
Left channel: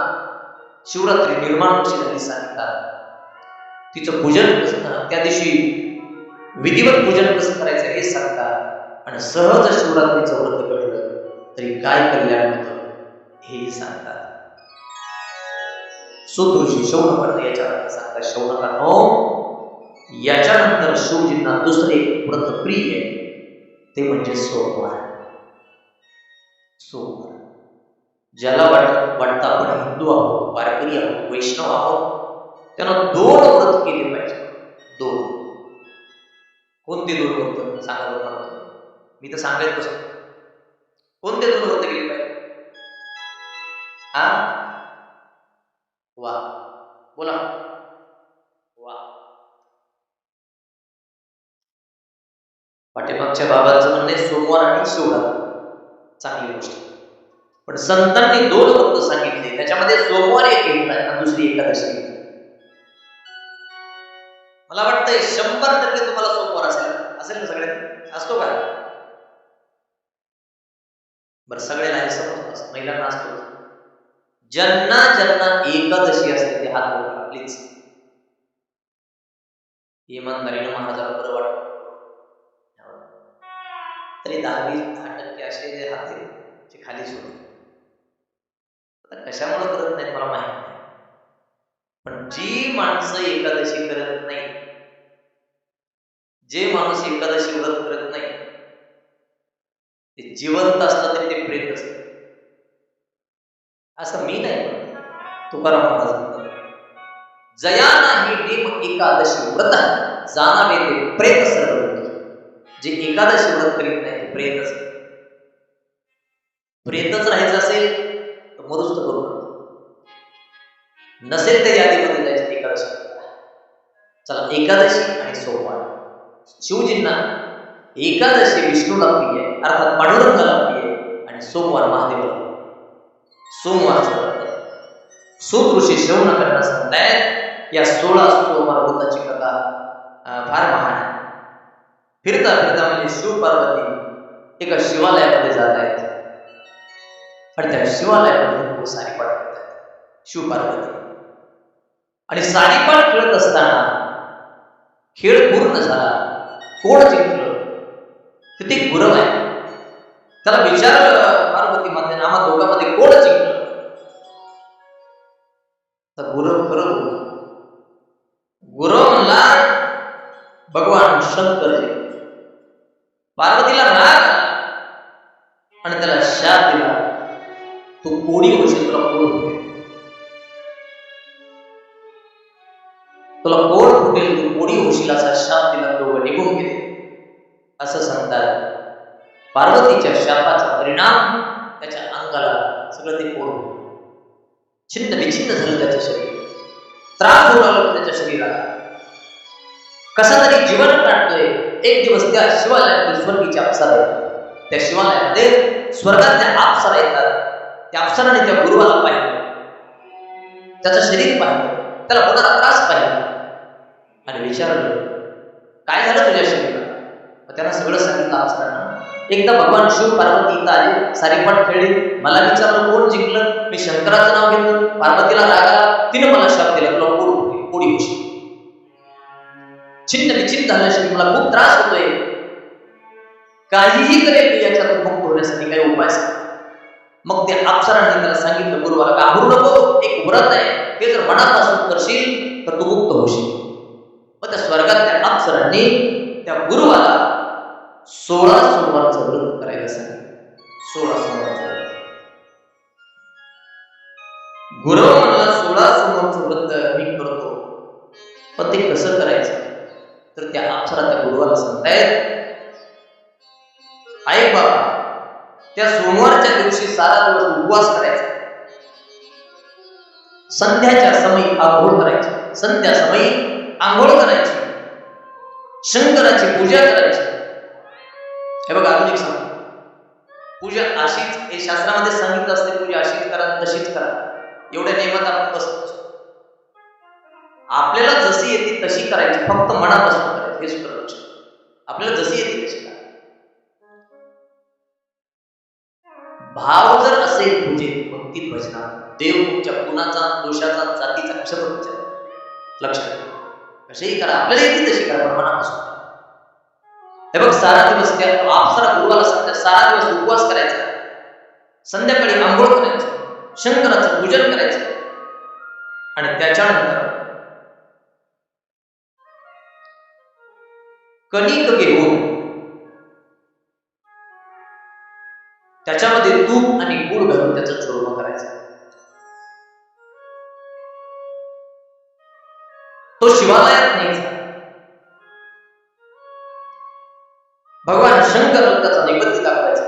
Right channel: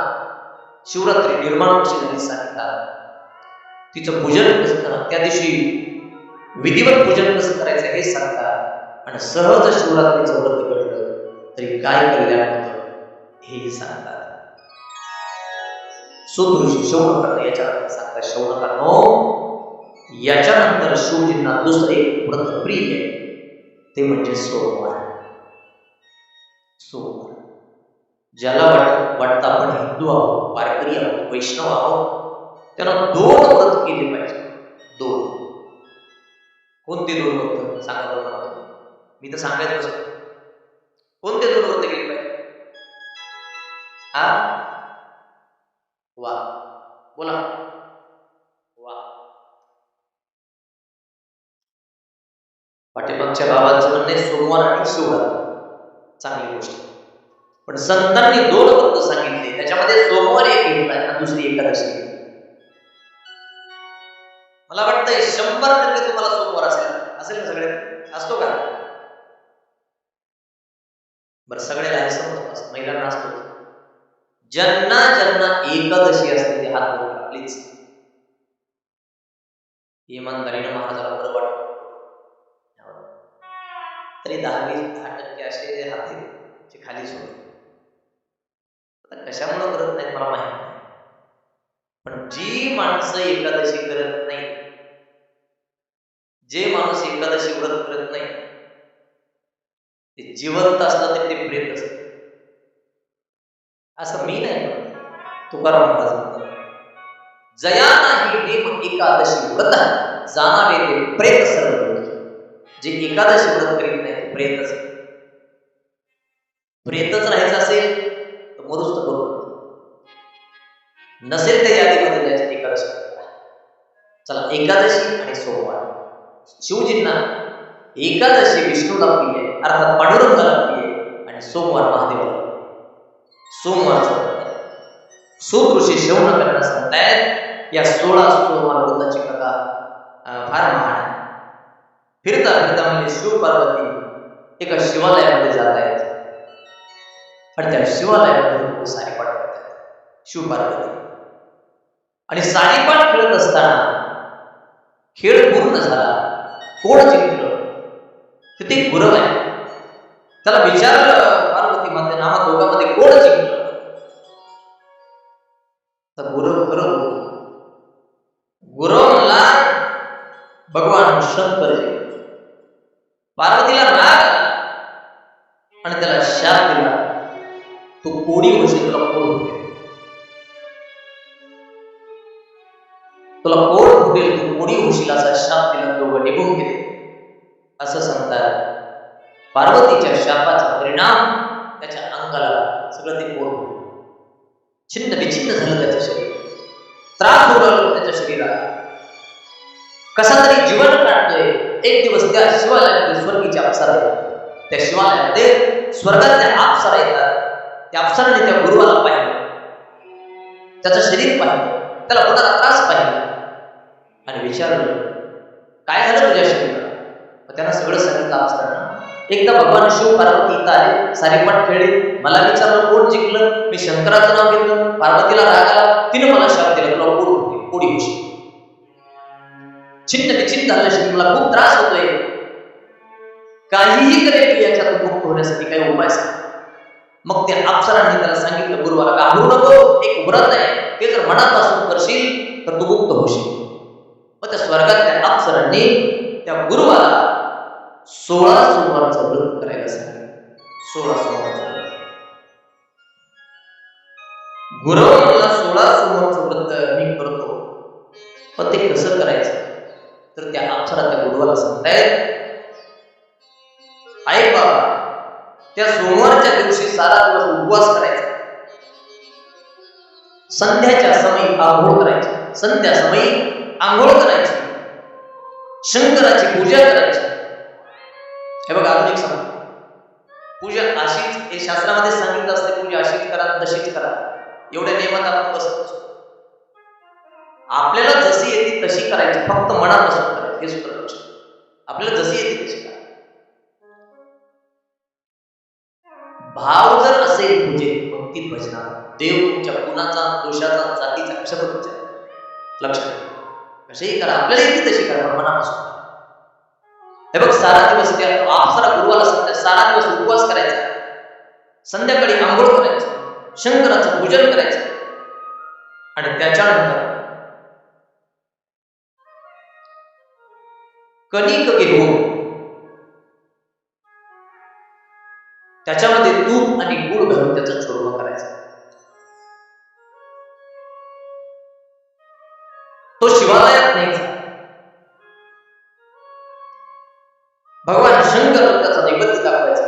शिवरात्री निर्माण कशी झाली सांगतात. तिचं पूजन कसं, त्या दिवशी विधिवत पूजन कसं करायचं हे सांगतात. आणि सहज शिवरात्रीचं व्रत घडलं तरी काय कल्याण होतं हेही सांगतात. सूत ऋषी शौनकांना याच्यानंतर सांगतात, शौनकांनो, याच्यानंतर शिवजींना दुसरे व्रत प्रिय आहे, ते म्हणजे सोमवार. सोमवार ज्याला वाटतं आपण हिंदू आहोत, वारकरी आहोत, वैष्णव आहोत, त्यानं 2 व्रत केले पाहिजे. 2. कोणते 2 व्रत सांगा बरं मला तुम्ही? मी तर सांगायचं कसं, कोणते 2 व्रत केले पाहिजे? हा, वा, बोला. वा, पाठीमागच्या बाबांचं म्हणणं आहे सोमवार आणि शिवरात्र चांगली गोष्ट. पण संतांनी 2 व्रत सांगितले, त्याच्यामध्ये सोमवार एक घेतलाय आणि दुसरी एकादशी. मला वाटतंय 100% तुम्हाला सोमवार असेल ना सगळ्यात? असतो का? बरं, सगळ्याला हे समजतं, महिलांना असतो. ज्यांना ज्यांना एकादशी असते ते हात वर करा प्लीज. इमानदारीनं महाराजाला बरं वाटत तरी 10% असे हात आहेत जे खालीच होते. आता कशामुळे करत नाहीत मला माहित नाही, पण जी माणसं एकादशी करत नाही, जे माणूस एकादशी व्रत करत नाही, ते जिवंत असलं तरी ते प्रेत असत. असं मी नाही म्हणत, तुकाराम महाराज म्हणतात, जया नाही नेम एकादशी व्रत जाणावे ते प्रेत सर्व लोक. जे एकादशी व्रत करीत नाही ते प्रेतच. प्रेतच राहायचं असेल तर मरुस्त करू नसेल त्या यादीमध्ये जायचं एकादशी. चला, एकादशी आणि सोमवार. शिवजींना एकादशी विष्णूला प्रिय आहे, अर्थात पांडुरंगाला प्रिय आहे, आणि सोमवार महादेवाला. सोमवारचं सूत ऋषी शौनकांना सांगतायत, या 16 सोमवार व्रताची कथा फार महान आहे. फिरता फिरता म्हणजे शिव पार्वती एका शिवालयामध्ये जात आहेत आणि त्या शिवालयामध्ये सारीपाट खेळतात शिव पार्वती. आणि सारीपाट खेळत असताना खेळ पूर्ण झाला, कोण जिंकलं? तिथे एक गुरव आहे. त्याला विचारलं पार्वती मातेने, आम्हा दोघांमध्ये कोण जिंकलं? तर गुरव खरं बोलला. गुरव म्हणला भगवान शंकर जिंकले. पार्वतीला राग आला आणि त्याला शाप दिला, तू कोडी होशील, तुला कोड फुटेल, तुला कोड फुटेल, तू कोडी होशील असा शाप दिला. दोघं निघून गेले. असं सांगतात. पार्वतीच्या शापाचा परिणाम त्याच्या अंगाला सगळं ते कोड फुटलं. छिन्न विचिन्न झालं त्याचं शरीर. त्रास होऊ लागला त्याच्या शरीराला. कसा तरी जीवन काढतोय. एक दिवस त्या शिवालयामध्ये स्वर्गीच्या अप्सरा येतात. त्या शिवालयामध्ये स्वर्गातल्या अप्सरा येतात. त्या अप्सराने त्या गुरुवाला पाहिलं, त्याचं शरीर पाहिलं, त्याला होणारा त्रास पाहिला आणि विचारलं, काय झालं तुझ्या शरीराला? त्यांना सगळं सांगितलं अप्सरांना. एकदा भगवान शिव पार्वती इथं आले, सारीपाट खेळले, मला विचारलं कोण जिंकलं, मी शंकराचं नाव घेतलं, पार्वतीला राग आला, तिनं मला शाप दिला, तुला कोड होते, कोडी होशी. छिन्न विचिन्न झालं शरीर, मला खूप त्रास होतोय, काहीही करेल मी याच्यातून मुक्त होण्यासाठी, काही उपाय सांग. मग त्या अप्सरांनी त्याला सांगितलं, गुरुवाला घाबरू नको, एक व्रत आहे, ते जर मनापासून करशील तर तू मुक्त होशील. मग त्या स्वर्गातल्या अप्सरांनी त्या गुरुवाला 16 सोमवारचं व्रत करायला सांगितलं. 16 सोमवारचं व्रत. गुरु म्हणला 16 सोमवारचं व्रत मी करतो, पण ते कसं करायचं? तर त्या अप्सरा त्या गुरुवाला सांगतायत, ऐक बाबा, त्या सोमवारच्या दिवशी सारा दिवस उपवास करायचा, संध्याच्या समयी आंघोळ करायची, संध्या समयी आंघोळ करायची, शंकराची पूजा करायची. हे बघा अजून एक सांगतो, पूजा अशीच, हे शास्त्रामध्ये सांगितलं असते, पूजा अशीच करा तशीच करा, एवढ्या नियमात आपण बसत असतो. आपल्याला जशी येते तशी करायची, फक्त मनापासून करायची, हे सूत्र लक्षात. आपल्याला जशी येते तशी करा. भाव जर असेल पूजेत, भक्तीत, भजनात, देव तुमच्या गुणाचा, दोषाचा, जातीचा कशाचा विचार लक्षात. कशाही करा, आपल्याला येते तशी करा, पण मनापासून. हे बघ, सारा दिवस त्या अप्सरा गुरुवाला सांगतात, सारा दिवस उपवास करायचा, संध्याकाळी आंघोळ करायचं, शंकराचं पूजन करायचं, आणि त्याच्यानंतर कणिक घेऊन त्याच्यामध्ये तूप आणि गुळ घालून त्याचा चूरमा करायचा. तो शिवालयात न्यायचा. भगवान शंकर त्याचा नैवेद्य दाखवायचा.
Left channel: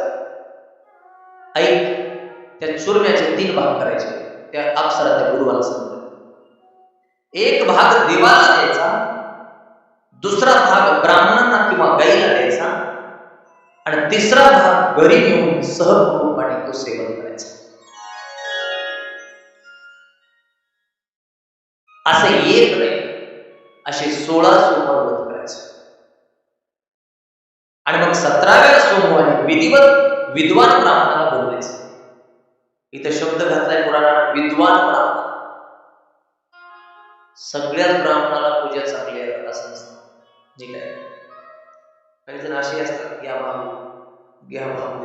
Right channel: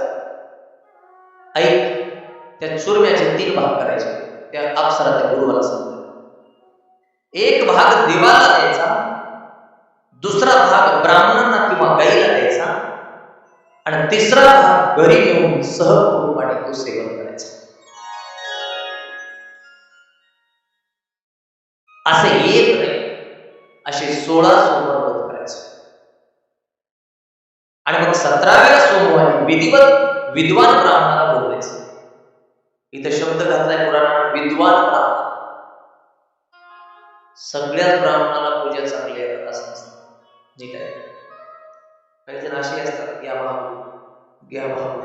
ऐक, त्या चुरम्याचे 3 भाग करायचे. त्या अप्सरा त्या गुरुवाला सांगतात, एक भाग देवाला द्यायचा, दुसरा भाग ब्राह्मणांना किंवा गाईला द्यायचा, आणि तिसरा भाग घरी नेऊन सहकुटुंबाने तो सेवन करायचा. असे एक नाही, असे 16 सोमवार व्रत करायचं. आणि मग 17व्या सोमवारी विधिवत विद्वान ब्राह्मणाला बोलवायचं. इथे शब्द घातलाय पुराणाला, विद्वान ब्राह्मण. सगळ्याच ब्राह्मणाला पूजा चांगली येतात असं नसतं, नीट आहे. काही जण असे असतात, या भाऊ घ्या भाऊ,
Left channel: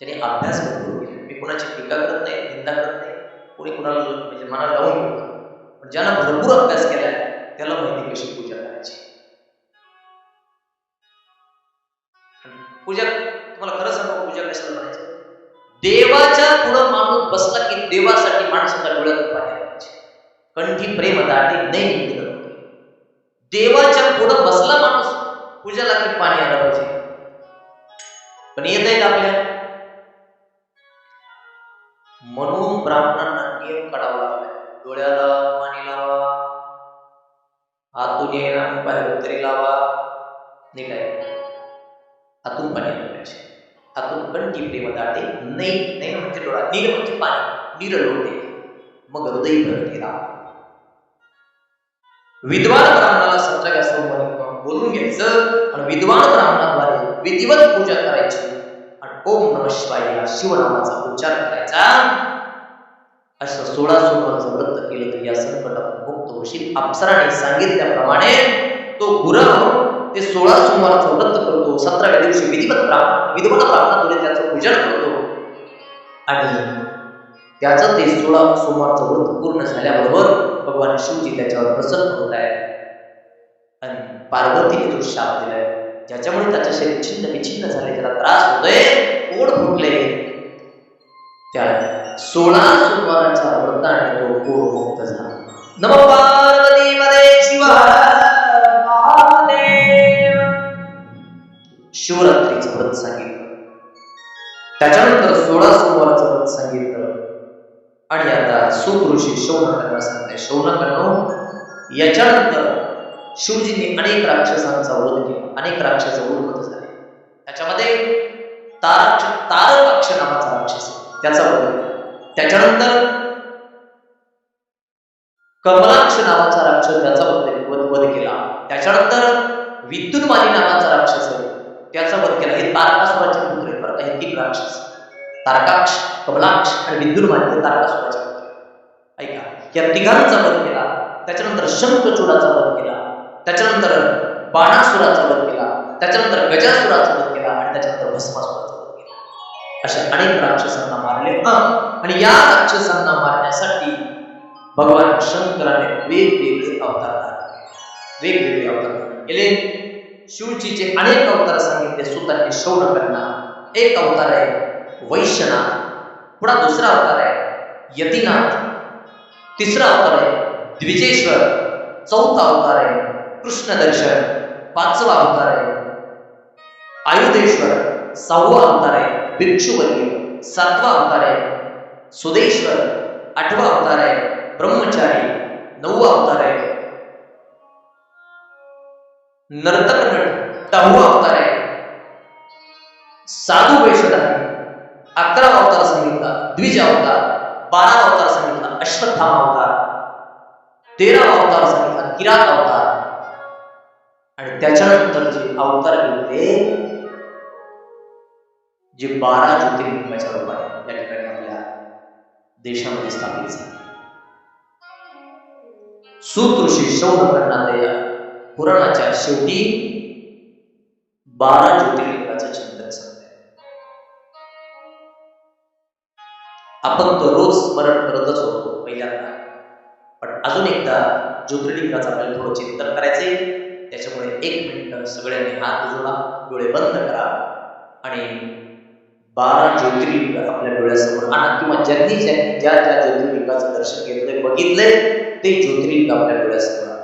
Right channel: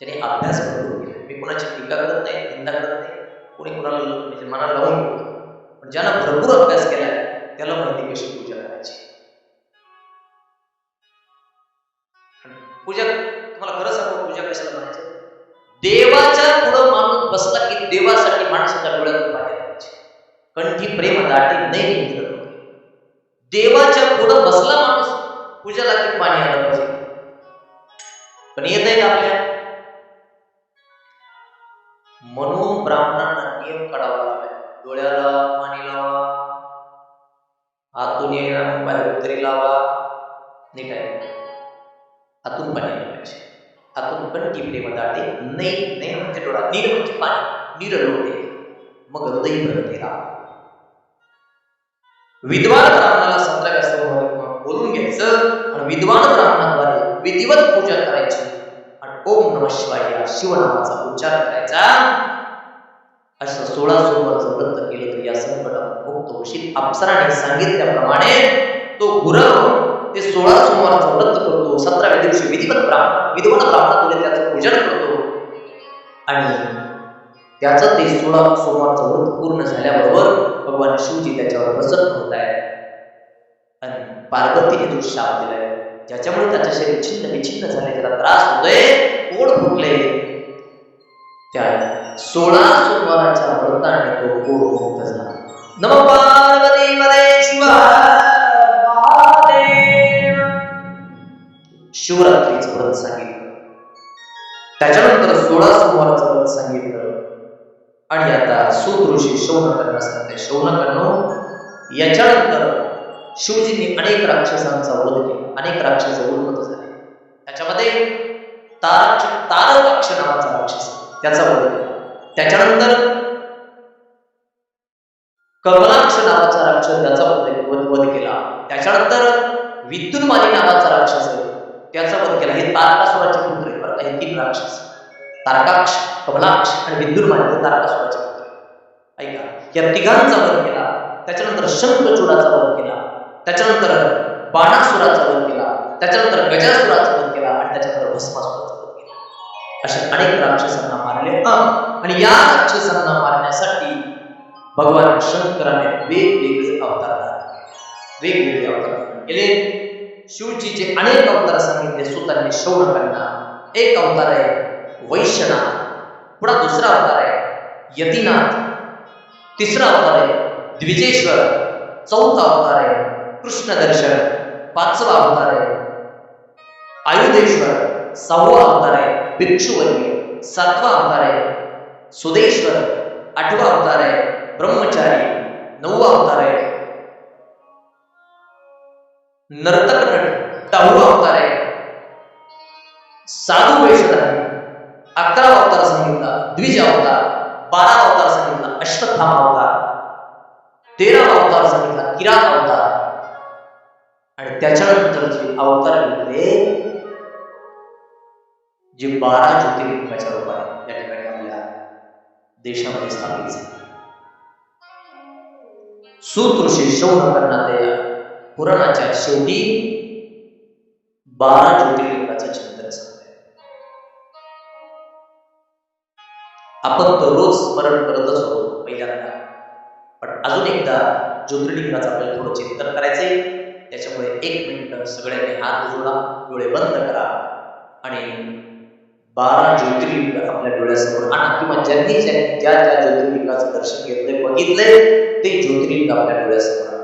ज्याने अभ्यास भरपूर केला. मी कोणाची टीका करत नाही, निंदा करत नाही, कोणी कोणाला म्हणजे मनाला लावून घेतो, पण ज्यानं भरपूर अभ्यास केलाय त्याला माहिती कशी पूजा करायची. पूजा, तुम्हाला खरं सांगू, पूजा कशाला म्हणायचं? देवाच्या पुढं माणूस बसला की देवासाठी माणसाच्या डोळ्यातून पाणी आणायचे. कंठी प्रेम दाटे नाही निघत. देवाच्या पुढं बसला माणूस पूजाला की पाणी आलं पाहिजे. पण येत आहे का आपल्या? म्हणून ब्राह्मणांना नियम काढावा लागलाय. डोळ्याला पाणी लावा, हातून येईना बाहेरून तरी लावा, नीट आहे. हातून पाणी आलं पाहिजे. हातून कंठी प्रेम दाटे नाही, नाही म्हणजे डोळा, नीर म्हणजे पाणी, नीर लोटे, मग हृदय प्रगती राहा. विद्वान ब्राह्मणाला 17व्या सोमवारी बोलून घ्यायचं आणि विद्वान ब्राह्मणाद्वारे विधिवत पूजा करायची आणि ओम नमः शिवाय या शिवनामाचा उच्चार करायचा. असं 16 सोमवारचं व्रत केलं तर या संकटातून मुक्त होशील. अप्सराने सांगितल्याप्रमाणे तो गुरव ते 16 सोमवारचं व्रत करतो. 17व्या दिवशी विधिवत विद्वान ब्राह्मणाद्वारे त्याचं पूजन करतो आणि त्याचं ते 16 सोमवारचं व्रत पूर्ण झाल्याबरोबर भगवान शिवजी त्याच्यावर प्रसन्न होत आहे आणि पार्वतीने तो शाप दिलाय, ज्याच्यामुळे त्याचं शरीर छिन्न विछिन्न झाले, त्याला त्रास होतोय, पोट फुटले. त्या 16 सोमवाराच्या व्रताने तो कोरमुक्त झाला. नम पार्वती पदे शिवा महादेव. शिवरात्रीचं व्रत सांगितलं, त्याच्यानंतर 16 सोमवारचं व्रत सांगितलं, आणि आता सूत ऋषी शौनकांना सांगताय, शौनकांनो, याच्यानंतर शिवजींनी अनेक राक्षसांचा वध केला, अनेक राक्षस उन्मत्त झाले. त्याच्यामध्ये तारकाक्ष नावाचा राक्षस त्याचा वध केला. त्याच्यानंतर कमलाक्ष नावाचा राक्षस त्याचा वध केला. त्याच्यानंतर विद्युन्माली नावाचा राक्षस आहे त्याचा वध केला. हे तारकासुराचे पुत्र आहेत बरं का, हे 3 राक्षस, तारकाक्ष, कमलाक्ष आणि विद्युन्माली हे तारकासुराचे पुत्र आहेत. ऐका, या तिघांचा वध केला. त्याच्यानंतर शंखचूडाचा वध केला. त्याच्यानंतर बाणासुराचा वध केला. त्याच्यानंतर गजासुराचा वध केला आणि त्याच्यानंतर भस्मासुराचा वध केला. अशा अनेक राक्षसांना मारले. आणि या राक्षसांना मारण्यासाठी भगवान शंकराने वेगवेगळे अवतार धारण केले. शिवजीचे अनेक अवतार सांगितले सुतांनी शौनकांना. एक अवतार आहे वैश्यनाथ, पुढा दुसरा अवतार आहे यतीनाथ, तिसरा अवतार आहे द्विजेश्वर, चौथा अवतार आहे कृष्णदर्शन, 5वा अवतार आहे आयुधेश्वर, 6वा अवतार आहे भिक्षुवर्य, 7वा अवतार आहे सुदेश्वर, 8वा अवतार आहे ब्रह्मचारी, 9वा अवतार आहे नर्तक नट, 10वा अवतार आहे साधू वेशधारी, 11वा अवतार सांगितला द्विज अवतार, 12वा अवतार सांगितला अश्वत्थामा अवतार, 13वा अवतार सांगितला किरात अवतार, आणि त्याच्यानंतरचे अवतार घेतले जे 12 ज्योतिर्लिंगाच्या रूपाने या ठिकाणी आपल्या देशामध्ये स्थापित झाले. सूत ऋषी शौनकांना त्या पुराणाच्या शेवटी 12 ज्योतिर्लिंगाचं चिंतन सांगताय. आपण तो रोज स्मरण करतच होतो पहिल्यांदा, पण अजून एकदा ज्योतिर्लिंगाचं आपल्याला थोडं चिंतन करायचंय. त्याच्यामुळे 1 मिनिट सगळ्यांनी हात जोडा, डोळे बंद करा आणि 12 ज्योतिर्लिंग आपल्या डोळ्यासमोर आणा, किंवा ज्यांनी ज्या ज्योतिर्लिंगाचं दर्शन घेतलंय, बघितलंय, ते ज्योतिर्लिंग आपल्या डोळ्यासमोर आणा.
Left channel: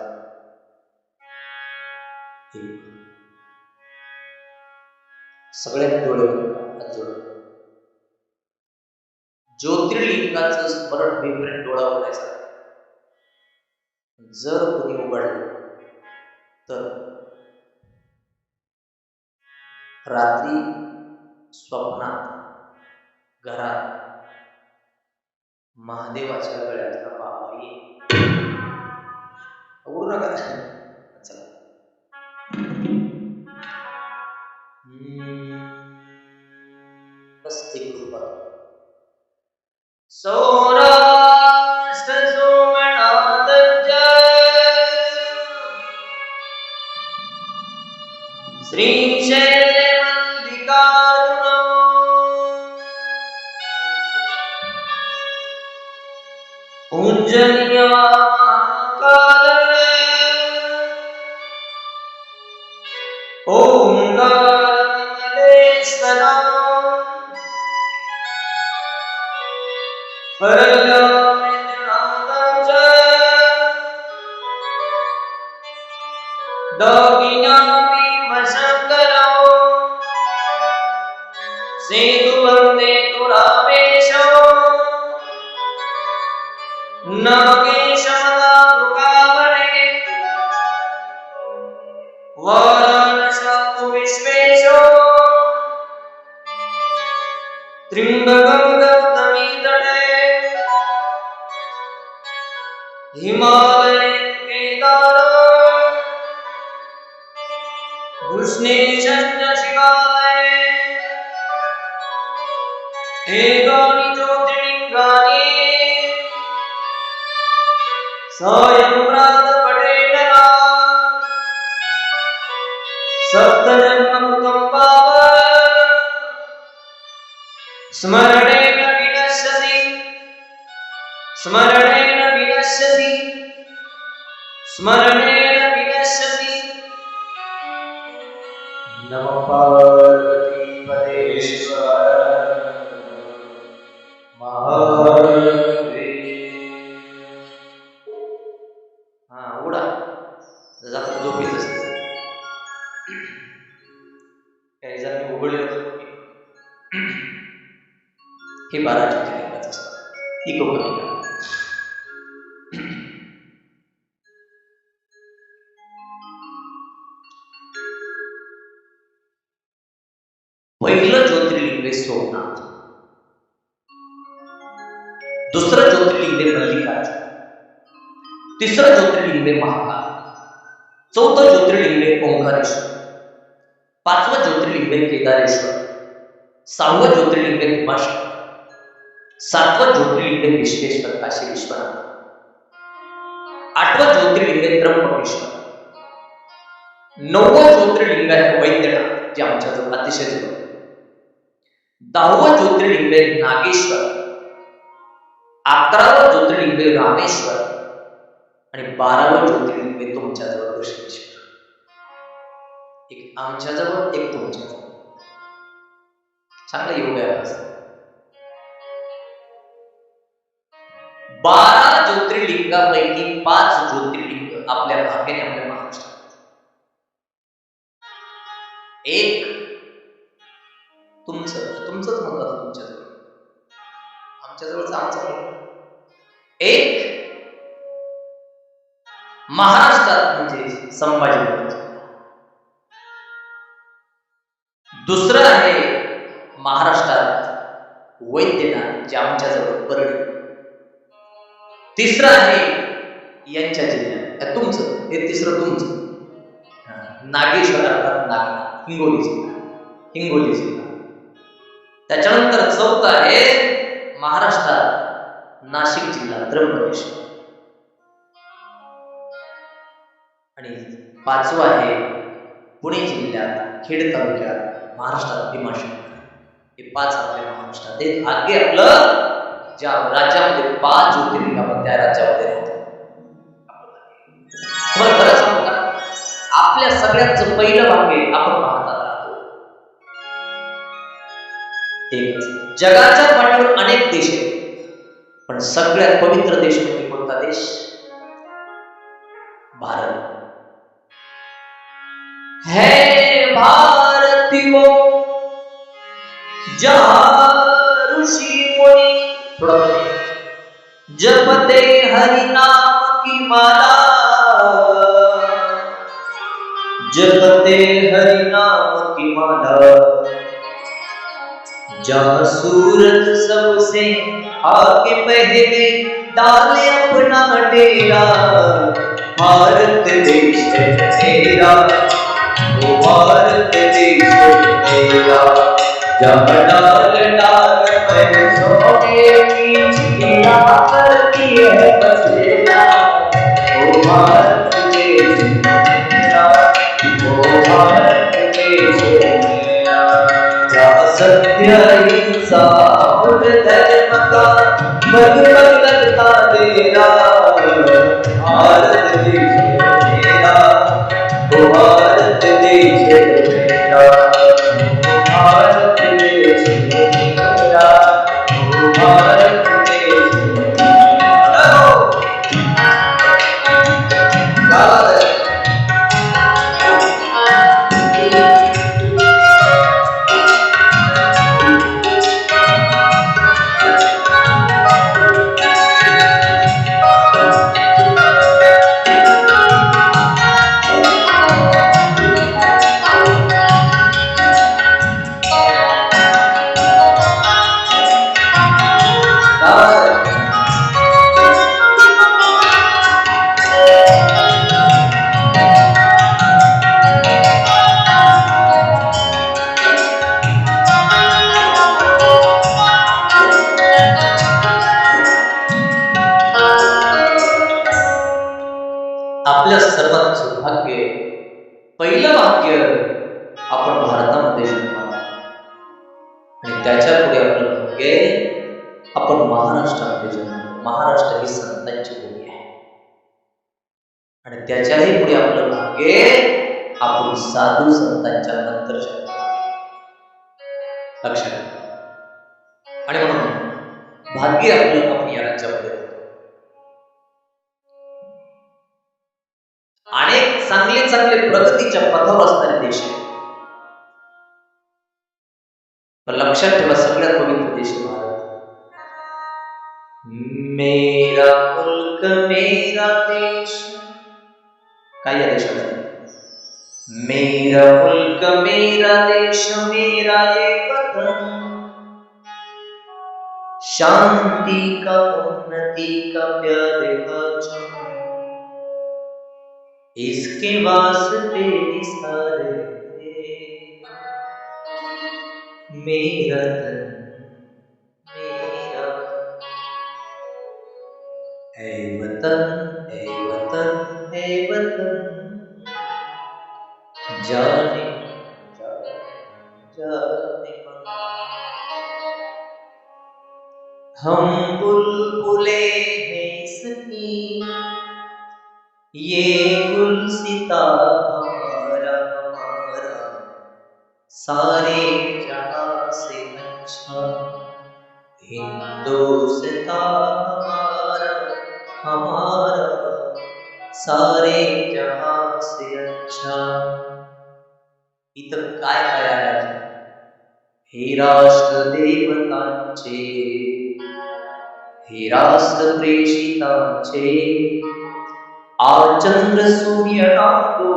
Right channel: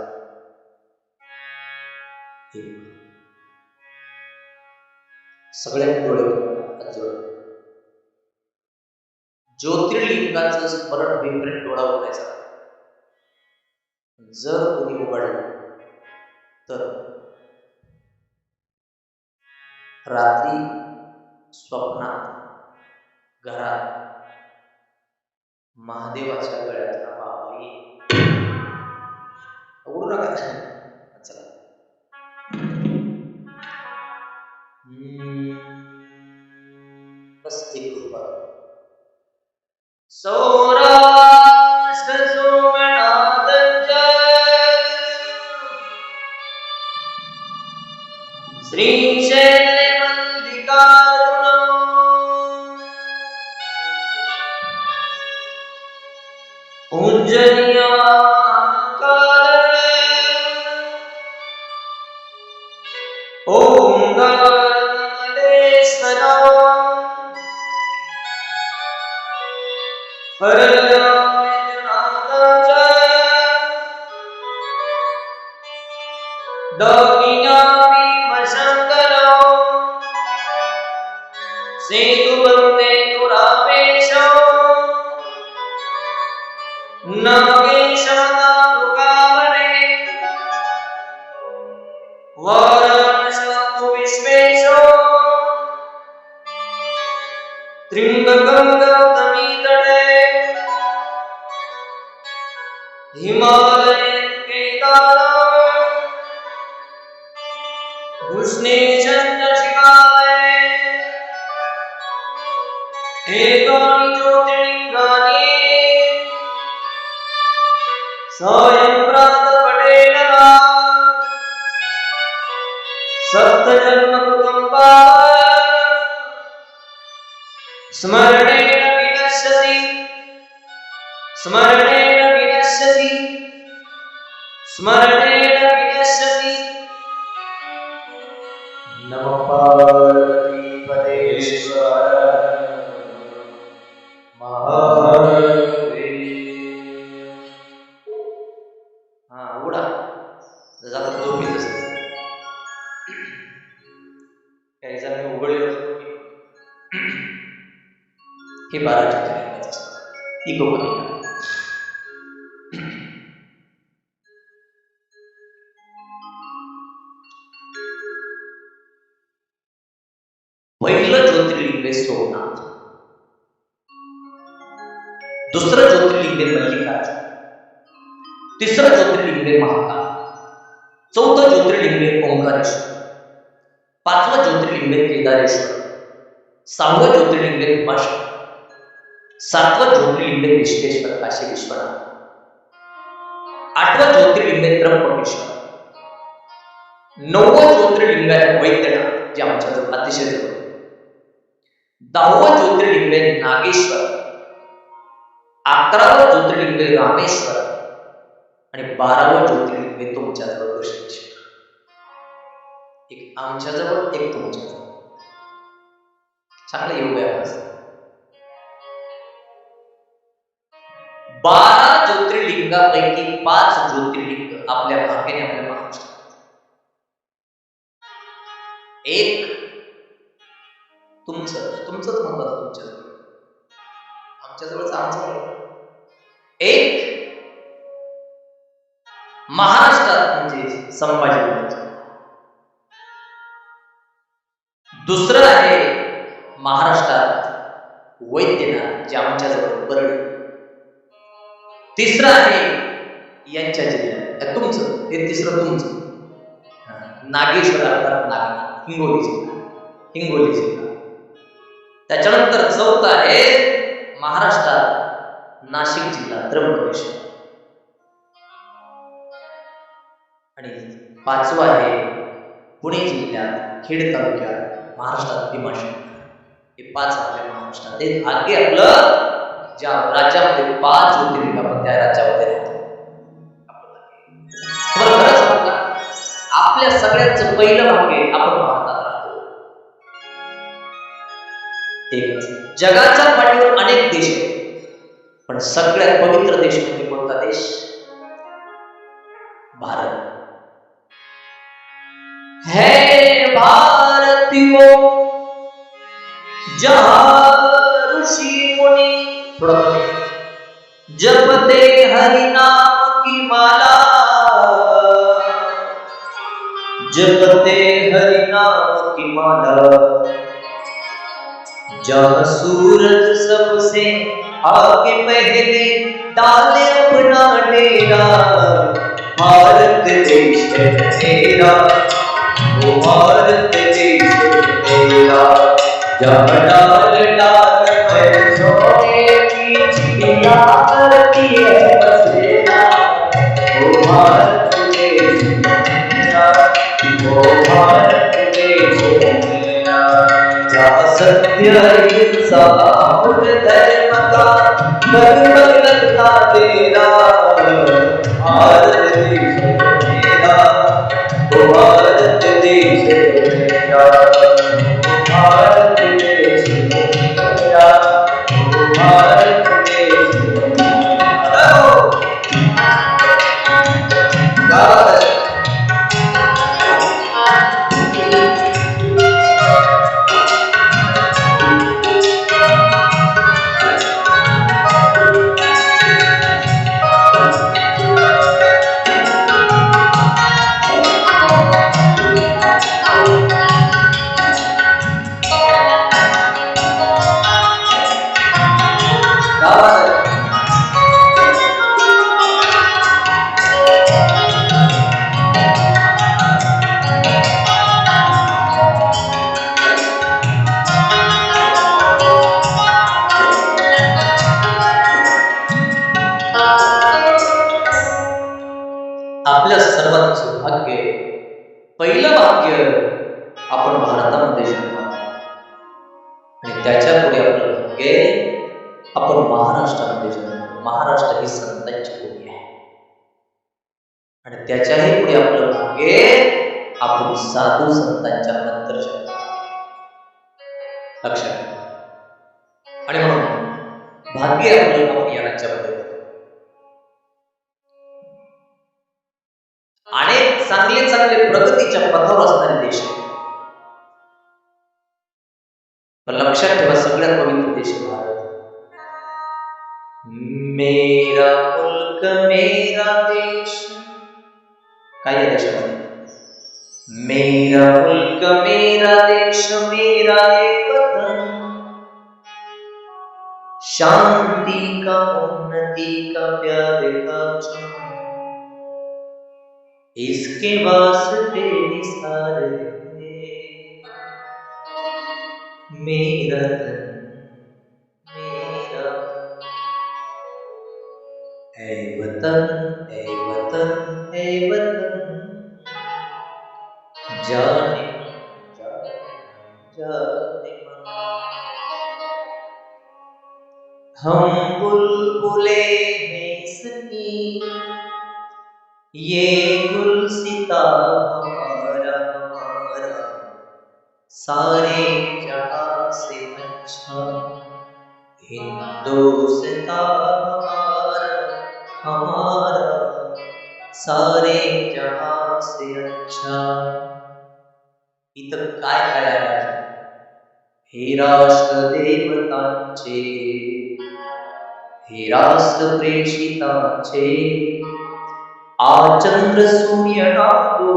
सगळ्यांनी डोळे बंद हात जोडा. ज्योतिर्लिंगाचं स्मरण होईपर्यंत डोळा उघडायचा. जर कोणी उघडलं तर रात्री स्वप्नात घरात महादेवाच्या गळ्यातला बाबा येईल. उघडू नका. चला, बस एक कृपा. सौराष्ट्र सोमनाथ श्रीशैल मल्लिकार्जुन पूजनीय काल ओंकार नमलेश्वर शंकर सेतु बंदे तु रामेश नागेश मदारुकावने वाराणसी विश्वेश त्र्यंबकं गौतमी तटे हिमालय केदार कृष्णेशं शिवालये एकानि ज्योतिर्लिंगानि सायं प्रातःपठेन सप्तजन्म कृतं पाप स्मरणेन विनश्यसि स्मरणेन विनश्यसि स्मरणेन विनश्यसि. नमः पार्वती पदेश्वर जातात झोपेत असते. काही जण मी उघडले हे 12 ज्योतिर्लिंगाच असतात. इको कमी करा. पहिलं ज्योतिर्लिंग आहे सोमनाथ, दुसरं ज्योतिर्लिंग आहे मल्लिकार्जुन, तिसरं ज्योतिर्लिंग आहे महाकाल, चौथं ज्योतिर्लिंग आहे ओंकारेश्वर, पाचवं ज्योतिर्लिंग आहे केदारेश्वर, सहावं ज्योतिर्लिंग आहे भीमाशंकर, सातवं ज्योतिर्लिंग आहे विश्वेश्वर काशी विश्वनाथ, आठवं ज्योतिर्लिंग आहे त्र्यंबकेश्वर, नववं ज्योतिर्लिंग आहे वैद्यनाथ जे आमच्या जवळ अतिशय जवळ, 10वं ज्योतिर्लिंग आहे नागेश्वर, 11वं ज्योतिर्लिंग आहे रामेश्वर आणि 12वं ज्योतिर्लिंग आहे तुमच्या जवळ घृष्णेश्वर. एक आमच्या जवळ, एक तुमच्या जवळ. चांगला योग आहे. 12 ज्योतिर्लिंगापैकी 5 ज्योतिर्लिंग आपल्या भाग्याने आपल्या महाराष्ट्रात. एक तुमचंच महत्वाचं तुमच्या जवळ, आमच्या जवळच आमचं. एक महाराष्ट्रात म्हणजे संभाजी महाराज, दुसरं आहे महाराष्ट्रात वैद्यनाथ जे आमच्या जवळ परळी, तिसरं आहे यांच्या जिल्ह्यात तुमचं, हे तिसरं तुमचं नागेश्वर अर्थात नागनाथ, हिंगोली जिल्हा. त्याच्यानंतर चौथं आहे महाराष्ट्रात नाशिक जिल्हा त्र्यंबकेश्वर आणि 5वं आहे पुणे जिल्ह्यात खेड तालुक्यात महाराष्ट्रात भीमाशंकर. हे 5 आपल्या महाराष्ट्रात. हे भाग्य आपलं ज्या राज्यामध्ये 5 ज्योतिर्लिंग आपण त्या राज्यामध्ये राहतो. तुम्हाला खरं सांगू का, आपल्या सगळ्यांचं पहिलं भाग्य आपण भारतात राहतो. एकच. जगाच्या पाठीवर अनेक देश आहेत, पण सगळ्यात पवित्र देश म्हणजे कोणता देश? भारत. है भारतीयों जहां ऋषि मुनि, थोड़ा जपते हरि नाम की माला, जपते हरि नाम की माला, जहाँ सूरज सबसे आगे पहले डाले अपना डेरा, भारत देश मेरा, वो भारत देश मेरा, जहाँ डाल डाल में सोने की चिड़िया करती है बसेरा, वो भारत देश मेरा, वो भारत देश मेरा, जहाँ सत्य हिंसा और धर्म का पग पग लगता तेरा, भारत देश मेरा, वो भारत देश मेरा, भारत देश मेरा, वो भारत देश मेरा. क्या बात है. आपल्या सर्वात सौभाग्य, पहिलं भाग्य आपण भारतामध्ये जन्माला आणि त्याच्या पुढे आपलं भाग्य आपण महाराष्ट्रामध्ये जन्मलो. महाराष्ट्र ही संतांची भूमी आहे आणि त्याच्याही पुढे आपलं भाग्य आपण साधू संतांच्या नंतर जन्मलो. लक्षात घ्या. आणि म्हणून भाग्य आपलं आपण या राज्यामध्ये अनेक अनेक चांगले चांगले प्रगतीच्या पथावर असणारे देश आहेत. पण लक्षात ठेवा, सगळ्यात पवित्र देश आहे भारत. मेरा मुल्क मेरा देश. काय या देशाचं? मेरा मुल्क मेरा देश मेरा ये वतन, शांति का उन्नति का प्यार का चमन, इसके वास्ते निसारे मेरा तन मेरा. ऐ वतन ऐ वतन ऐ वतन, जाने जाने जाने मन. हम बुलबुले हैं इसकी, ये गुलसिता हमारा हमारा, सारे जहां से अच्छा, हिंदुस्तान हमारा हमारा, सारे जहां से अच्छा. इथं काय काय आहे अजून? हे राष्ट्र देवतांचे, हे राष्ट्र प्रेषितांचे, आचंद्र सूर्य नादो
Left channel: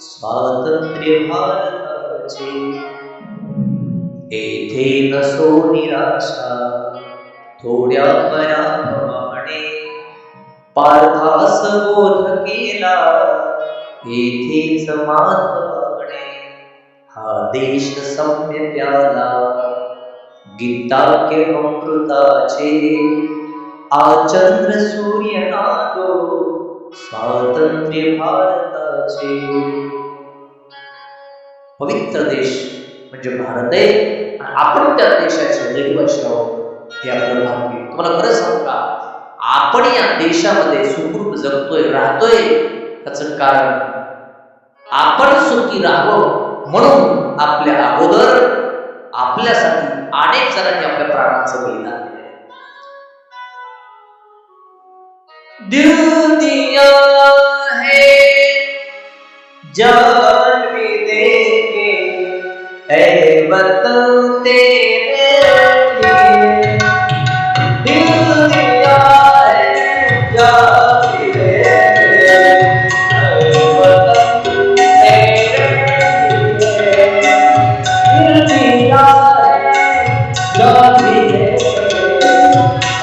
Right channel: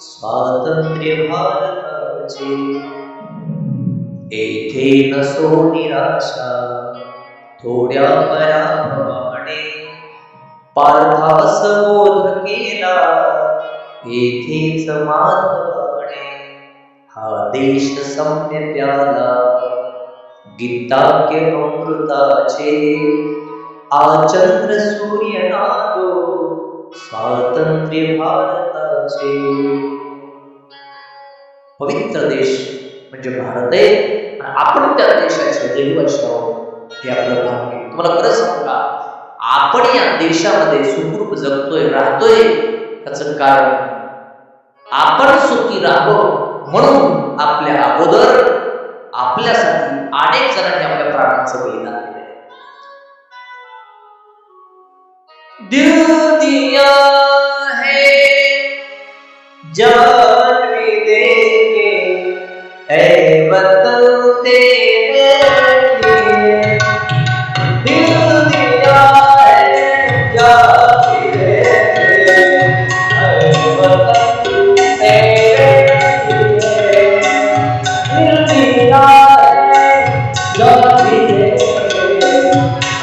स्वातंत्र्य भारताचे. येथे नसो निराशा थोड्या पराभवाने, पार्थास बोध केला येथेच माधवाने. हा देश सम्य प्याला गीताके अमृताचे, आचंद्र सूर्य नादो स्वातंत्र्य भारताचे. पवित्र देश म्हणजे भारत आहे आणि आपण त्या देशाचे रहिवासी आहोत. हे आपलं भाग्य. तुम्हाला खरं सांगू का, आपण या देशामध्ये सुखरूप जगतोय राहतोय, त्याचं कारण आपण सुखी राहावं म्हणून आपल्या अगोदर आपल्यासाठी अनेक जणांनी आपल्या प्राणांचं बलिदान दिलंय. दिल दिया है जान भी देंगे ऐ वतन तेरे लिए. दिल दिया है जान भी देंगे ऐ वतन तेरे लिए. दिल दिया है जान भी देंगे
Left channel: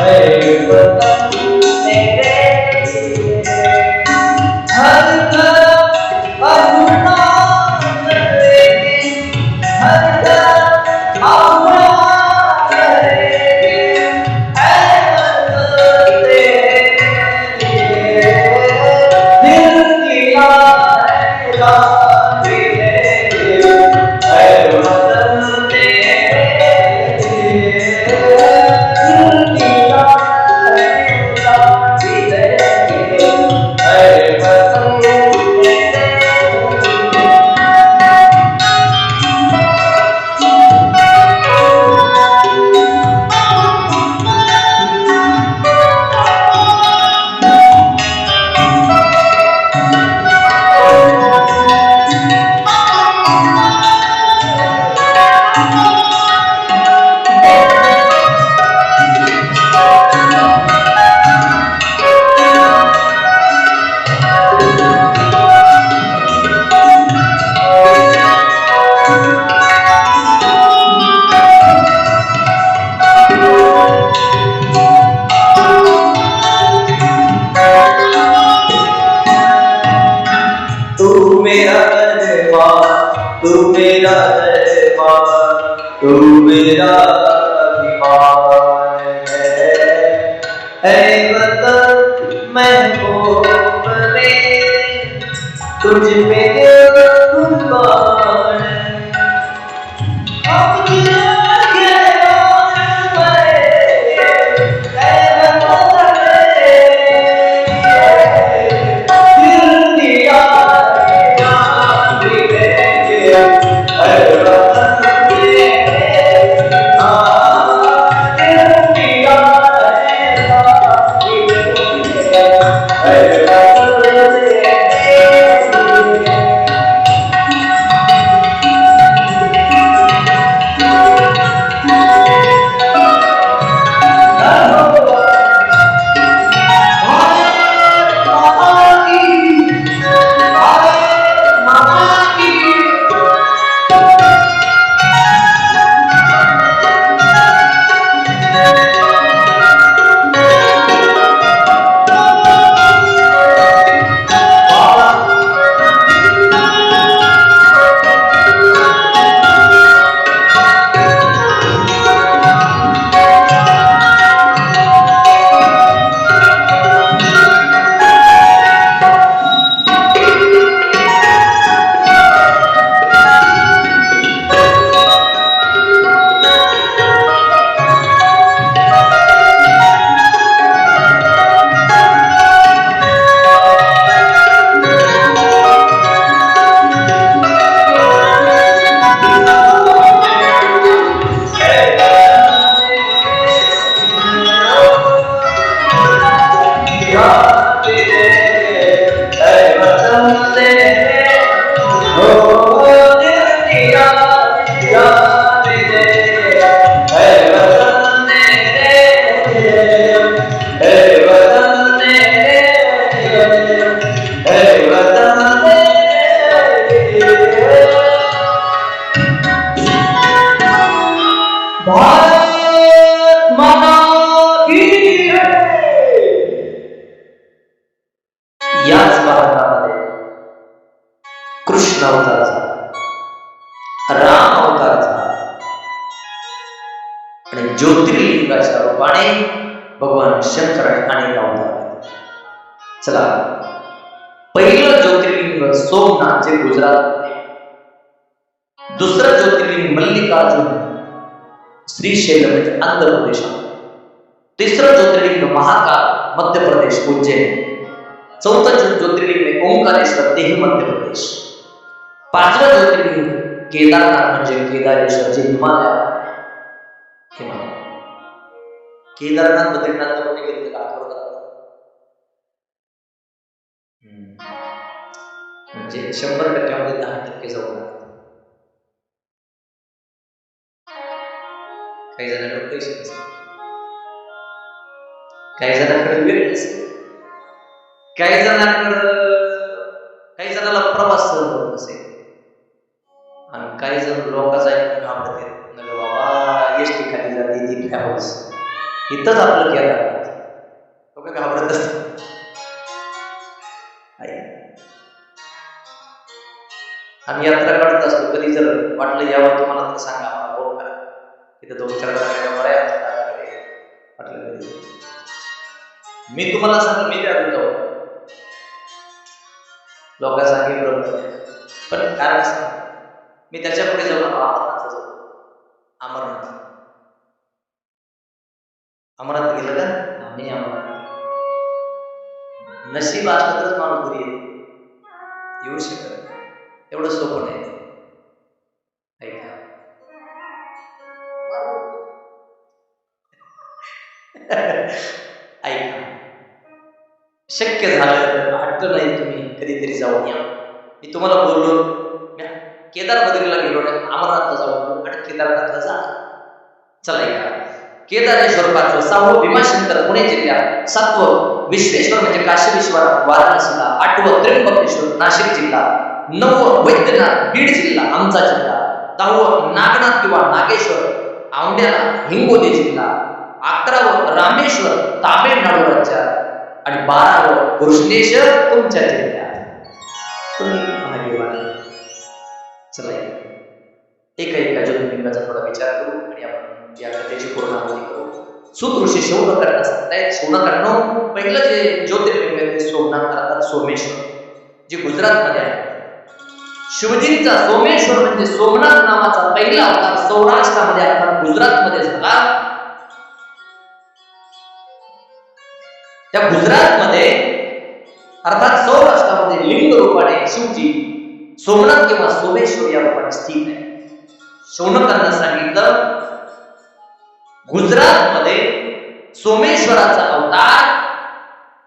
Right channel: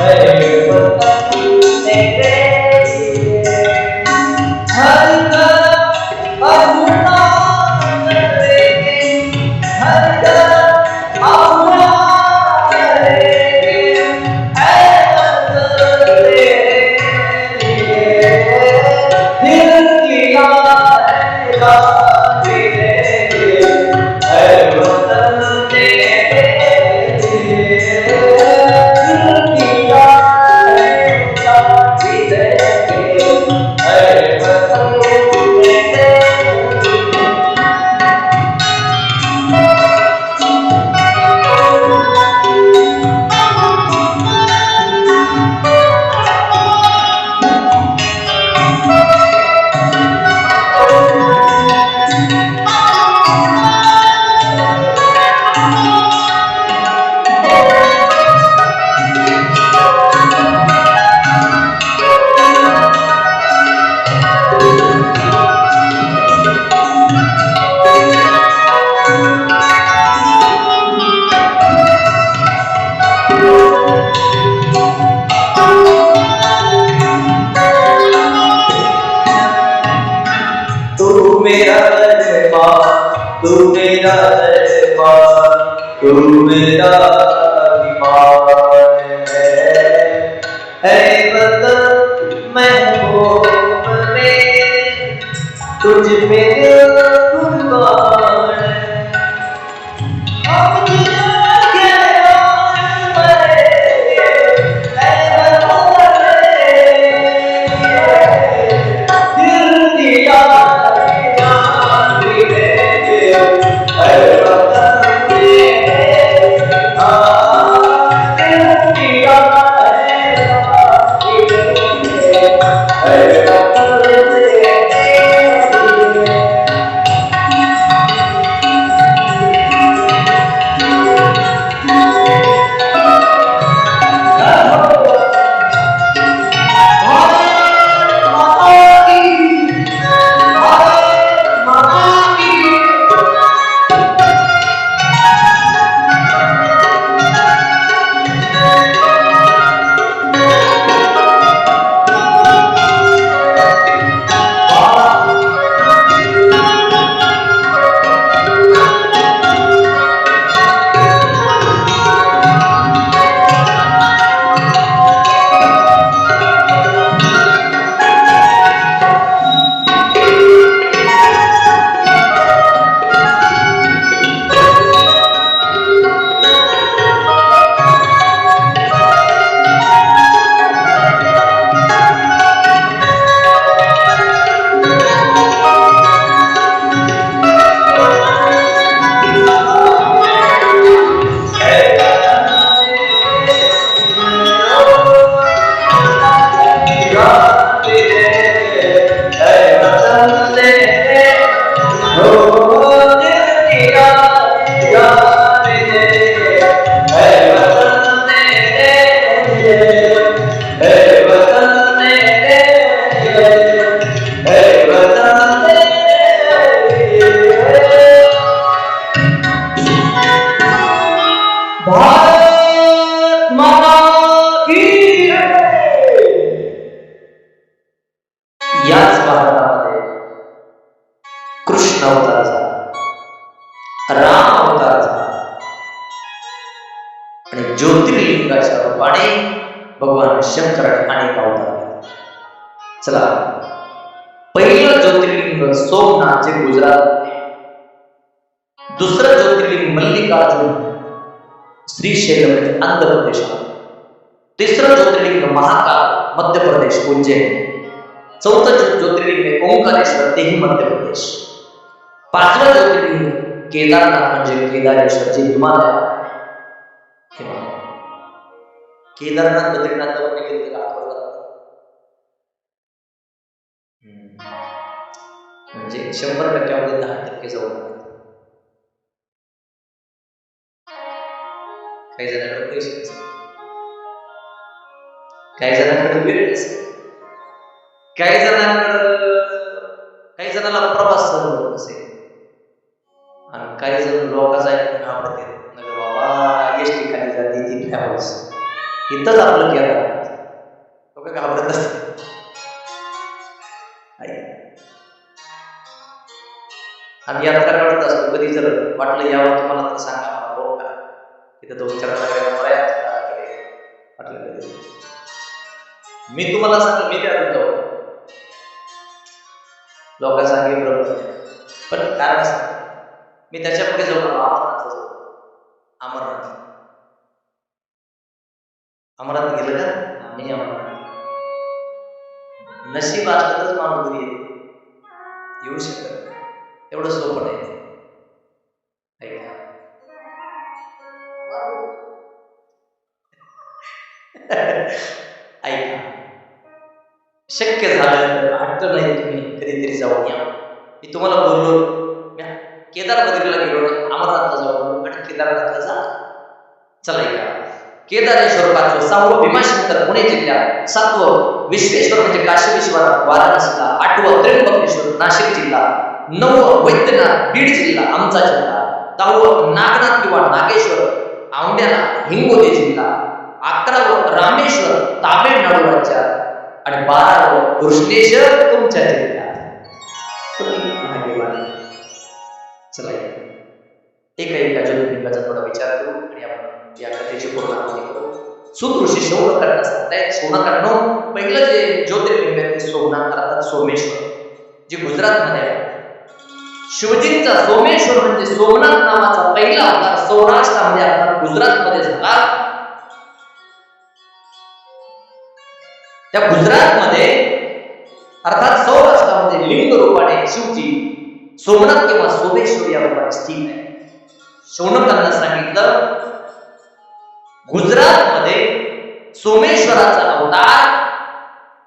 ऐ वतन तेरे. हर तरफ अपना करेंगे, हर तरफ अपना करेंगे ऐ वतन तेरे लिए. दिल दिया है जान भी देंगे ऐ वतन तेरे लिए. दिल दिया है जान भी देंगे ऐ वतन तेरे. तू मेरा दरबार, तू मेरा दरबार, तू मेरा अभिमान है. ऐ वतन महबूब मेरे, तुझ पे दिल कुर्बान है. हम जिएंगे और मरेंगे ऐ वतन मेरे. दिल दिया जान भी देंगे ऐ वतन तेरे. दिल दिया है जान भी देंगे ऐ वतन तेरे. कृष्ण अवतार झाला, राम अवतार झाला आणि ज्योतिर्लिंगाच्या रूपाने भगवान शंकराने अनेक अवतार घेतले. चला, पहिलं ज्योतिर्लिंग सोमनाथ जे गुजरात, दुसरं ज्योतिर्लिंग मल्लिकार्जुन श्रीशैल म्हणजे आंध्र प्रदेशात, तिसरं ज्योतिर्लिंग महाकाल मध्य प्रदेश उज्जैन, चौथं ज्योतिर्लिंग ओंकारेश्वर तेही मध्य प्रदेश, पाचवं ज्योतिर्लिंग केदारनाथ म्हणजे केदारेश्वर जे हिमालयात. केदारनाथ बद्रीनाथला कोणी गेलं तर हातवर करतात, म्हणजे 100% 10% जाऊ लागतात. काही जणांकडे पैसे नसतात, काही जणांकडे वेळ नसेल, काही जणांना प्रवास सहन होत नसेल, आणि काही जण लोकांचा ऐकून घाबरते. नग बाबा एसटी खाली जाते ती ट्रॅव्हल्स, इथंच आपलं केदारनाथ, लोक घाबरत असतात. आम्ही यात्रा काढत असतो, कधी जर वाटलं यावं तुम्हाला तर सांगा, मला फोन करा. तिथे 2-4 जणांकडे नंबर आहे दादाकडे, वाटलं कधी मी तुम्हाला सांगतो, मी त्या जाऊ लोक सांगे ब्रह्मज्ञ, पण कारण सांग मी त्याच्या पुढे जाऊन आलो, अमरनाथला जाऊ. अमरनाथ गेलं का? आम्ही अमरनाथ नशीब असलं तरच माणूस घरी येऊ शकत नाही, एवढं सोपं नाही ते. ऐका, ऐका, शक्य झालं तर हट्ट नाही, तुम्ही कधीतरी जाऊन या. मी तुम्हाला बोललो, केदार बद्रीला गेलो नाही, अमरनाथला जाऊ आणि केदारनाथला जा. चला, ऐका, केदारेश्वर 5वं, 6वं भीमाशंकर पुणे जिल्ह्यात, 7वं विश्वेश्वर म्हणजे काशी विश्वनाथ वाराणसीला, 8वं त्र्यंबकेश्वर नाशिक जिल्हा, 9वं वैद्यनाथ बीड जिल्हा आमचा जिल्हा, 10वं नागनाथ किंवा नागेश्वर औंढ्याला हिंगोली जिल्हा, 11वं रामेश्वर तामिळनाडू राज्यात आणि 12वं कृष्णेश्वर तुमच्या जिल्ह्यात. तुम्ही भाग्यवान. चला, एका ज्योतिर्लिंगाचा थोडा विचार करू आणि आपण या कथेची पूर्णावधी करू. सूत ऋषी शौनकांना सांगतायत, शौनकांनो, पहिलं जे ज्योतिर्लिंग आहे ते सोमनाथ अर्थात सोमेश्वर, जे गुजरातमध्ये आहे. शिवजींचा सोमेश्वर म्हणजे सोमनाथ नावाचा पहिला अवतार सौराष्ट्रामध्ये अर्थात गुजरातमध्ये झाला. त्या गुजरातमध्ये अर्थात सौराष्ट्रामध्ये लिंग रूपाने शिवजी सोमनाथ किंवा सोमेश्वर या रूपाने स्थित आहे. शौनकांना सांगितलं, गुजरातमध्ये सोमेश्वराचा अवतार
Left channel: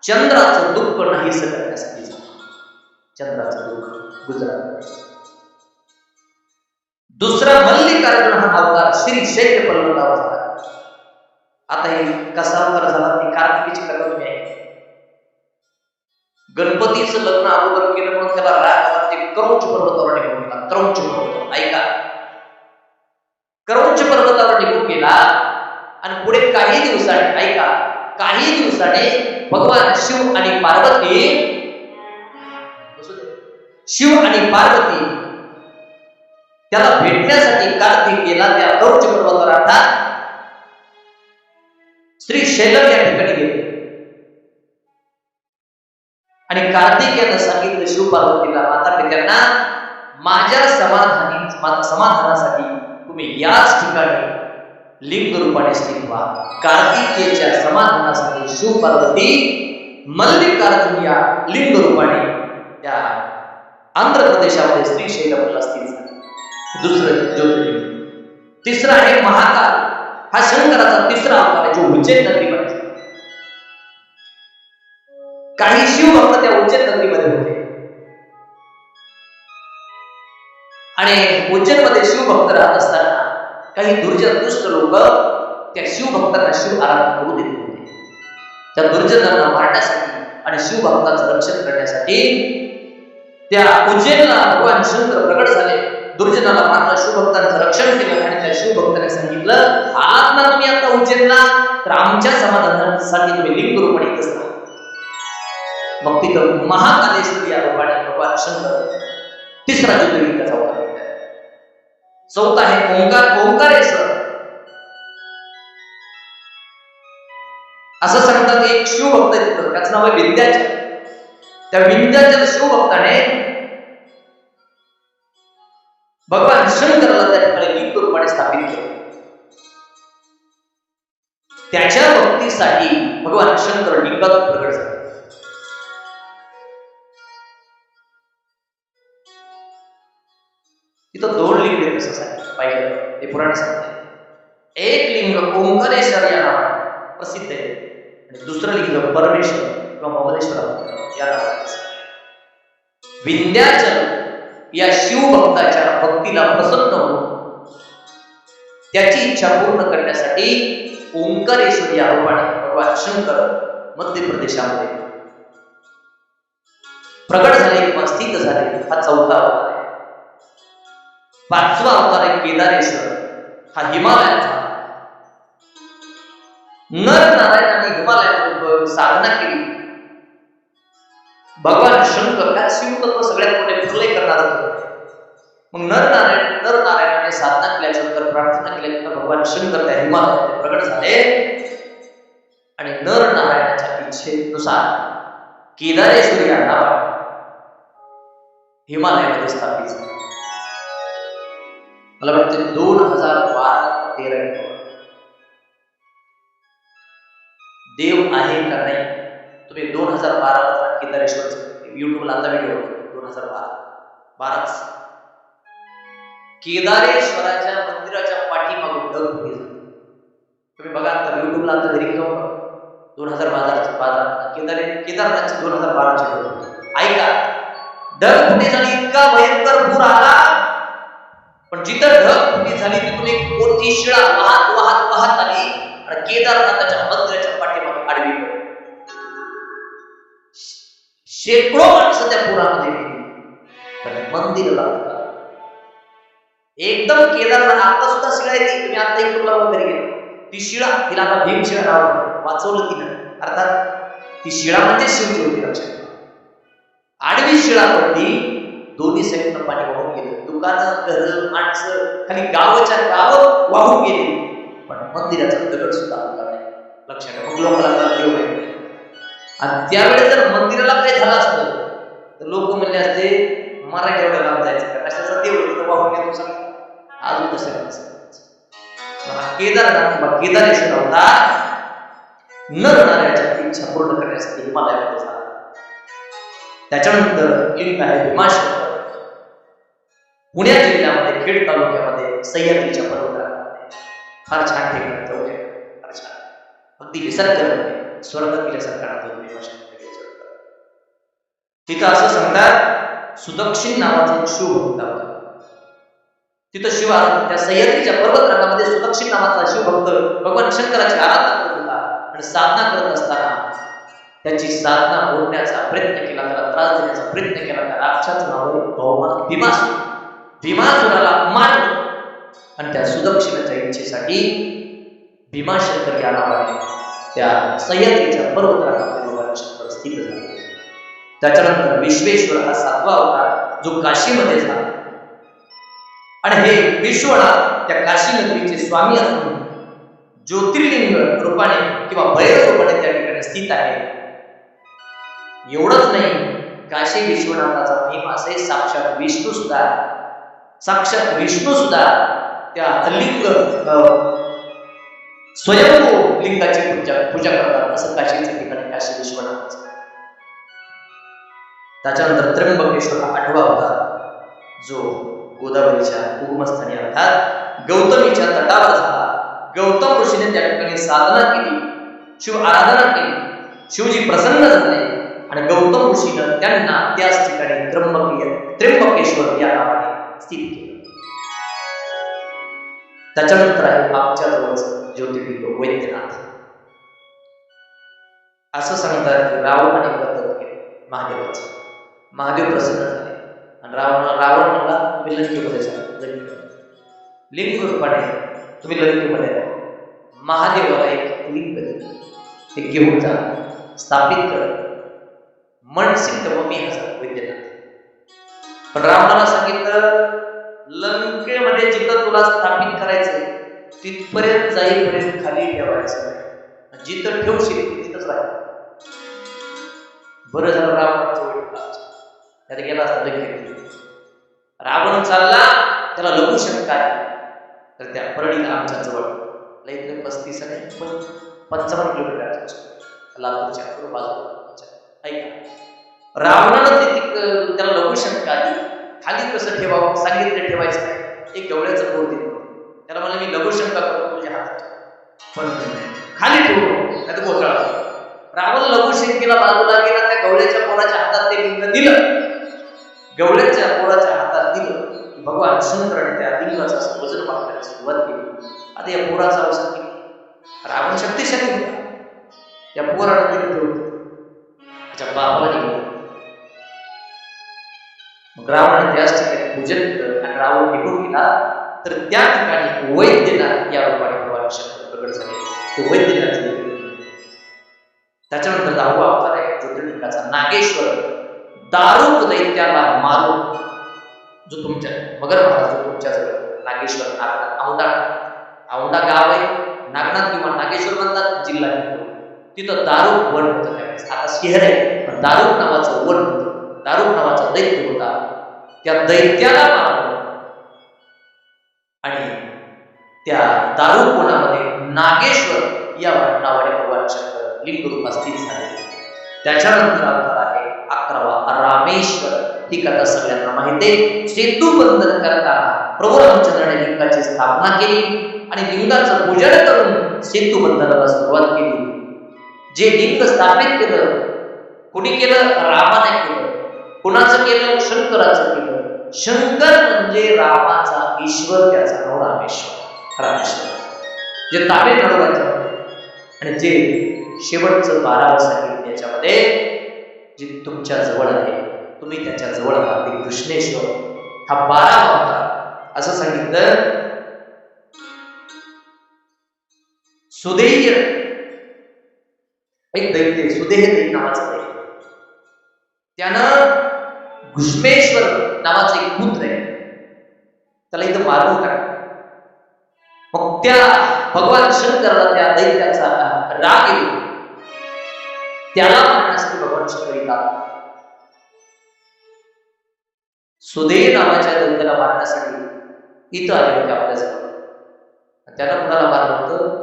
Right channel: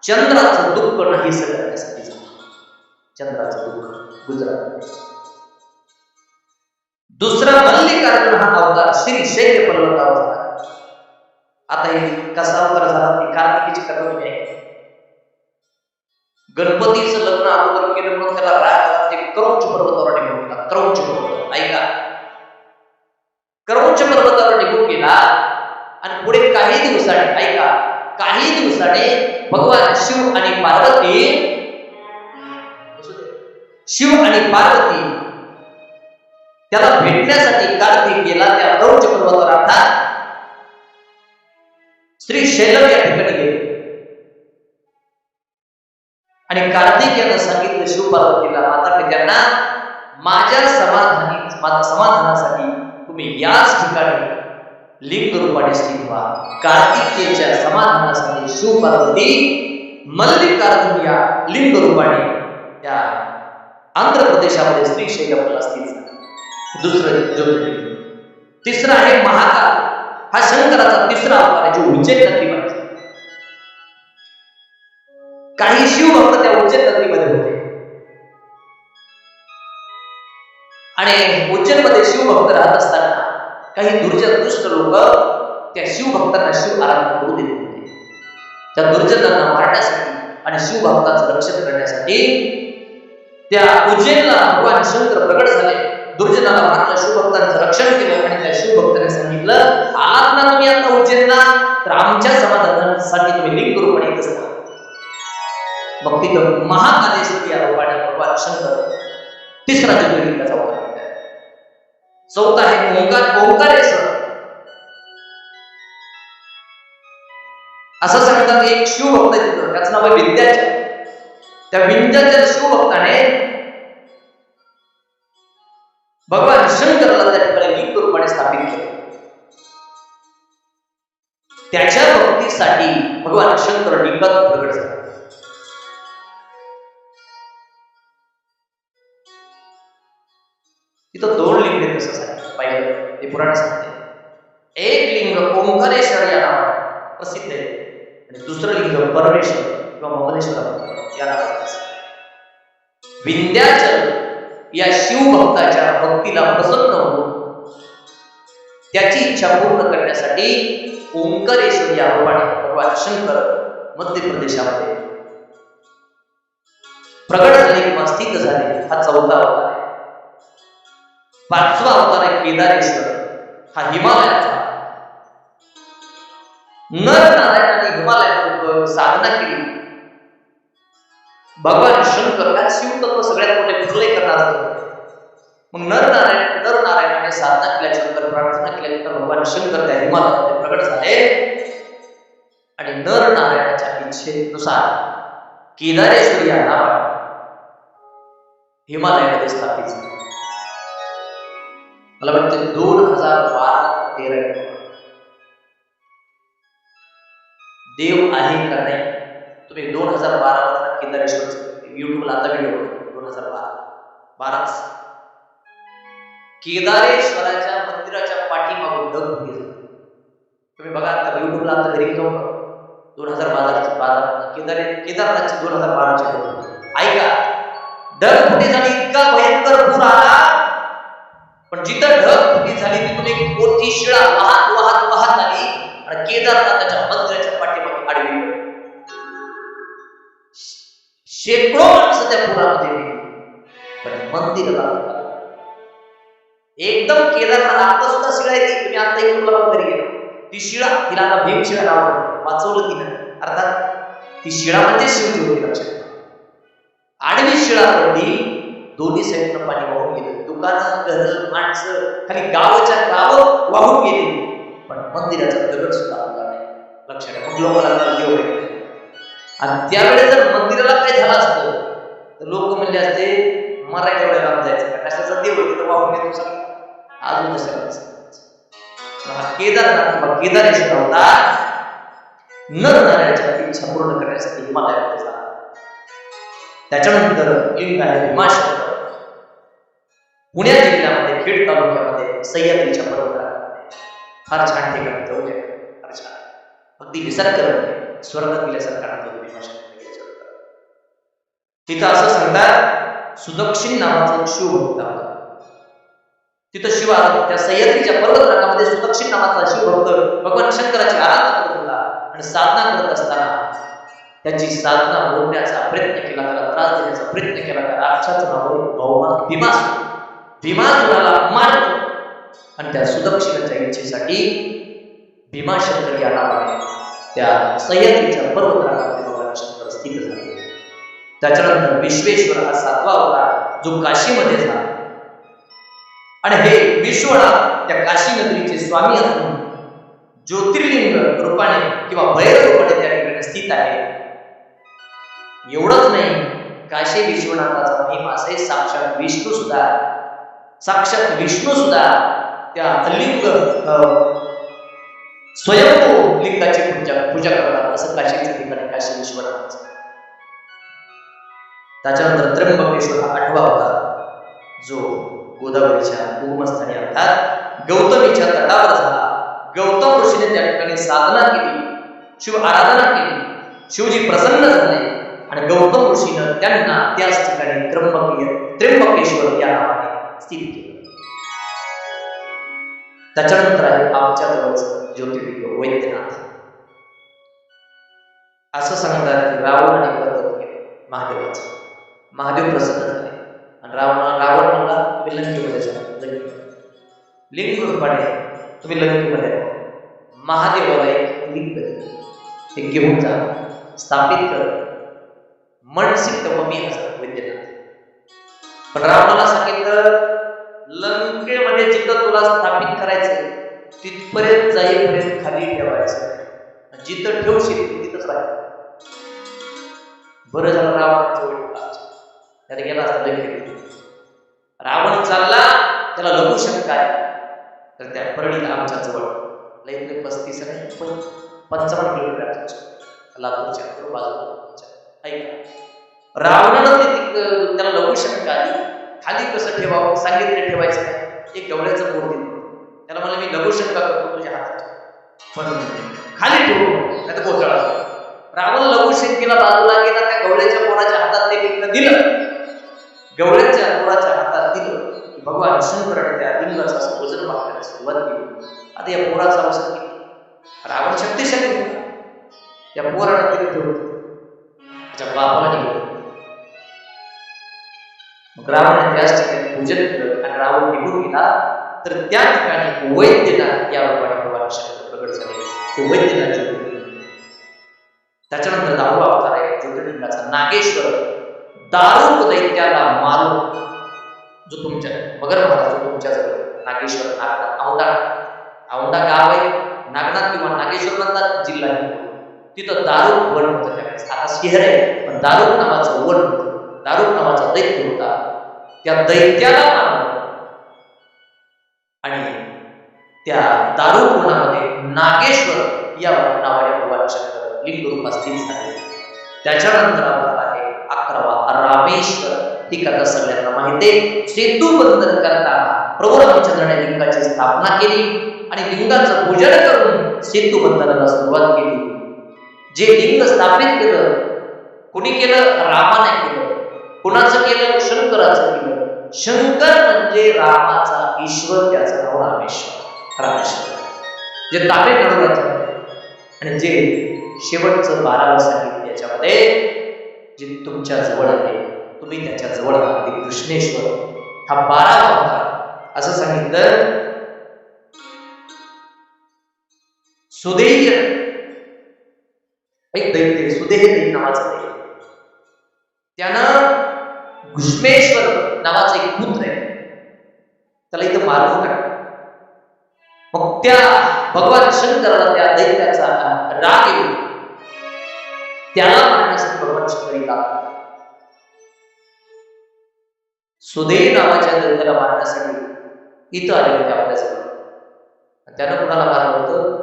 चंद्राचं दुःख नाहीसं करण्यासाठी झाला. चंद्राचं दुःख गुजरात. दुसरा मल्लिकार्जुन हा अवतार श्रीशैल पर्वतावर झाला. आता हे कसा अवतार झाला ती कार्तिकीची कथा तुम्ही ऐका. गणपतीचं लग्न अगोदर केलं म्हणून त्याला राग आला, ते क्रौंच पर्वतावर निघून गेला. क्रौंच पर्वतावर, ऐका, क्रौंच पर्वतावर निघून गेला आणि पुढे काही दिवसांनी, ऐका, काही दिवसांनी भगवान शिव आणि पार्वती त्याला भेटण्यासाठी कार्तिक गेला त्या क्रौंच पर्वतावर अर्थात श्रीशैलम या ठिकाणी गेले. आणि कार्तिक यानं सांगितलं शिव पार्वतीला, माता पित्यांना, माझ्या समाधानासाठी तुम्ही याच ठिकाणी लिंग रूपाने स्थित व्हा. कार्तिकेच्या समाधानासाठी शिव पार्वती मल्लिकार्जुन या लिंग रूपाने त्या आंध्र प्रदेशामध्ये श्रीशैलमला स्थित झाले. दुसरं ज्योतिर्लिंग. तिसरं आहे महाकाल, हा शंकराचा तिसरा अवतार आहे, जो उज्जैन नगरीमध्ये. काही शिवभक्त त्या उज्जैन नगरीमध्ये होते आणि उज्जैनमध्ये शिवभक्त राहत असताना काही दुष्ट लोक त्या शिवभक्तांना शिव आराधना करू देत होते. त्या दुर्जनांना मारण्यासाठी आणि शिवभक्ताचं रक्षण करण्यासाठी त्या उज्जैनला भगवान शंकर प्रगट झाले. दुर्जनाला मारलं, शिवभक्तांचं रक्षण केलं आणि त्या शिवभक्ताने सांगितलं, आलात ना तुम्ही आता उज्जैनला, तर आमच्या समाधानासाठी तुम्ही लिंग रूपाने येत असता. मग तिथं महाकालेश्वर या रूपाने भगवान शंकर तिसरा ज्योतिर्लिंगाचा अवतार घेतला. चौथा आहे ओंकारेश्वर. असं सांगतात एक शिवभक्त आहे तिथं, त्याचं नाव आहे विंध्याचल. त्या विंध्याचल शिवभक्ताने भगवान शंकराला त्या ठिकाणी लिंग रूपाने स्थापित केले. त्याच्या भक्तीसाठी भगवान शंकर लिंगात प्रगट झाले. तिथं 2 लिंग आहेत असं सांगितलं पाहिलं, ते पुराण सांगते. एक लिंग ओंकारेश्वर या नावाने प्रसिद्ध आहे आणि दुसरं लिंग परमेश्वर किंवा ममलेश्वर या नावाने. विंध्याचल या शिवभक्ताच्या भक्तीला प्रसन्न होऊन त्याची इच्छा पूर्ण करण्यासाठी ओंकारेश्वर या रूपाने भगवान शंकर मध्य प्रदेशामध्ये प्रगट झाले किंवा स्थित झाले. हा 4था अवतार आहे. 5वा अवतार आहे केदारेश्वर. हा हिमालयाचा. नर नारायणाने हिमालयामध्ये साधना केली. भगवान शंकर त्यात शिवतत्व सगळ्यात मोठे प्रलय करणारा होते. मग नर नारायणाने साधना केल्यानंतर प्रार्थना केल्यानंतर भगवान शंकर त्या हिमालयामध्ये प्रगट झाले आणि नर नारायणाच्या इच्छेनुसार केदारेश्वर या नावाने हिमालयामध्ये स्थापित झाले. मला वाटते 2012-13 देव आहे का नाही. तुम्ही 2012 केदारेश्वरचं युट्यूबला आता व्हिडिओ 2012 केदारेश्वराच्या मंदिराच्या पाठीमागून ढगफुटी झाली. तुम्ही बघा आता युट्यूबला आता घरी जाऊन बघा 2012 केदारनाथची 2012ची ढगफुटी. ऐका, ढगफुटी झाली, इतका भयंकर पूर आला, पण जिथं ढगफुटी झाली तिथून एक मोठी शिळा वाहत आली आणि केदारनाथाच्या मंदिराच्या पाठीमागे आडवी पडली. शेकडो माणसं त्या पुरामध्ये गेली, पण मंदिराला एकदम केदारनाथ. आता सुद्धा शिळा आहे ती. तुम्ही आता युट्यूबला घरी गेलो ती शिळा, तिला आता भीमशिळा नाव वाचवलं तिनं. अर्थात ती शिळा म्हणजे शिवजी होती. लक्षात, आडवी शिळा पडली, दोन्ही साईडनं पाणी वाहून गेलं. दुकानं, घर, माणसं, खाली गावच्या गाव वाहून गेली, पण मंदिराचा दगड सुद्धा हलला नाही. लक्षात, मग लोकांना देव भेटले. आणि त्यावेळेस जर मंदिराला काय झालं असतं तर लोक म्हणले असते मराठी एवढ्या लांब जायचं का, कशाचा देव आहे तिथं वाहून येतो सगळं. अजून केदारनाथ किंवा केदारेश्वर अवतार नर नारायणाच्या इच्छा पूर्ण करण्यासाठी हिमालयामध्ये झाला. त्याच्यानंतर लिंग आहे भीमाशंकर. पुणे जिल्ह्यामध्ये खेड तालुक्यामध्ये सह्याद्रीच्या पर्वतरांगामध्ये फार छान ठिकाणी जाऊ द्या. फार छान, अगदी निसर्गरम्य, स्वर्गात गेल्यासारखा नातं भीमाशंकर गेल्यासारखं. तिथं असं सांगतात सुदक्षिण नावाचा एक शिवभक्त होता. तिथं शिव आराधना, त्या सह्याद्रीच्या पर्वतरांगामध्ये सुदक्षिण नावाचा शिवभक्त भगवान शंकराची आराधना करत होता आणि साधना करत असताना त्याची साधना मोडण्याचा प्रयत्न केला, त्याला त्रास देण्याचा प्रयत्न केला. त्या राक्षसाचं नाव आहे भीमासूर. भीमासुराला मारलं आणि त्या सुदक्षिणाच्या इच्छेसाठी भीमाशंकर या नावाने त्या सह्याद्रीच्या पर्वतरांगामध्ये भगवान शंकर स्थित झाले. त्याच्यानंतर विश्वेश्वर हा 7वा अवतार जो काशीमध्ये झाला. आणि हे विश्वनाथ त्या काशी नगरीचे स्वामी असून ज्योतिर्लिंग रूपाने किंवा भैरव रूपाने त्या ठिकाणी स्थित आहे. एवढंच नाही, काशी विश्वनाथाचा महिमा असे साक्षात विष्णू सुद्धा त्या लिंग स्वयंभू लिंगाची पूजा करतात. असं काशीच्या ठिकाणी काशी विश्वनाथ. त्याच्यानंतर त्र्यंबकेश्वर हा 8वा अवतार जो गोदावरीच्या उगमस्थानी अर्थात गौतमीच्या तटावर झाला. गौतम ऋषीने त्या ठिकाणी साधना केली, शिव आराधना केली, शिवजी प्रसन्न झाले आणि गौतम ऋषीनं त्यांना त्याच ठिकाणी त्र्यंबकेश्वर या नावाने स्थित केलं. त्याच्यानंतर आहे आमच्या जवळचं ज्योतिर्लिंग वैद्यनाथ. असं सांगतात की रावणाने व्रत केले महादेवाचं. महादेव प्रसन्न झाले आणि रावण म्हणला तुम्ही लंकेमध्ये जा. लिंग रूपाने तुम्ही लंकेमध्ये महादेवाला एक लिंग ते घेऊन जा, स्थापित कर, मनसिद्ध ममी हजर वैद्यनाथ. पण रावणाला सांगितलं लंकेमध्ये जिथं तुला स्थापित करायचंय तिथपर्यंत जाईपर्यंत खाली ठेवायचं नाही, जिथं ठेवशील तिथंच राहील. बरं झालं रावणाचं वाईट त्यात गेला असता लंकेत. रावण चालला, त्याला लघुशंका आली, तर त्या परळीला आमच्या जवळ लईतले 35 नाही पण 55 किलोमीटर लातूरच्या बाजूला. ऐका, रावणानं त्याला लघुशंका आली, खाली कसं ठेवावं सांगितलं ठेवायचं नाही, एक गवळ्याचं बोर दिलं. त्याला म्हणलं मी लघुशंका करतो तुझ्या हातात, पण खाली ठेवू नको नाही तर कोसळा. रावण लघुशंकेला बाजूला गेला, त्या गवळ्याच्या पोराच्या हातात ते लिंग दिलं. गवळ्याच्या पोराच्या हातात दिलं की भगवान शंकराने त्या लिंगाचं असं वजन वाढवायला सुरुवात केली. आता या पोराचं अवसान केलं. रावण शक्तिशाली होता, त्या पोरानं तिला ठेवलं, त्याच्या बापाला निघालं. मग रावणाने त्याच ठिकाणी पूजन केलं आणि रावण निघून गेला. तर त्या ठिकाणी वैद्यनाथ या रूपाने भगवान शंकर प्रगट झाले. ते वैद्यनाथ ज्योतिर्लिंग. त्याच्यानंतर 10वा अवतार आहे ज्योतिर्लिंगाचा नागेश्वर. दारुक दैत्याला मारून, जो तुमच्या मगर महाराज जो तुमच्या जवळ नागेश्वर, नागनाथ, औंढा गाव आहे, नागनाथ किंवा नागेश्वर म्हणतात, जिल्हा तिथं दारुक वन होतं त्यावेळेस. आता शहर आहे पण दारुक नावाचं वन होतं. दारुक नावाचा दैत्य होता, त्या दैत्याला मारलं आणि त्या दारुक वनामध्ये नागेश्वर या नावाने भगवान शंकर लिंग रूपात स्थित झाले. त्याच्यानंतर अवतार आहे 11वा रामेश्वर. ही कथा सगळ्यांना माहिती आहे. सेतू बंधन करताना प्रभू रामचंद्राने लिंगाची स्थापना केली आणि लिंगाचं पूजन करून सेतू बंधनाला सुरुवात केली. जे लिंग स्थापित केलं कुणी केलं? रामाने केलं. कुणाचं केलं? शंकराचं केलं. शंकर म्हणजे रामाचा ईश्वर, त्याचं नाव रामेश्वर. रामेश्वर जे तामिळनाडू राज्यामध्ये आणि जे शेवटचं 12वं सांगितलं याच्यामध्ये जे तुमच्या जवळ आहे, तुम्ही त्याच्या जवळ आहात, ते कृष्णेश्वर. हा 12वा अवतार. असं सांगितलं सुदेय एक दैत्य, सुदेह दैत्य नावाचं दैत्य, त्यानं घुष्मेश्वर नावाचा एक पुत्र आहे, त्याला इथं मारून टाकलं. मग त्या भगवान शंकराला त्या दैत्याचा राग येऊन त्याला मारण्यासाठी भगवान शंकर येतात. सुदेय नावाच्या दैत्याला मारण्यासाठी इथं आले होते आपल्याजवळ. त्यानं कुणाला मारलं होतं?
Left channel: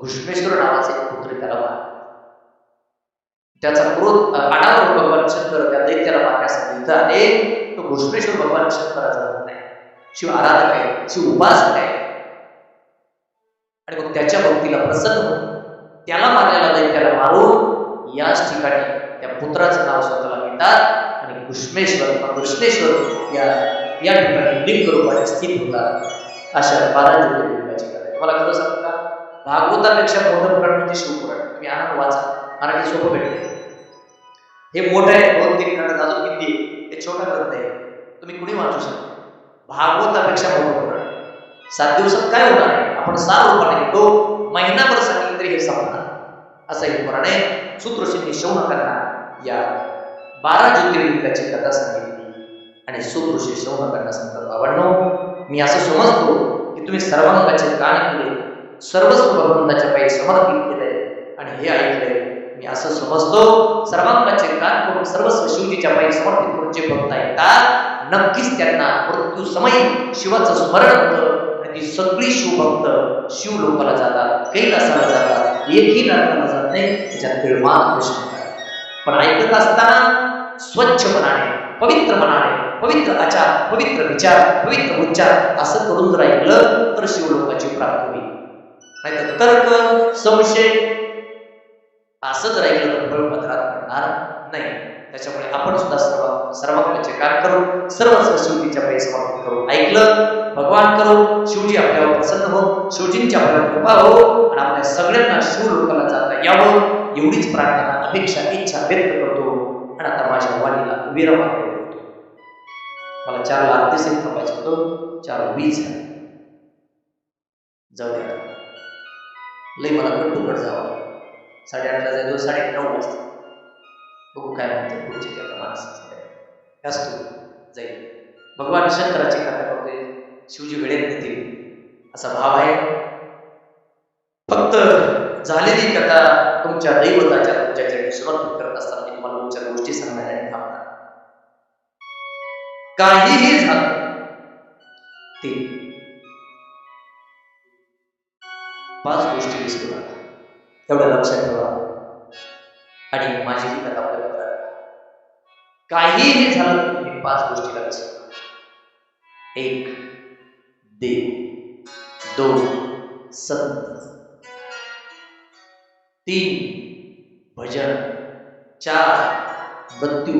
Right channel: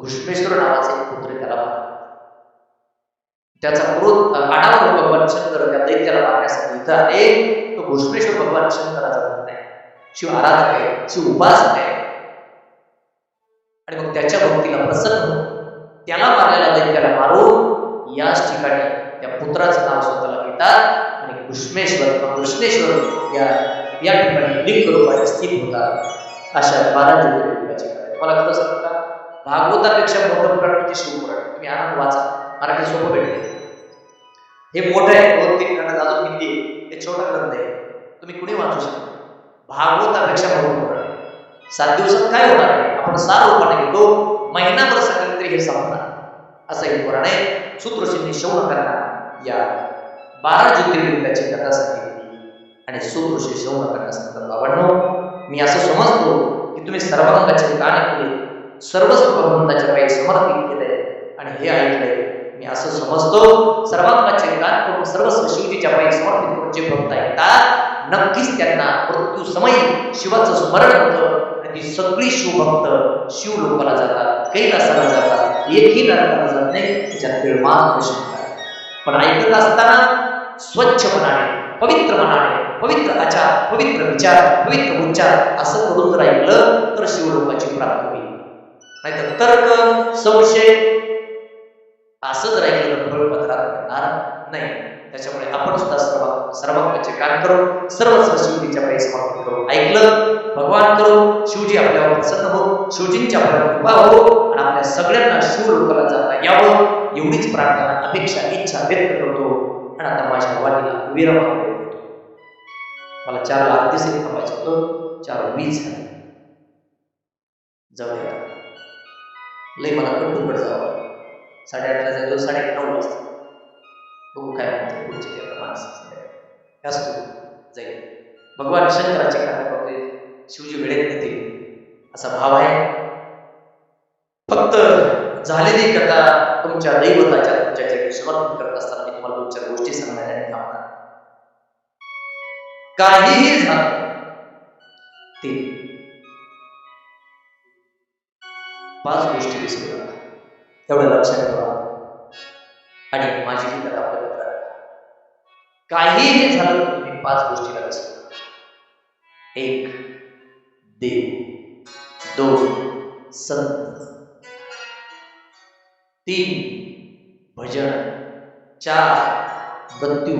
घुष्मेश्वर नावाचे एक पुत्र त्याला मारलं. त्याचा क्रोध आडावर भगवान शंकर त्या दैत्याला मारण्यासाठी इथं आले. तो घुष्मेश्वर भगवान शंकराचा भक्त आहे, शिव आराधक आहे, शिव उपासक आहे. आणि मग त्याच्या भक्तीला प्रसन्न होऊन त्याला मारलेला दैत्याला मारून याच ठिकाणी त्या पुत्राचं नाव स्वतःला घेतात आणि घुष्मेश्वर कृष्णेश्वर या ठिकाणी लिंग रूपाने स्थित होतात. अशा 12 ज्योतिर्लिंगाची कथा. तुम्हाला खरं सांगू का, भागवतापेक्षा मोठं पुराण म्हणजे शिवपुराण. तुम्ही आनंद वाचा, मराठी सोपं भेटते. हे मोठं आहे, 2-3 खंड, अजून हिंदी आहे. हे छोटा ग्रंथ आहे, तुम्ही कुणी वाचू शकता. भागवतापेक्षा मोठं पुराण. 7 दिवसात काय होणार आहे आपण सार रूपाने घेतो, महिनाभर सांगितलं तरी हे संपणार असं एक पुराण आहे. सूत्रशींनी शौनकांना या 12 ज्योतिर्लिंगाची कथा सांगितली आणि सूत्रशी शौनकांना सांगतात, बाबांनो, मी असं समजतो की तुम्ही सर्वांगाचे कान केले, सर्वस्व भगवंताच्या पायी समर्पित केलंय आणि हे ऐकलंय. मी असं समजतो सर्वांगाचे कान करून सर्वस्व शिवजीच्या पायी समर्पित करून जे भक्त ऐकतात नक्कीच त्यांना मृत्यू समयी शिवाचं स्मरण होतं आणि ती सगळी शिवभक्त शिवलोकाला जातात, कैलासाला जातात, एकही नरकाला जात नाही. त्याच्यात तिळमात्र प्रश्न आहे. पण ऐकत असताना स्वच्छ मनाने, पवित्र मनाने, पवित्र आचार, पवित्र विचार, पवित्र उच्चार असं करून जर ऐकलं तर शिवलोकाची प्राप्ती होईल. नाहीतर तर्क, संशय असं जर ऐकलं तर फळपत्रात मिळणार नाही. त्याच्यामुळे आपण सुद्धा सर्वांगाचे कान करून सर्वस्व शिवजीच्या पायी समर्पित करून ऐकलं, भगवान करून शिवजी आपल्यावर प्रसन्न हो, शिवजींची आपल्यावर कृपा हो आणि आपल्या सगळ्यांना शिवलोकाला जाता यावं एवढीच प्रार्थना, अपेक्षा, इच्छा व्यक्त करतो. आणि आता माझ्या वाणीला विराम करतो. मला 4ला आरती सहित थांबायचं होतं, 4:20 झाले. जाऊ द्या, लई मला कट जावं. 8:30ला जायचो, 9:30 वाजता. बघू काय म्हणते पुढचे ते आता माणसं असतो जाईल. भगवान शंकराची कथा करतोय, शिवजी वेळेत नेतील असा भाव आहे. फक्त झालेली कथा तुमच्या दैवताच्या तुमच्या चरणी समर्पित करत असताना मी तुम्हाला 2-4 गोष्टी सांगणार आणि थांबणार. काहीही झालं ते 5 गोष्टी विसरू नका, एवढं लक्षात ठेवा. आणि माझी ही कथा आपल्या पत्रात, काहीही झालं तर तुम्ही 5 गोष्टीला विसरू नका. 1 देव, 2 संत, 3 भजन, 4 मृत्यू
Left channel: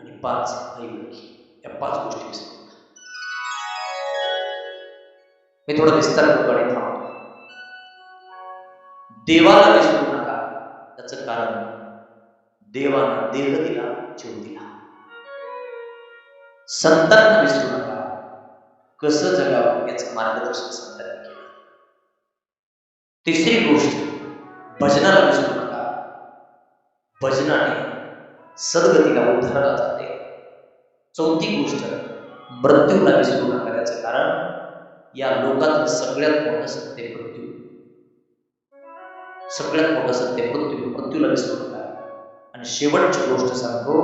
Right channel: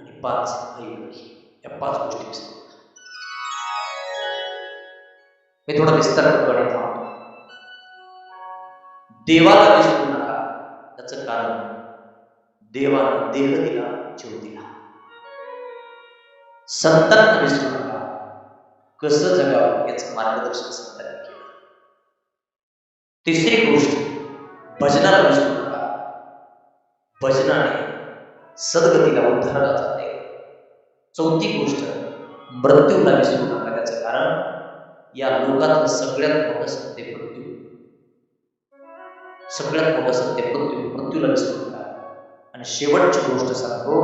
आणि 5 आई वडील. या 5 गोष्टी विसरू नका. मी थोडं विस्तार करतो आणि थांबतो. देवाला विसरू नका, त्याचं कारण देवानं देह दिला, जीव दिला. संतांना विसरू नका, कसं जगावं याचं मार्गदर्शन संतांनी केलं. तिसरी गोष्ट, भजनाला विसरू नका, भजनाने सद्गतीला उद्धारला जाते. चौथी गोष्ट, मृत्यूला विसरू नका, त्याचं कारण या लोकातलं सगळ्यात मोठं सत्य मृत्यू. सगळ्यात मोठं सत्य मृत्यू, मृत्यूला विसरू नका. आणि शेवटची गोष्ट सांगतो,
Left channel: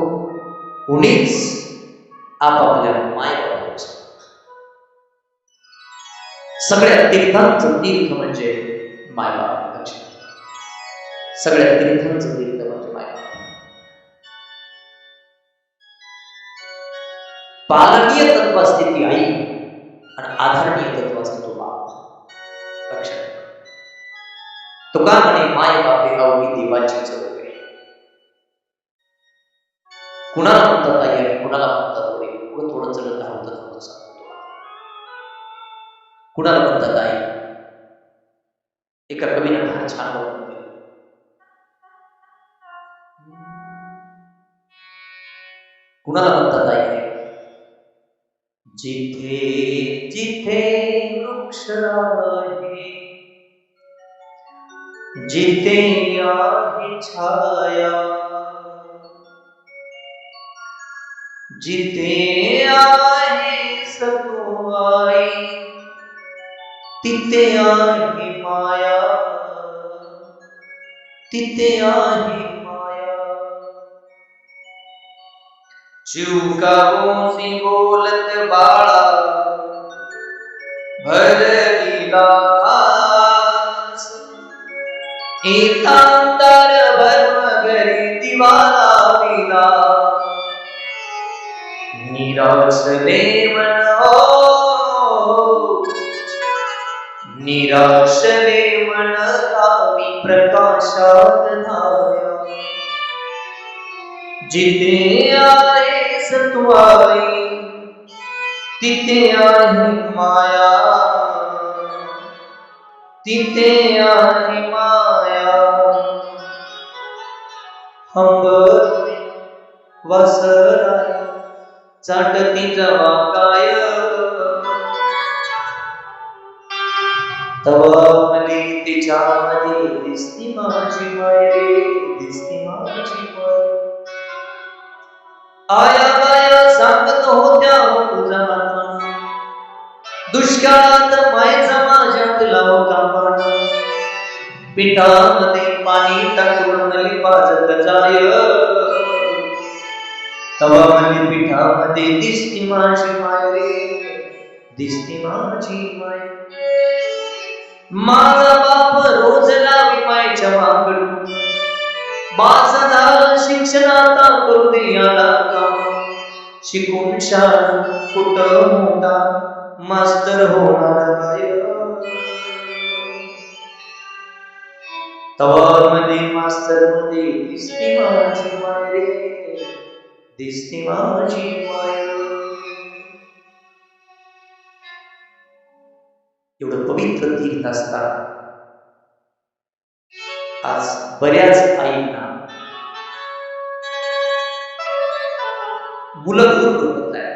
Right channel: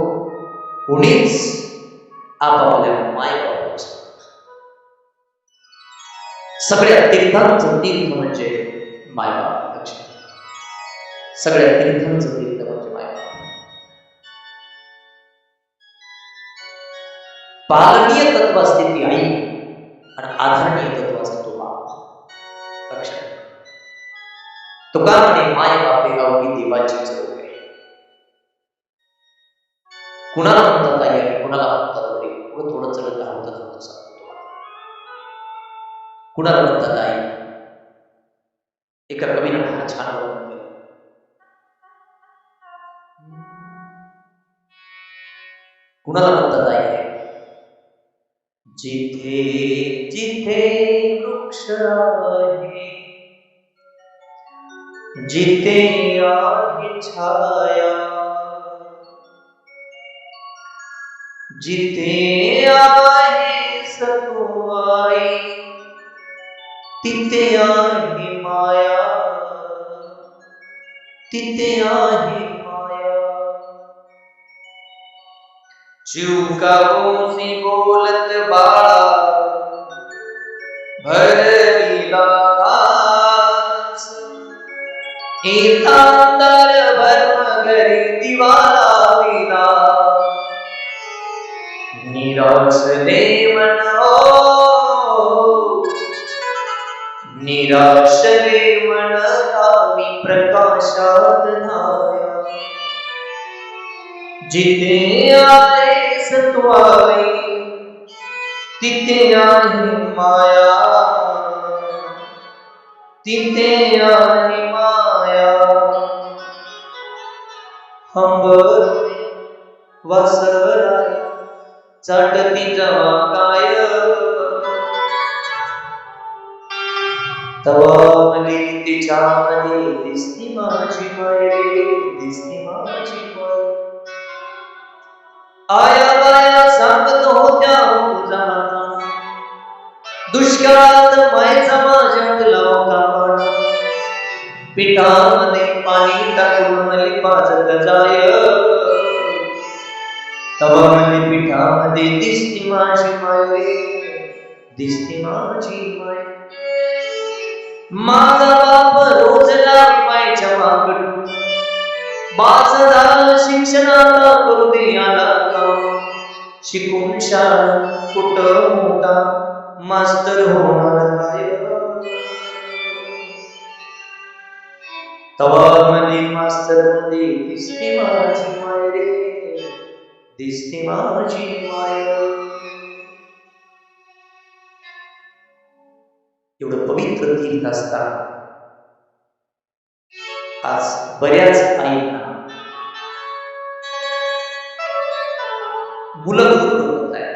कोणीच आपापल्या मायबापाला विसरू नका. सगळ्या तीर्थांचं तीर्थ म्हणजे मायबाप. लक्षात, सगळ्या तीर्थांचं तीर्थ म्हणजे मायबाप. पालनीय तत्व असते ती आई आणि आधारणीय तत्व असते तो बाप. लक्षात, तुका म्हणे माय बापे अवघी देवाची चरोक आहे. कुणाला म्हणतात आई आणि कुणाला म्हणतात वडील, उगं थोडं चलत धावतं सांगतो तुम्हाला. कुणाला म्हणतात आई, एका कवीनं फार छान वर्णन केलं. कुणाला म्हणतात आई आहे, जिथे जिथे वृक्ष आहे, जिथे आहे छाया, जिथे आहे सतुआई, तिथे आहे माया, तिथे आहे माया. चिवकावोसी बोलत बाळा, भरलीला घास, इतांदर भर घरी दिवाला विला, निराशले मन हो, निराशले मन रावी प्रकाशात धाया. जिथे आहे सत्वाई, तिथे आहे माया, तिथे आहे माया. हंबरुनी वासराय, चाटती जवा काय, तवा मले तिच्यामध्ये दिसती माझी माय रे, दिसती माझी माय. आया बाया सांगत होत्या तुझा हातान, दुष्काळात मायचा माझ्यात लाव कापाण. पिठामध्ये पाणी टाकून मली पाजत जाय, तवा मली पिठामध्ये दिसती माझी माय रे, दिसती माझी माय. माझा बाप रोज लावी मायच्या मागड, बास झालं शिक्षणाता करू दे याला काम. शिकून शाळा कुठ मोठा मास्तर होणार आहे, तवा मध्ये मास्तर मध्ये दिसती माझी माय रे, दिसती माझी माय. एवढं पवित्र तीर्थ असताना आज बऱ्याच आईंना मुलं दूर होत आहेत.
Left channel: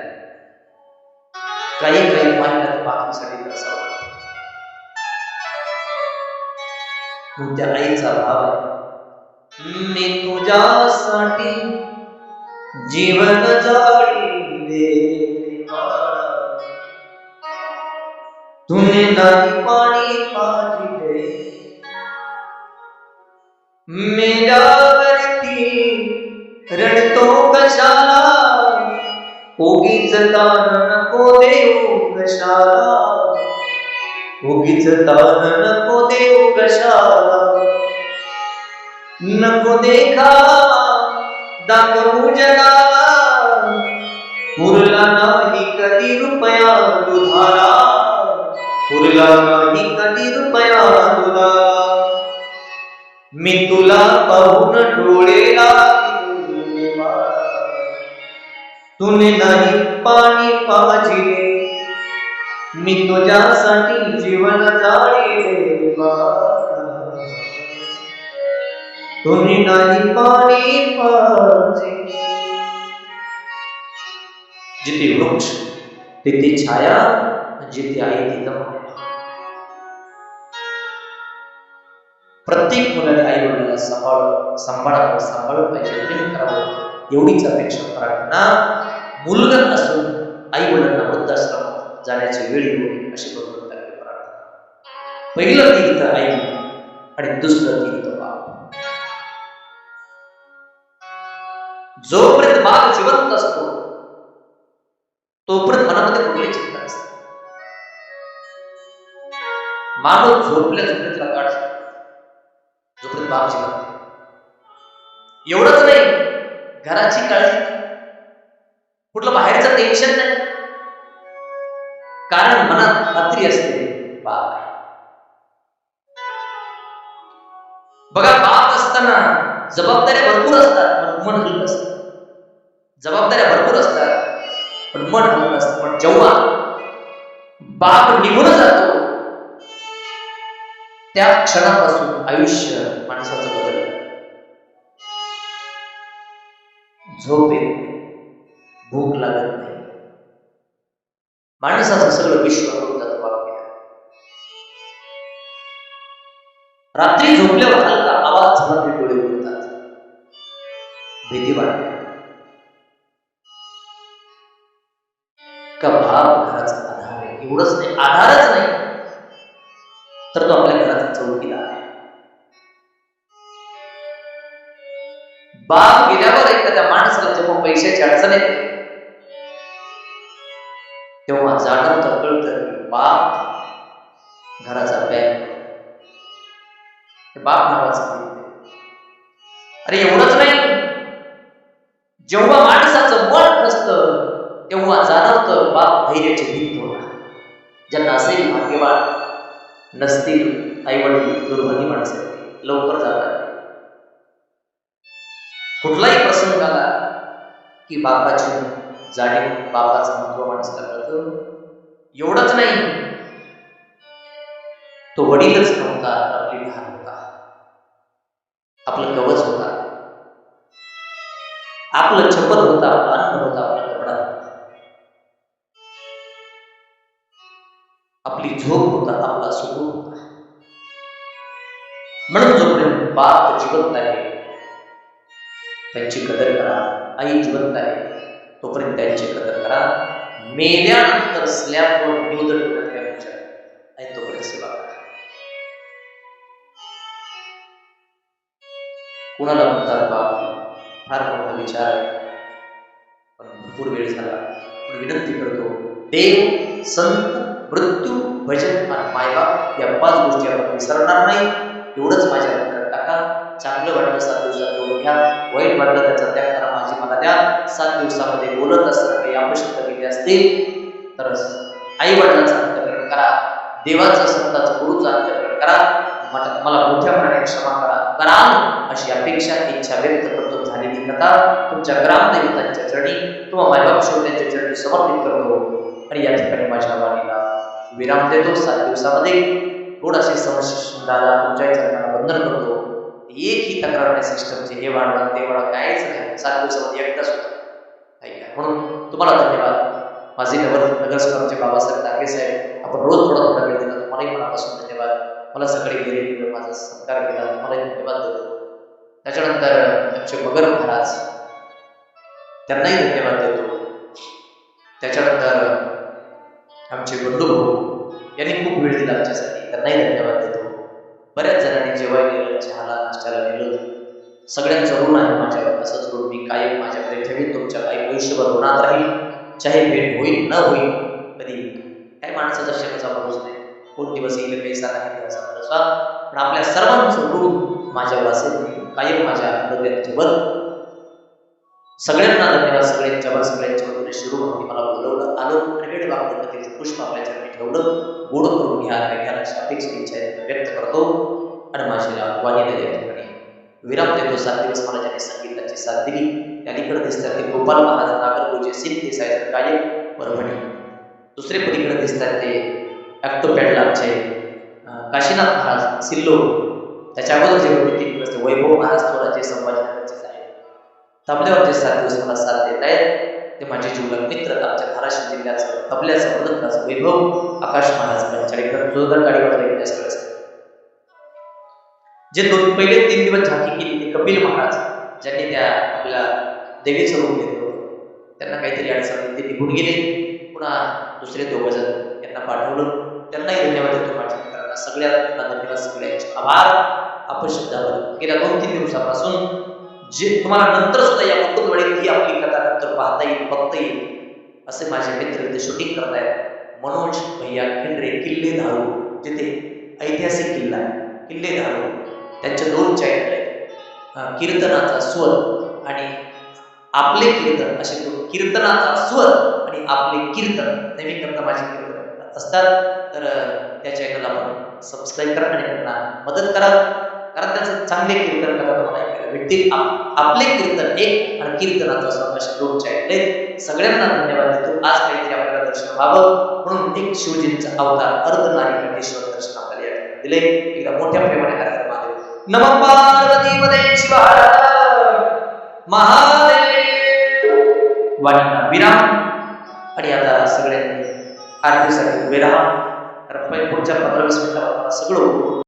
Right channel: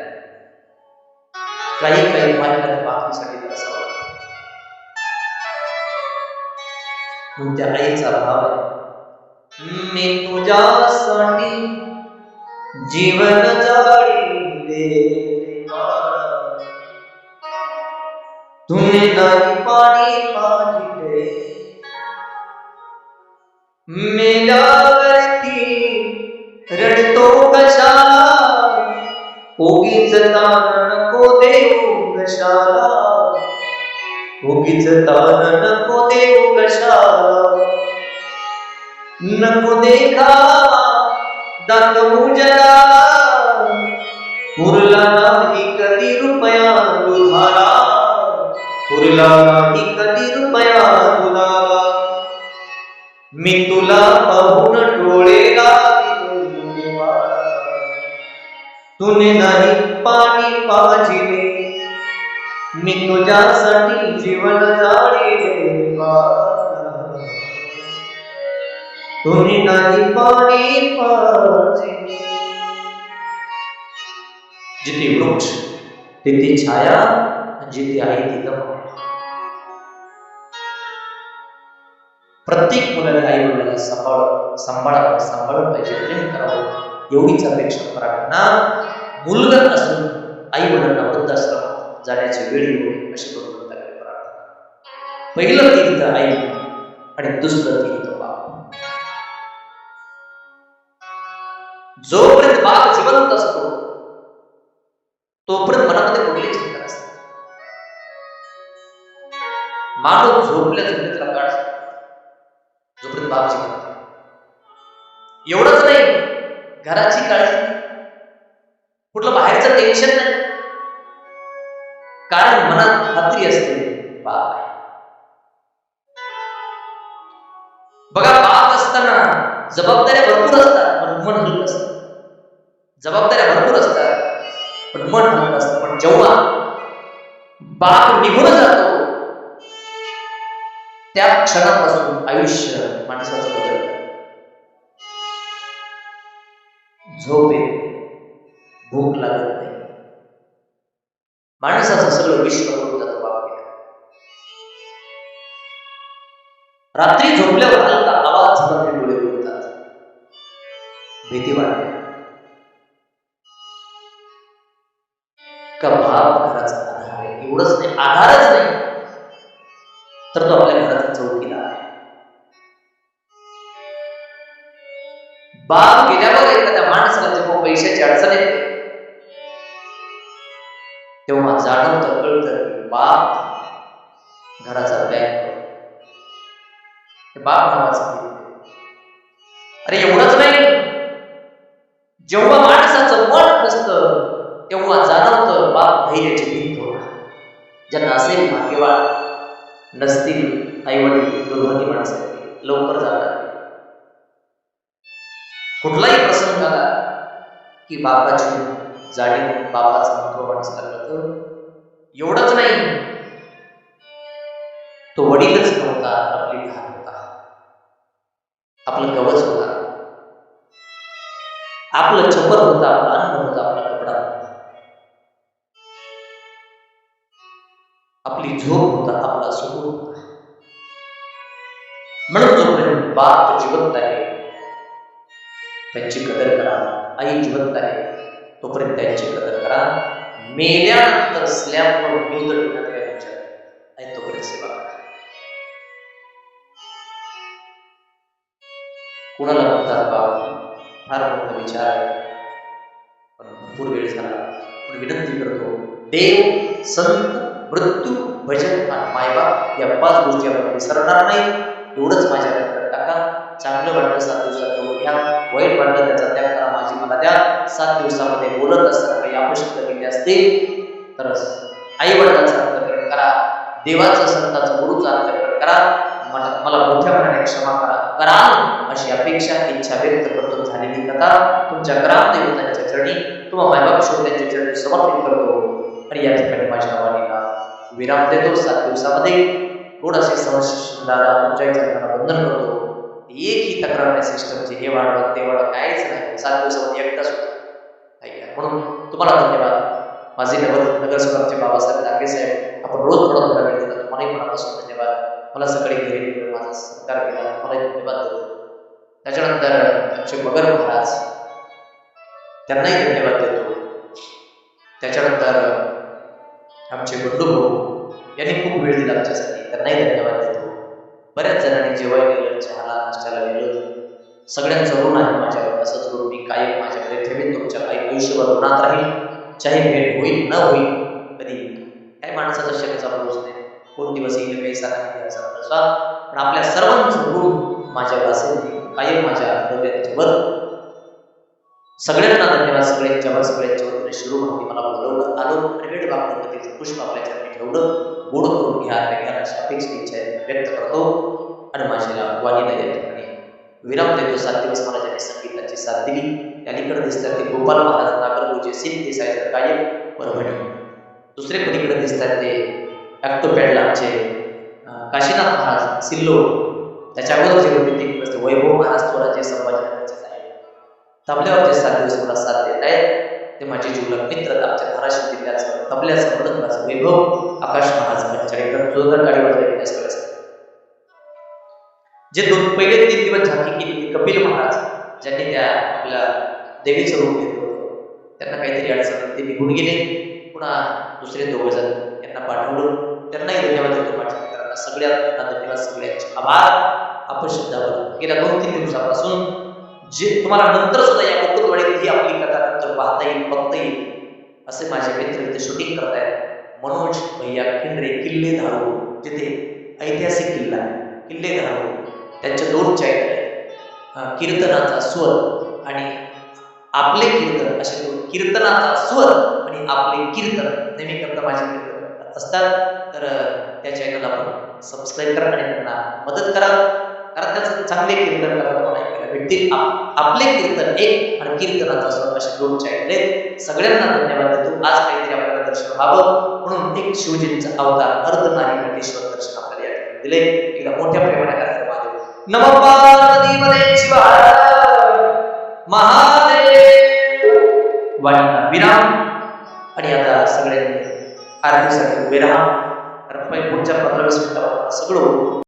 काही माईला त्या बातमीसाठी तरसावं लागतं. मग त्या आईचा भाव आहे, मी तुझ्यासाठी जीवन जाळीले बाळा, तुने नाही पाणी पाजिले मेल्यावरती रडतो कशाला उगीच तान नको देऊ कशाला उगीच तान नको देऊ कशाला नको देखावा दाखवू जगाला उरला नाही कधी रुपया दुधाला उरला नाही कधी रुपया दुधाला मी तुला पाहून डोळे लाविले बाळा तुने नाही पाणी पाजिले मी तुझ्यासाठी जीवन जाळीले बाळा तुने नाही पाणी पाजिले जिथे वृक्ष तिथे छाया जिथे आई तिथं माया प्रत्येक मुलाने आई वडिलांना सांभाळावं पाहिजे प्रेम करावं एवढीच अपेक्षा प्रार्थना मुलगा असून आई वडिलांना वृद्धाश्रमात जाण्याची वेळ येऊ नये अशी भगवंताकडे प्रार्थना पहिलं तीर्थ आई आणि दुसरं तीर्थ बाप जोपर्यंत बाप जिवंत असतो तोपर्यंत मनामध्ये कुठली चिंता नसते माणूस झोपल्या त्याला काढ जोपर्यंत बाप जिवंत एवढंच नाही घराची काळजी नाही कुठलं बाहेरचं टेन्शन नाही कारण मनात खात्री असते बाप आहे बघा बाप असताना जबाबदाऱ्या भरपूर असतात पण मन हलकं असतं जबाबदाऱ्या भरपूर असतात पण मन हलकं असतं पण जेव्हा बाप निघून जातो त्या क्षणापासून आयुष्य माणसाचं बदलतं झोप येत नाही भूक लागत नाही माणसाचं सगळं विश्व करून जातो बाप गेला रात्री झोपल्यावर हलका आवाज झाला डोळे उघडतात भीती वाटते का बाप घराचा आधार आहे एवढंच नाही आधारच नाही तर तो आपल्या घराचा चौकीदार आहे बाप गेल्यावर एखाद्या माणसाला जेव्हा पैशाची अडचण येते तेव्हा जाणवतं कळतं की बाप घराचा बँक बाप नावाचं गीत नाही अरे एवढंच नाही जेव्हा माणसाचं मन खचतं तेव्हा जाणवतं बाप धैर्याची भिंत होता ज्यांना असेल भाग्यवान नसतील आई वडील दुर्भागी माणसं लवकर जातात कुठलाही प्रसंग आला की बापाची जाणीव बापाचं महत्व माणसाला कळतं एवढंच नाही तो वडीलच नव्हता आपली ढाल होता आपलं कवच होता आपलं छपर होतं आपलं अन्न होतं आपला कपडा होता आपली झोप होता आपला सुकून होता म्हणून जोपर्यंत बाप जिवंत आहे त्यांची कदर करा आई जिवंत आहे तोपर्यंत त्यांची कदर करा मेल्यानंतर स्लॅबवर न्यूज ठेवण्यात काय विचार आहे तोपर्यंत सेवा करा कुणाला म्हणतात बाप फार मोठा विचार आहे पण भरपूर वेळ झाला पण विनंती करतो देव संत मृत्यू भजन आणि मायबाप या 5 गोष्टी आपण विसरणार नाही एवढंच माझ्या अंतरात टाका चांगलं वाटलं 7 दिवसात तेवढं घ्या वाईट वाटलं त्याचा त्याग करा माझी मला द्या 7 दिवसामध्ये बोलत असताना काही अपशब्द गेले असतील तर आई वडिलांचं अंतःकरण करा देवाचं संताचं गुरुचं अंतःकरण करा मला मोठ्या मनाने क्षमा कराल अशी अपेक्षा इच्छा व्यक्त करतो झालेली कथा तुमच्या ग्रामदैवतांच्या चरणी तुम्हा मायबाप श्रोत्यांच्या चरणी समर्पित करतो आणि या ठिकाणी माझ्या वाणीला विराम देतो 7 दिवसामध्ये थोडासे समस्या दादा तुमच्याही चरणाला बंधन करतो एकही तक्रार नाही सिस्टमची हे वाढवा ते वाढवा काहीच नाही 7 दिवसामध्ये एकदाच होतं म्हणून तुम्हाला धन्यवाद माझे नगरसेवक आमचे बाबासाहेब दांगे साहेब आपण रोज थोडा वेळ दिला तुम्हालाही मनापासून धन्यवाद मला सगळे घेरे माझा सत्कार केला तुम्हालाही धन्यवाद देतो त्याच्यानंतर आमचे मगर महाराज त्यांनाही धन्यवाद देतो त्याच्यानंतर आमचे बंधू भाऊ यांनी खूप वेळ दिला आमच्यासाठी, त्यांनाही धन्यवाद देतो. बऱ्याच जणांनी जेवाय नेलं, चहाला नाश्त्याला नेलं, सगळ्यांचं ऋण आहे माझ्यावर. असंच ऋण मी कायम माझ्याकडे ठेवीन, तुमच्या काही आयुष्यभर ऋणात राहील. चाहे भेट होईल न होईल, कधी काय माणसाचा क्षणाचा भरोसा नाही, कोण दिवस येईल कैसा नाही त्याचा भरोसा, पण आपल्या सर्वांचं ऋण माझ्यावर असेल. मी कायम माझ्या हृदयात ठेवत. सगळ्यांना धन्यवाद, सगळ्यांच्या वतीने शिरू भक्ती मला बोलवलं, आलो आणि वेळ बापलं कथेचं पुष्प आपल्या चरणी ठेवलं. गोड करून घ्या घ्यायला अपेक्षित इच्छा व्यक्त करतो आणि माझ्या वाणीला या ठिकाणी विराम देतो. 7 दिवस मला ज्यांनी संगीताची साथ दिली, त्या अलीकडे दिसतात ते गोपाल महाराज नागरगोजे सिद्ध सायझर कायम परभणी. दुसरे पलीकडे दिसतात ते ॲक्टोपॅडला आमचे काशीनाथ महाराज सिल्लोड. त्याच्या अगोदर जे होते 3 दिवस ते वैभव महाराज थोराचे संभाजीनगरचेच आहेत. तबल्यावर जे 7 दिवस मला साथ देत आहेत ते माझे जीवलग मित्र, आमच्या धाराशिव जिल्ह्याचं तबल्याचं मृदंगाचं वैभव आकाश महाराज पंचाळीकर, जोरदार गाडी वाजवायची सगळ्यासाठी. जे पहिले 3 दिवस झाकी केली ते कपिल महाराज, ज्यांनी त्या आपल्या देवीचं रूप घेतलं होतं. त्यांना काहीतरी अडचण ते निघून गेले. पुन्हा दुसरे 2 जण यांना पाठवलं, त्यांनाही धन्यवाद देतो. माझ्या मित्रांना सगळ्यांना धन्यवाद, सगळ्यांचे आभार. अपशब्दावर गेल्या 2-3 दिवसापासून जे तुम्हाला नंतर सुद्धा या मुकुंदवाडीत ही आपली कथा नंतर पाहता येईल, बघता येईल, असे माझे मित्र इथे शूटिंग करतायत. मनोज भैया खिंडरे, किल्ले धारू, जिथे ऐतिहासिक किल्ला किल्ले धारू, त्यांचे 2 चॅनल आहेत, कीर्तनाचा स्वर आणि आपले कीर्तन, असे 2. कीर्तनाचा स्वर आणि आपले कीर्तन नेहमी करता माझे कीर्तन असतात. तर त्या चॅनलला आपण सबस्क्राईब करा आणि त्यांना मदत करा, कारण त्याचं चांगले कीर्तन करा तुम्हाला ऐकायला भेटतील. आपले कीर्तन एक आणि कीर्तनाचा स्वर असे 2 चॅनल आहेत. सगळ्यांना धन्यवाद देतो. आज काहीतरी आपल्याला दर्शन व्हावं म्हणून एक शिवजींचा अवतार अर्धनारी नटेश्वर दर्शन आपल्याला या ठिकाणी दिले. एकदा मोठ्या प्रेमाने हर महादेव. नमः पार्वती पदे शिवाय महादेव. वाणीला विराम आणि आता सगळ्यांनी आरतीसाठी उभे राहा. पुढच्या 15-20 मिनिटामध्ये मला सगळं